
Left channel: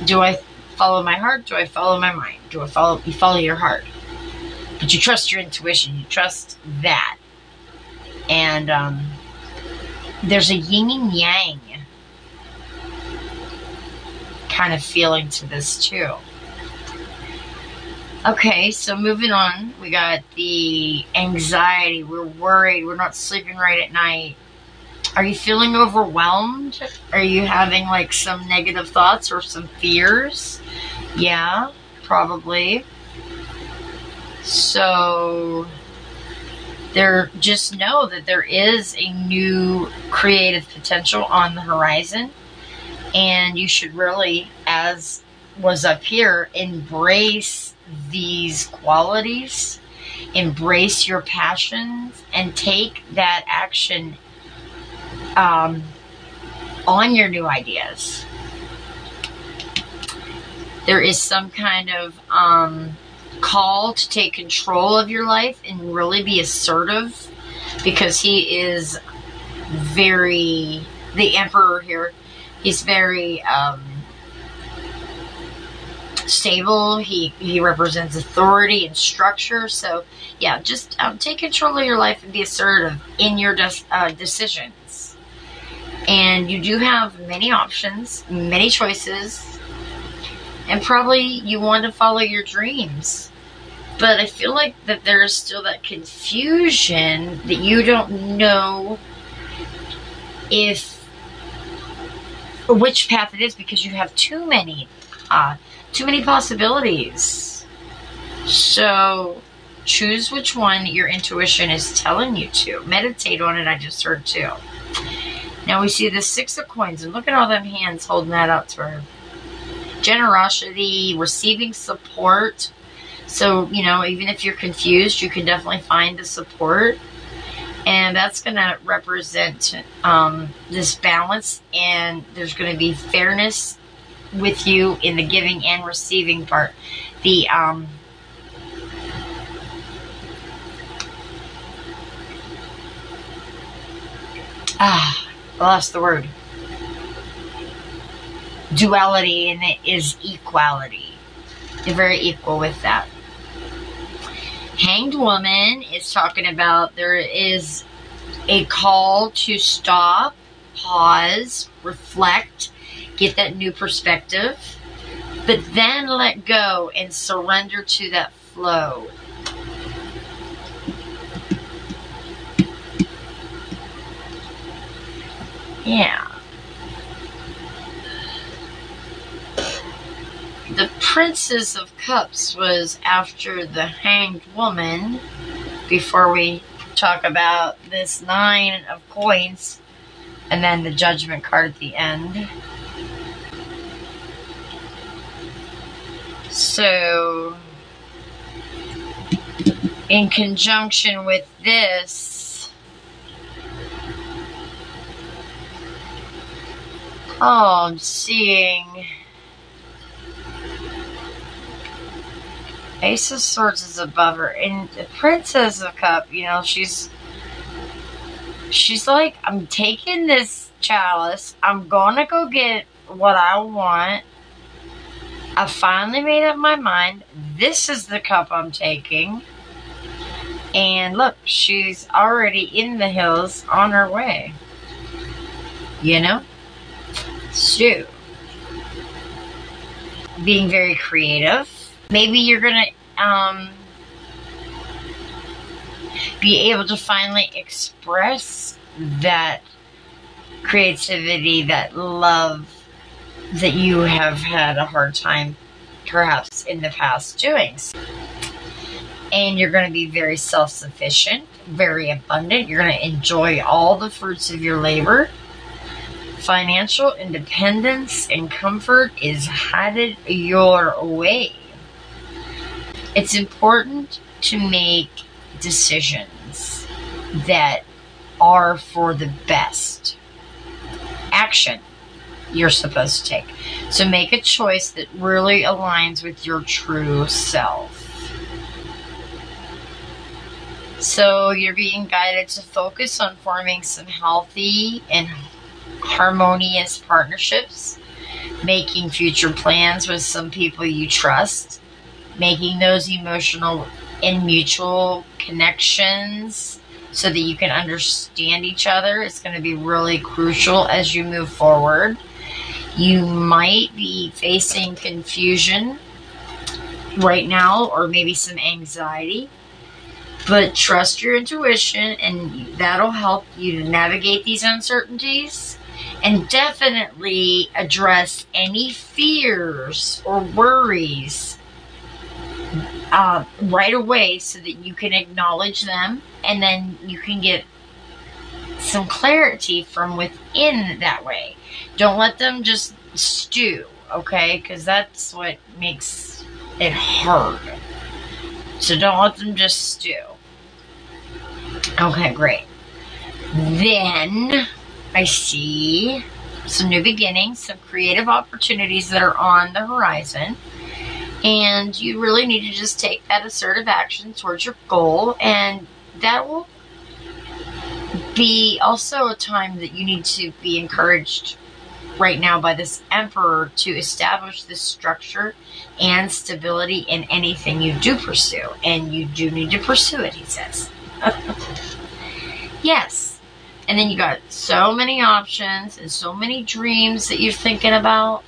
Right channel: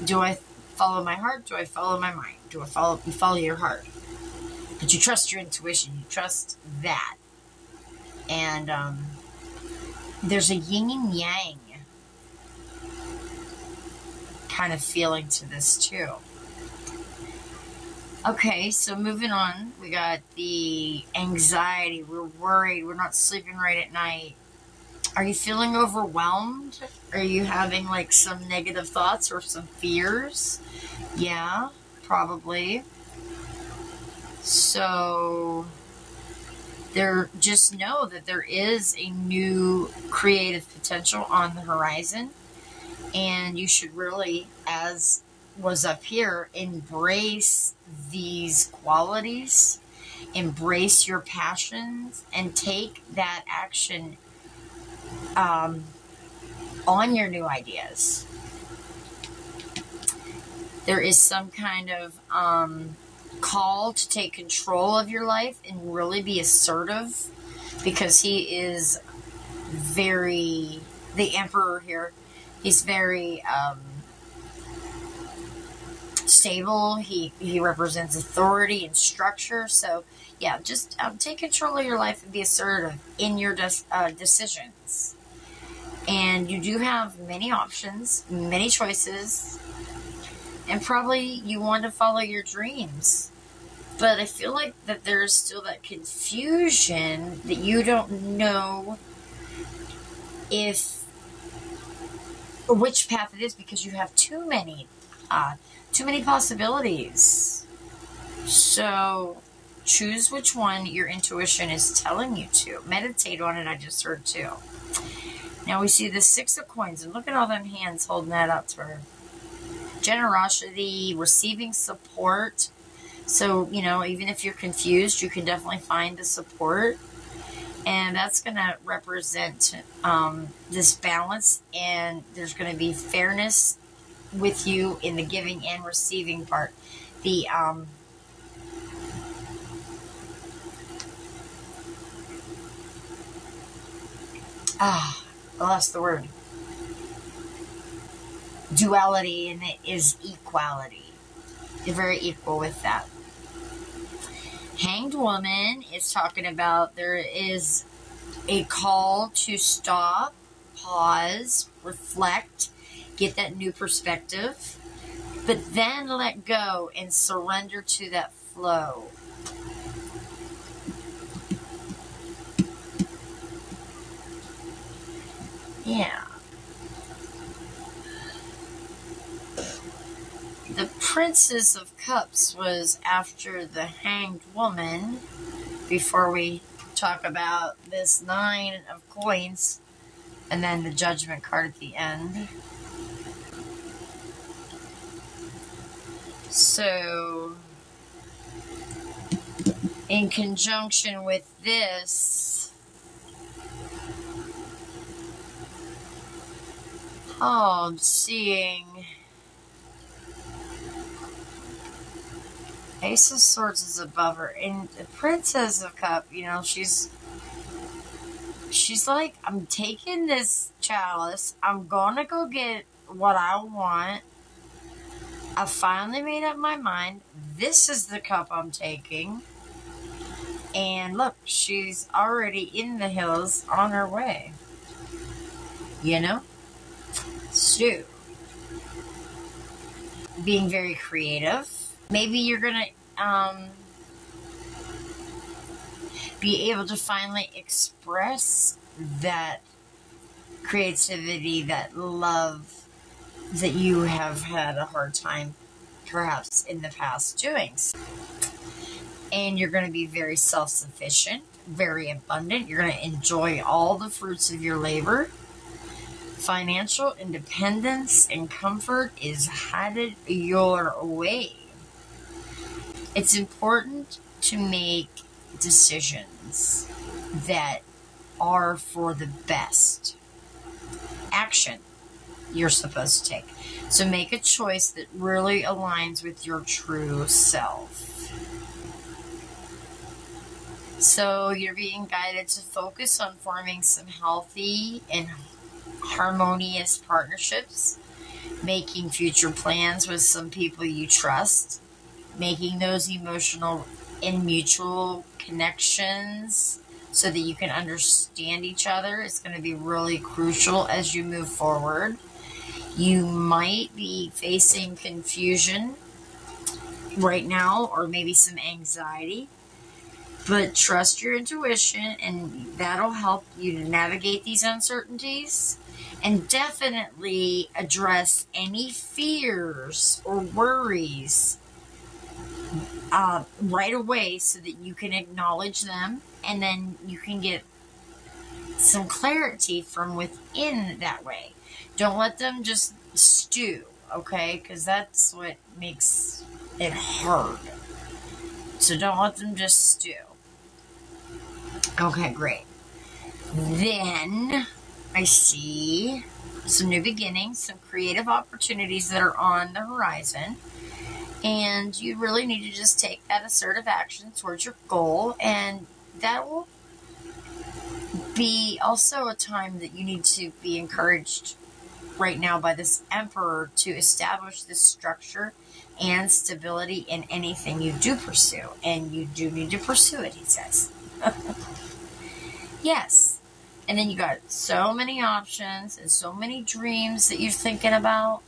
do I follow my heart? Do I follow my mind? You follow your heart. But you trust your intuition. You trust that. And there's a yin and yang kind of feeling to this too. Okay, so moving on, we got the anxiety. We're worried. We're not sleeping right at night. Are you feeling overwhelmed? Are you having like some negative thoughts or some fears? Yeah, probably. So just know that there is a new creative potential on the horizon, and you should really, as was up here, embrace these qualities, embrace your passions, and take that action on your new ideas. There is some kind of call to take control of your life and really be assertive, because he is the Emperor here, he's very stable. He represents authority and structure. So yeah, just take control of your life and be assertive in your decisions. And you do have many options, many choices, and probably you want to follow your dreams. But I feel like that there is still that confusion that you don't know which path it is, because you have too many possibilities. So choose which one your intuition is telling you to. Meditate on it, I just heard too. Now we see the Six of Coins, and look at all them hands holding that out to her. Generosity, receiving support. So, even if you're confused, you can definitely find the support. And that's going to represent this balance, and there's going to be fairness with you in the giving and receiving part. The I lost the word. Duality, and it is equality. You're very equal with that. Hanged Woman is talking about there is a call to stop, pause, reflect, get that new perspective, but then let go and surrender to that flow. Yeah. The Princess of Cups was after the Hanged Woman, before we talk about this 9 of Coins, and then the Judgment card at the end. So, in conjunction with this, I'm seeing Ace of Swords is above her, and the Princess of Cups, you know, she's like, I'm taking this chalice, I'm gonna go get what I want. I finally made up my mind. This is the cup I'm taking. And look, she's already in the hills on her way. You know? So, being very creative. Maybe you're going to be able to finally express that creativity, that love that you have had a hard time perhaps in the past doing. And you're going to be very self-sufficient, very abundant. You're going to enjoy all the fruits of your labor. Financial independence and comfort is headed your way. It's important to make decisions that are for the best action you're supposed to take. So make a choice that really aligns with your true self. So you're being guided to focus on forming some healthy and harmonious partnerships, making future plans with some people you trust, making those emotional and mutual connections so that you can understand each other. It's going to be really crucial as you move forward. You might be facing confusion right now, or maybe some anxiety, but trust your intuition, and that'll help you to navigate these uncertainties. And definitely address any fears or worries right away so that you can acknowledge them, and then you can get some clarity from within that way. Don't let them just stew, okay? Because that's what makes it hard. So don't let them just stew. Okay, great. Then I see some new beginnings, some creative opportunities that are on the horizon. And you really need to just take that assertive action towards your goal. And that will be also a time that you need to be encouraged right now by this Emperor to establish this structure and stability in anything you do pursue. And you do need to pursue it, he says. Yes. And then you got so many options and so many dreams that you're thinking about.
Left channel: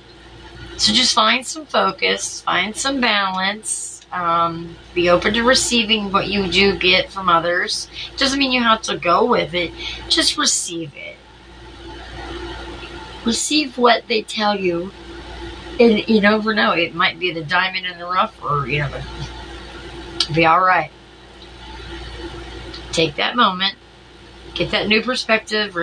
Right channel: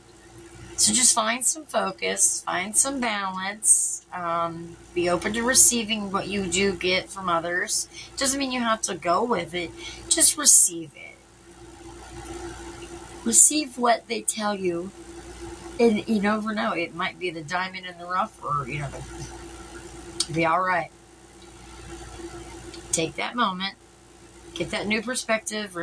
So just find some focus, find some balance, be open to receiving what you do get from others. It doesn't mean you have to go with it. Just receive it. Receive what they tell you. And you never know. It might be the diamond in the rough, or, you know, be all right. Take that moment. Get that new perspective.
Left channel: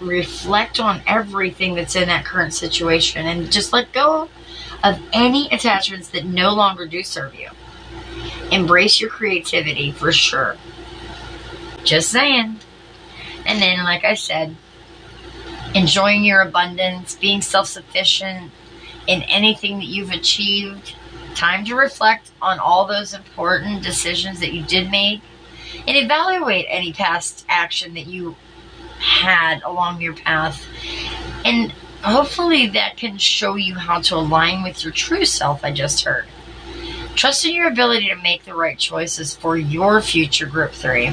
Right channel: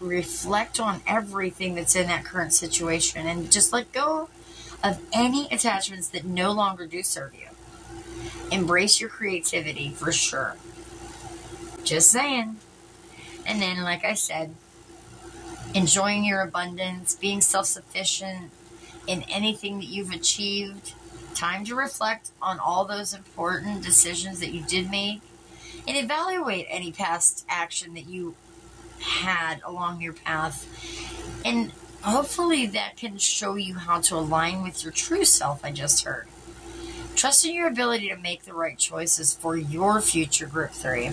Reflect on everything that's in that current situation. And just let go of any attachments that no longer do serve you. Embrace your creativity for sure. Just saying. And then, like I said, enjoying your abundance, being self-sufficient in anything that you've achieved. Time to reflect on all those important decisions that you did make, and evaluate any past action that you had along your path. And hopefully that can show you how to align with your true self, I just heard. Trust in your ability to make the right choices for your future Group 3.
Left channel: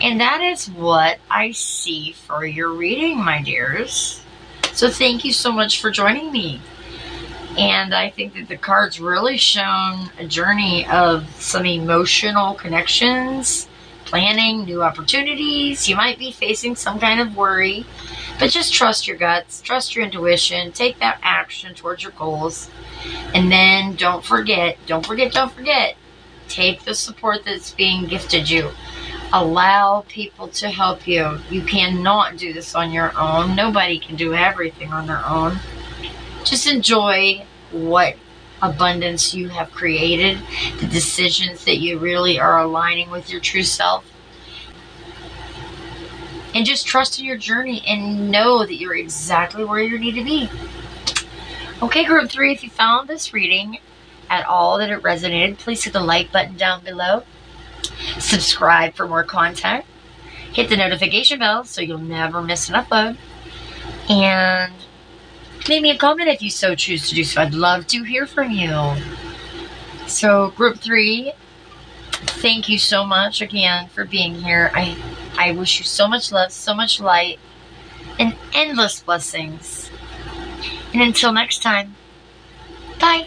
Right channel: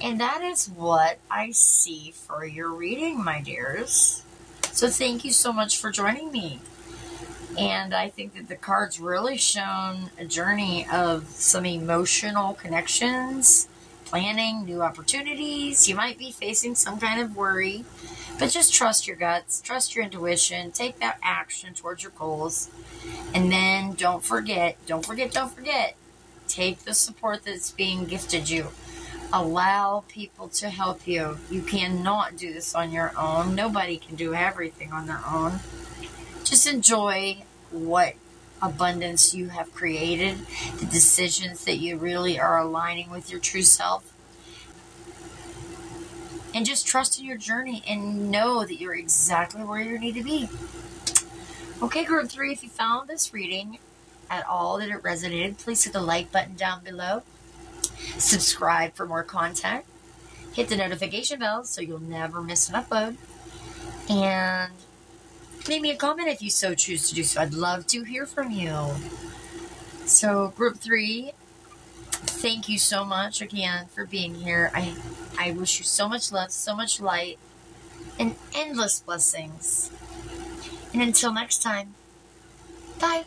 And that is what I see for your reading, my dears. So thank you so much for joining me. And I think that the cards really shown a journey of some emotional connections, planning new opportunities. You might be facing some kind of worry, but just trust your guts, trust your intuition, take that action towards your goals. And then don't forget, take the support that's being gifted you. Allow people to help you. You cannot do this on your own. Nobody can do everything on their own. Just enjoy what abundance you have created, the decisions that you really are aligning with your true self. And just trust in your journey and know that you're exactly where you need to be. Okay, group 3, if you found this reading at all that it resonated, please hit the like button down below. Subscribe for more content. Hit the notification bell so you'll never miss an upload. And leave me a comment if you so choose to do so. I'd love to hear from you. So, group 3, thank you so much again for being here. I wish you so much love, so much light, and endless blessings. And until next time, bye.